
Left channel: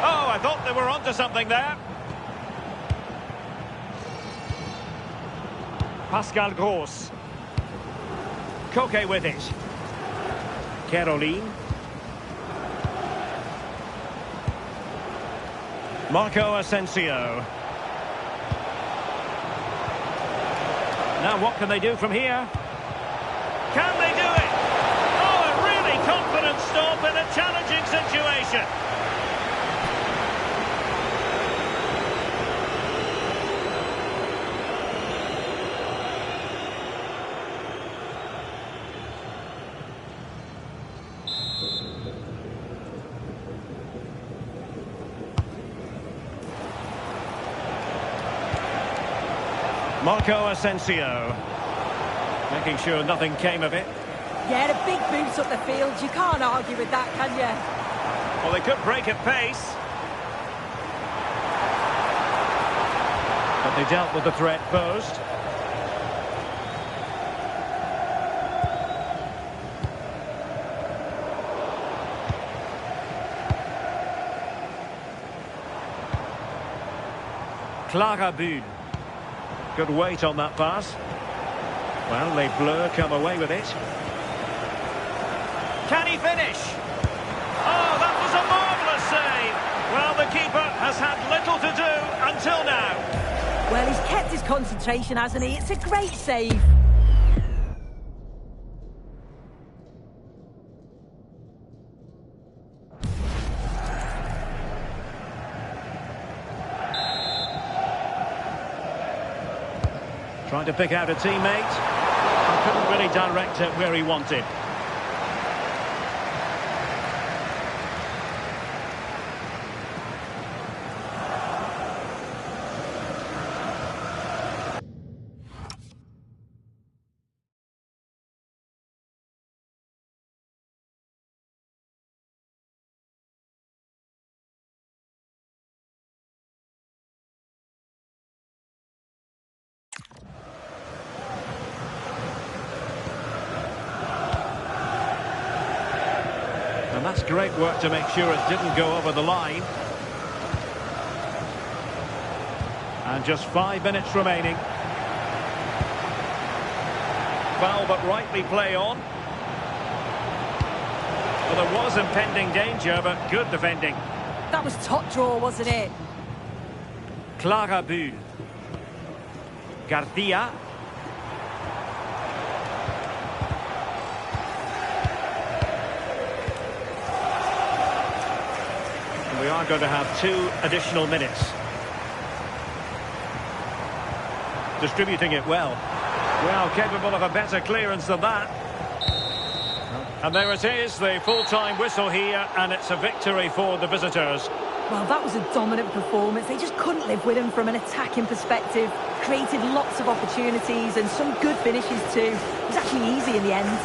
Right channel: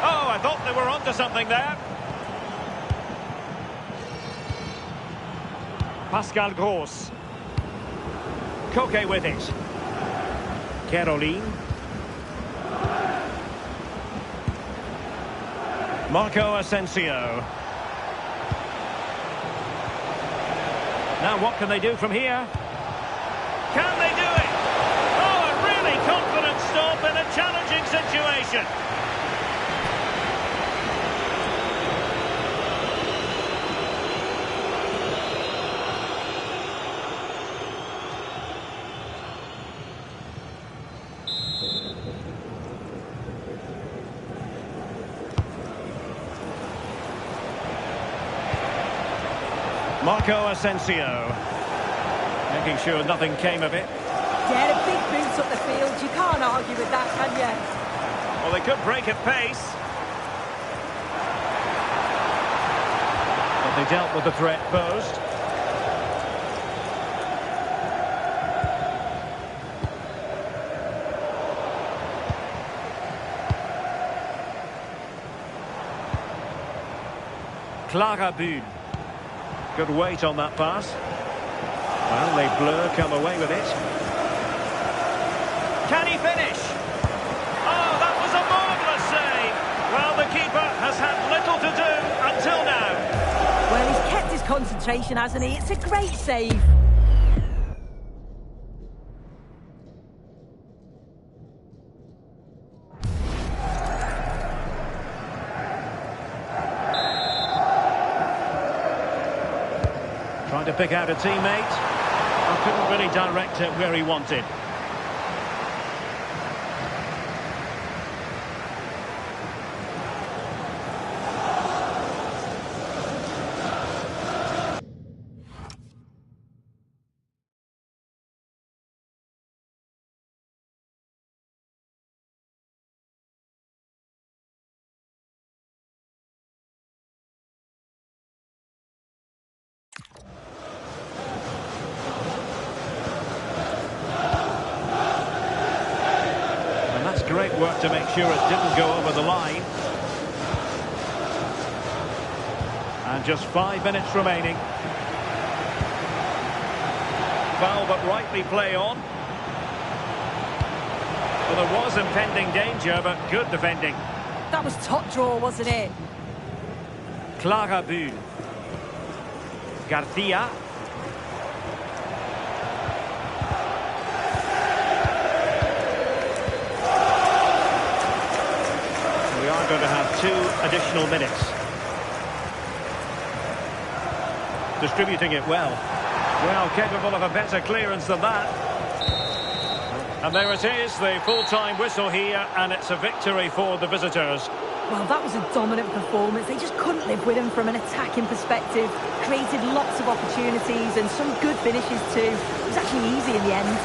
Oh, I thought they were onto something there. Pascal Gross. Koke with it. Caroline. Marco Asensio. Now what can they do from here? Can they do it? Oh, a really confident stop in a challenging situation. Marco Asensio. Making sure nothing came of it. Yeah, a big boot up the field. You can't argue with that, can you? Well, they could break at pace. But they dealt with the threat posed. Clara Bull. Good weight on that pass. Well, Les Bleus come away with it. Can he finish? Oh, that was a marvellous save. Well, the keeper has had little to do until now. Well, he's kept his concentration, hasn't he? It's a great save. Trying to pick out a teammate. I couldn't really direct it where he wanted. And that's great work to make sure it didn't go over the line. And just 5 minutes remaining. Foul, but rightly play on. Well, there was impending danger, but good defending. That was top draw, wasn't it? Clara Bull. Garcia. We are going to have 2 additional minutes. Distributing it well. Well, capable of a better clearance than that. And there it is, the full-time whistle here, and it's a victory for the visitors. Well, that was a dominant performance. They just couldn't live with him from an attacking perspective. Created lots of opportunities and some good finishes too. It was actually easy in the end.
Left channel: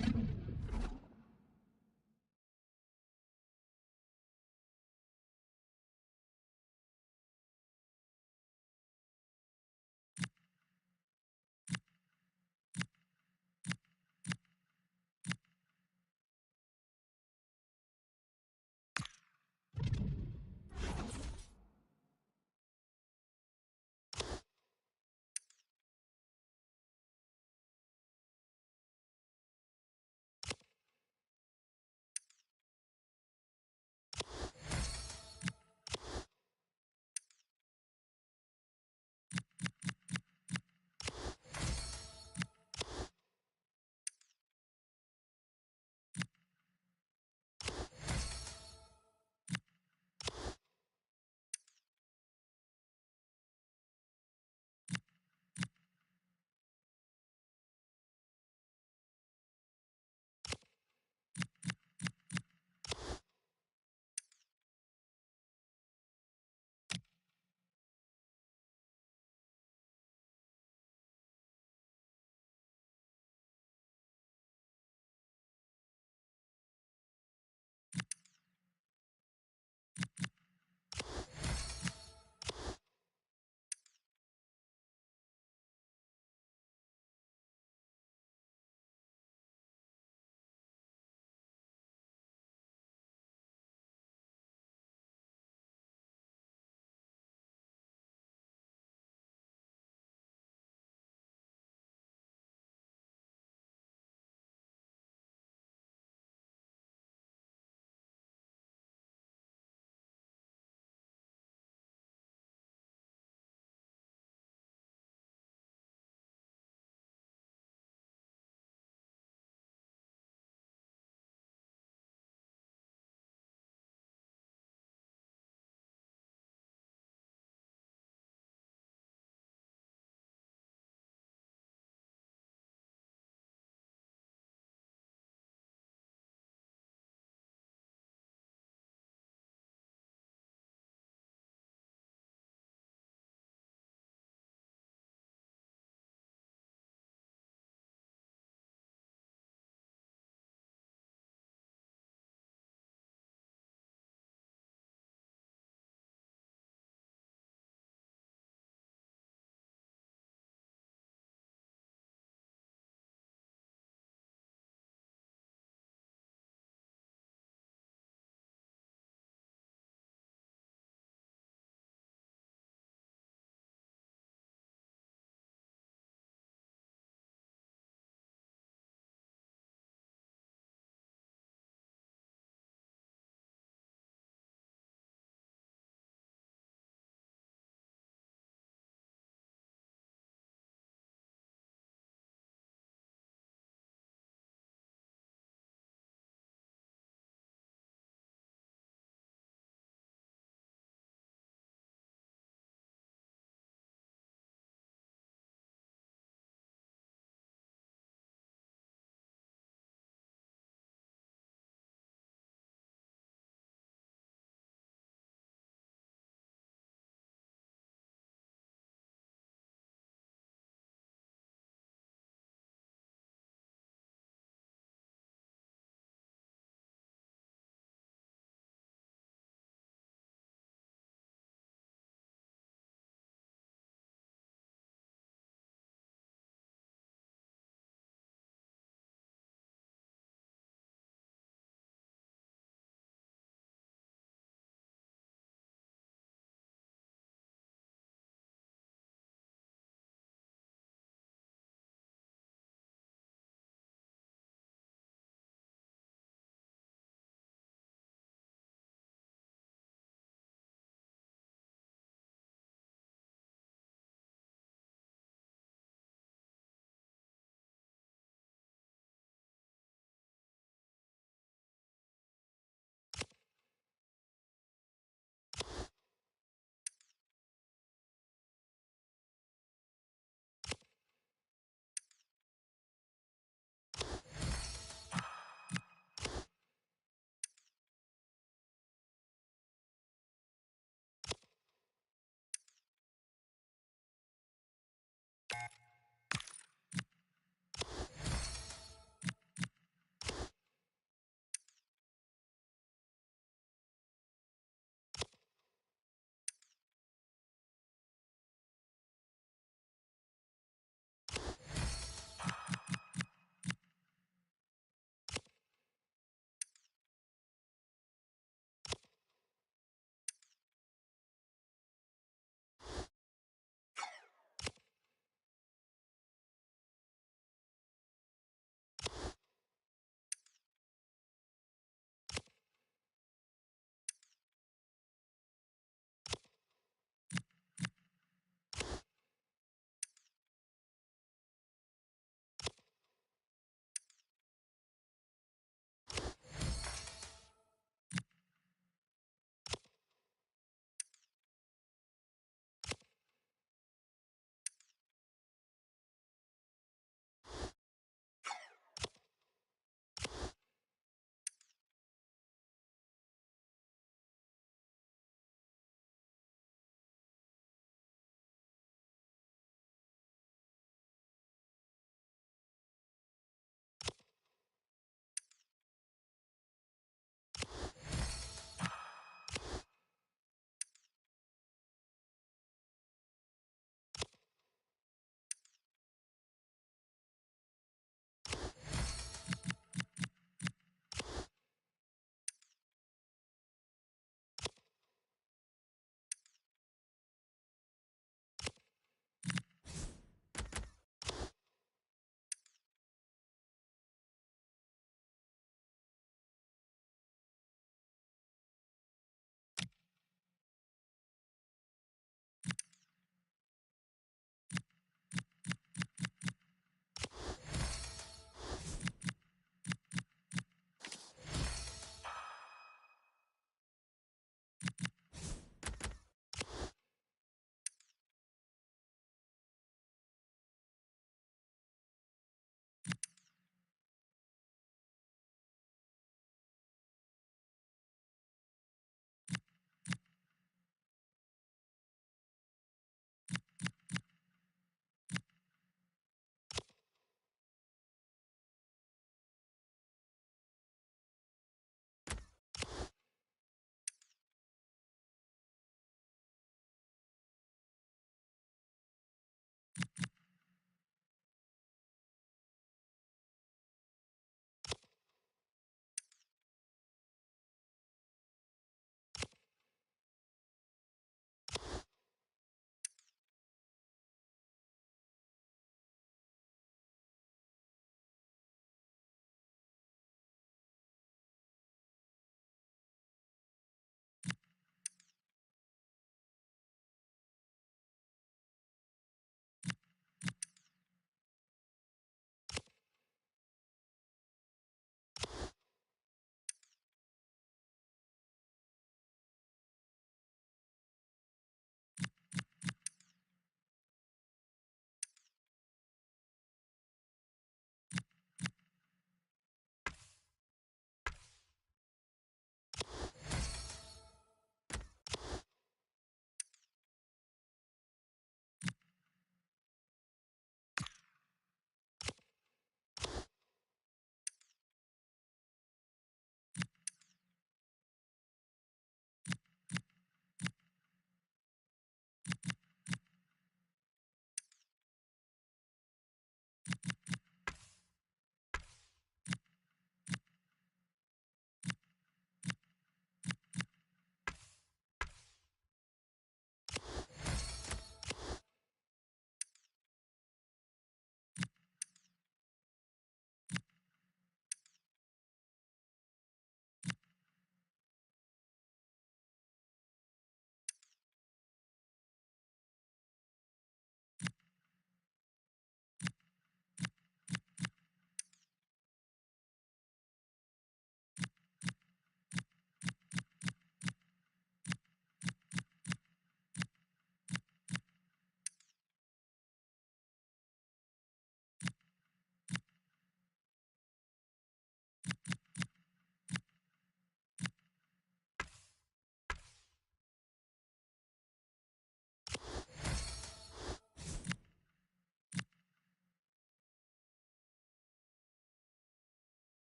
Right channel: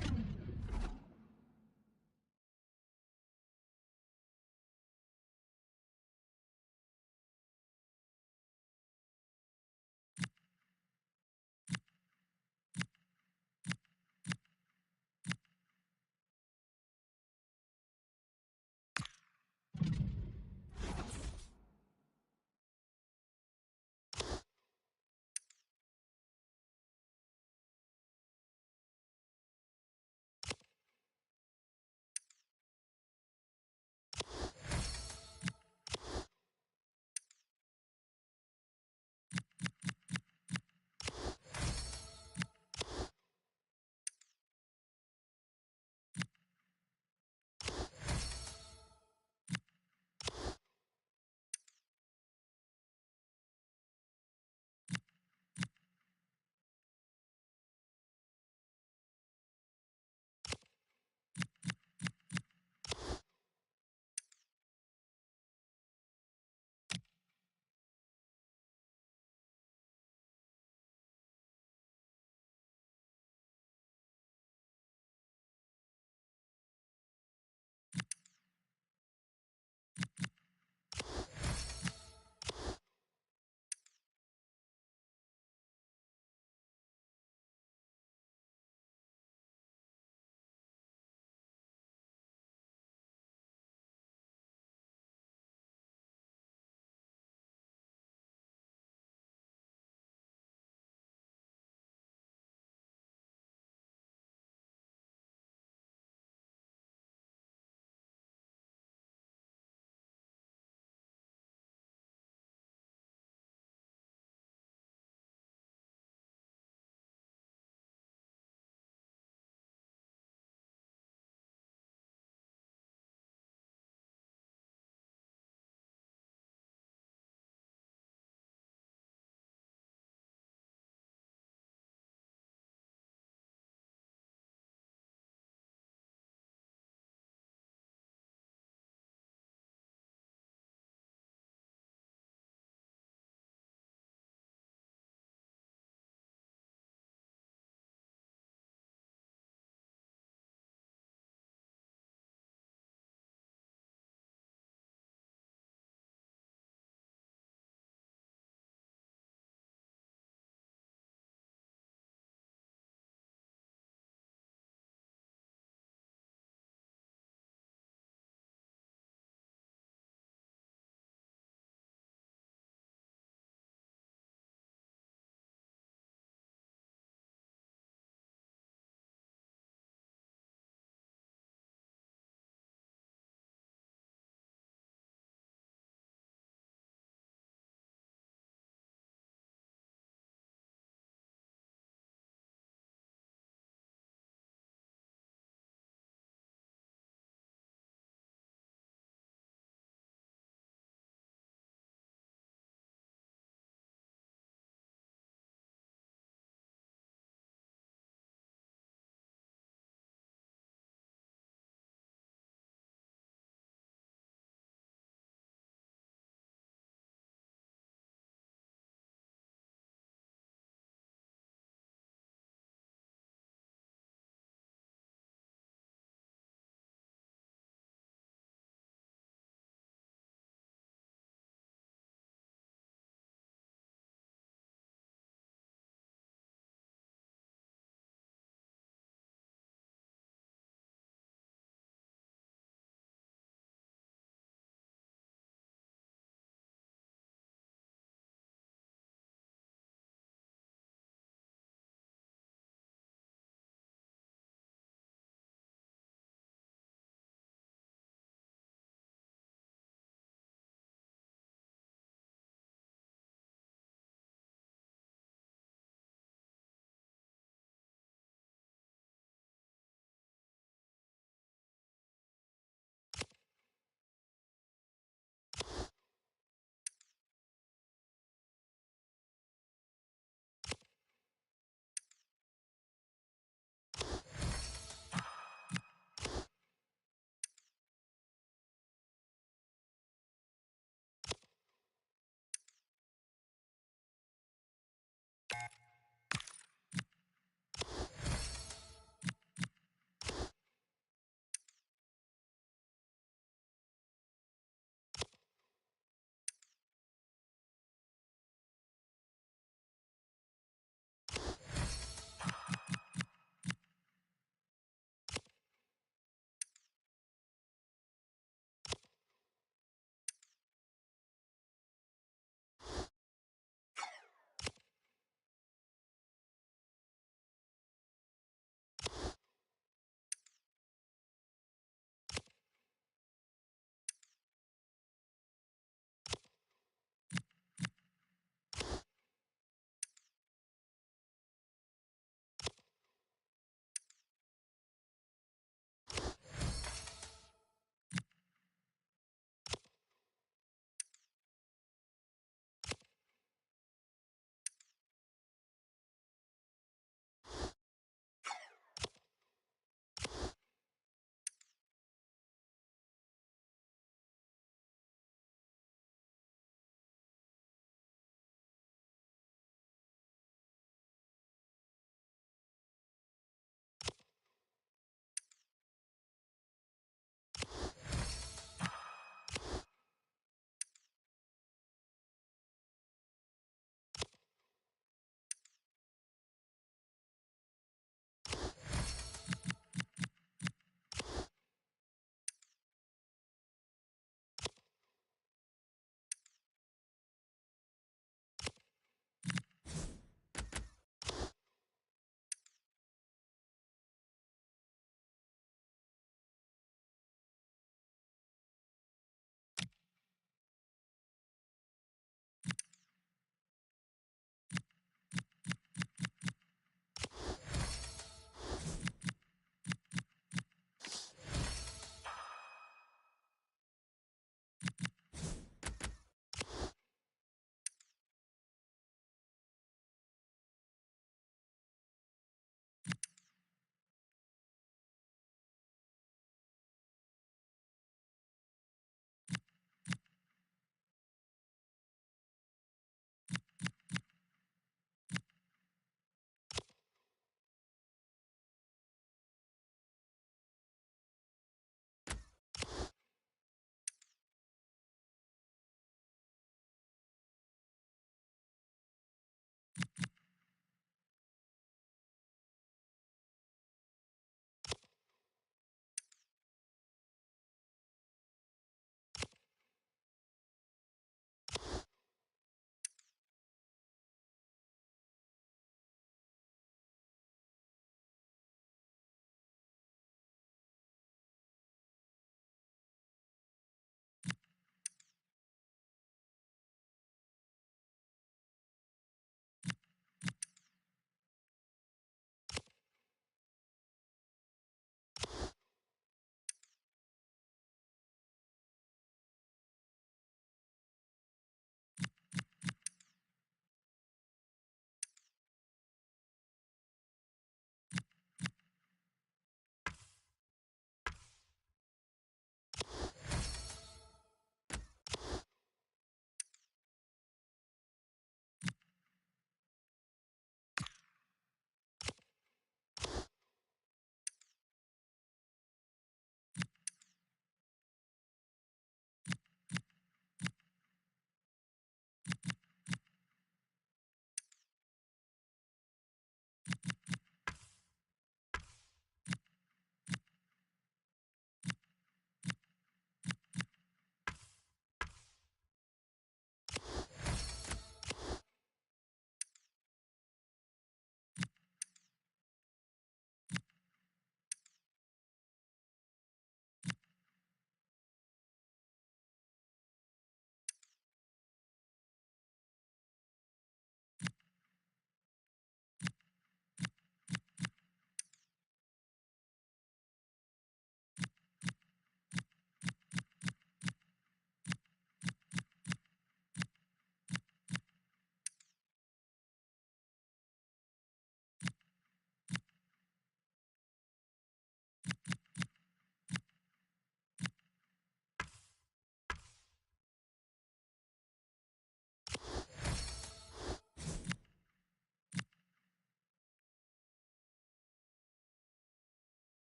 Thank you.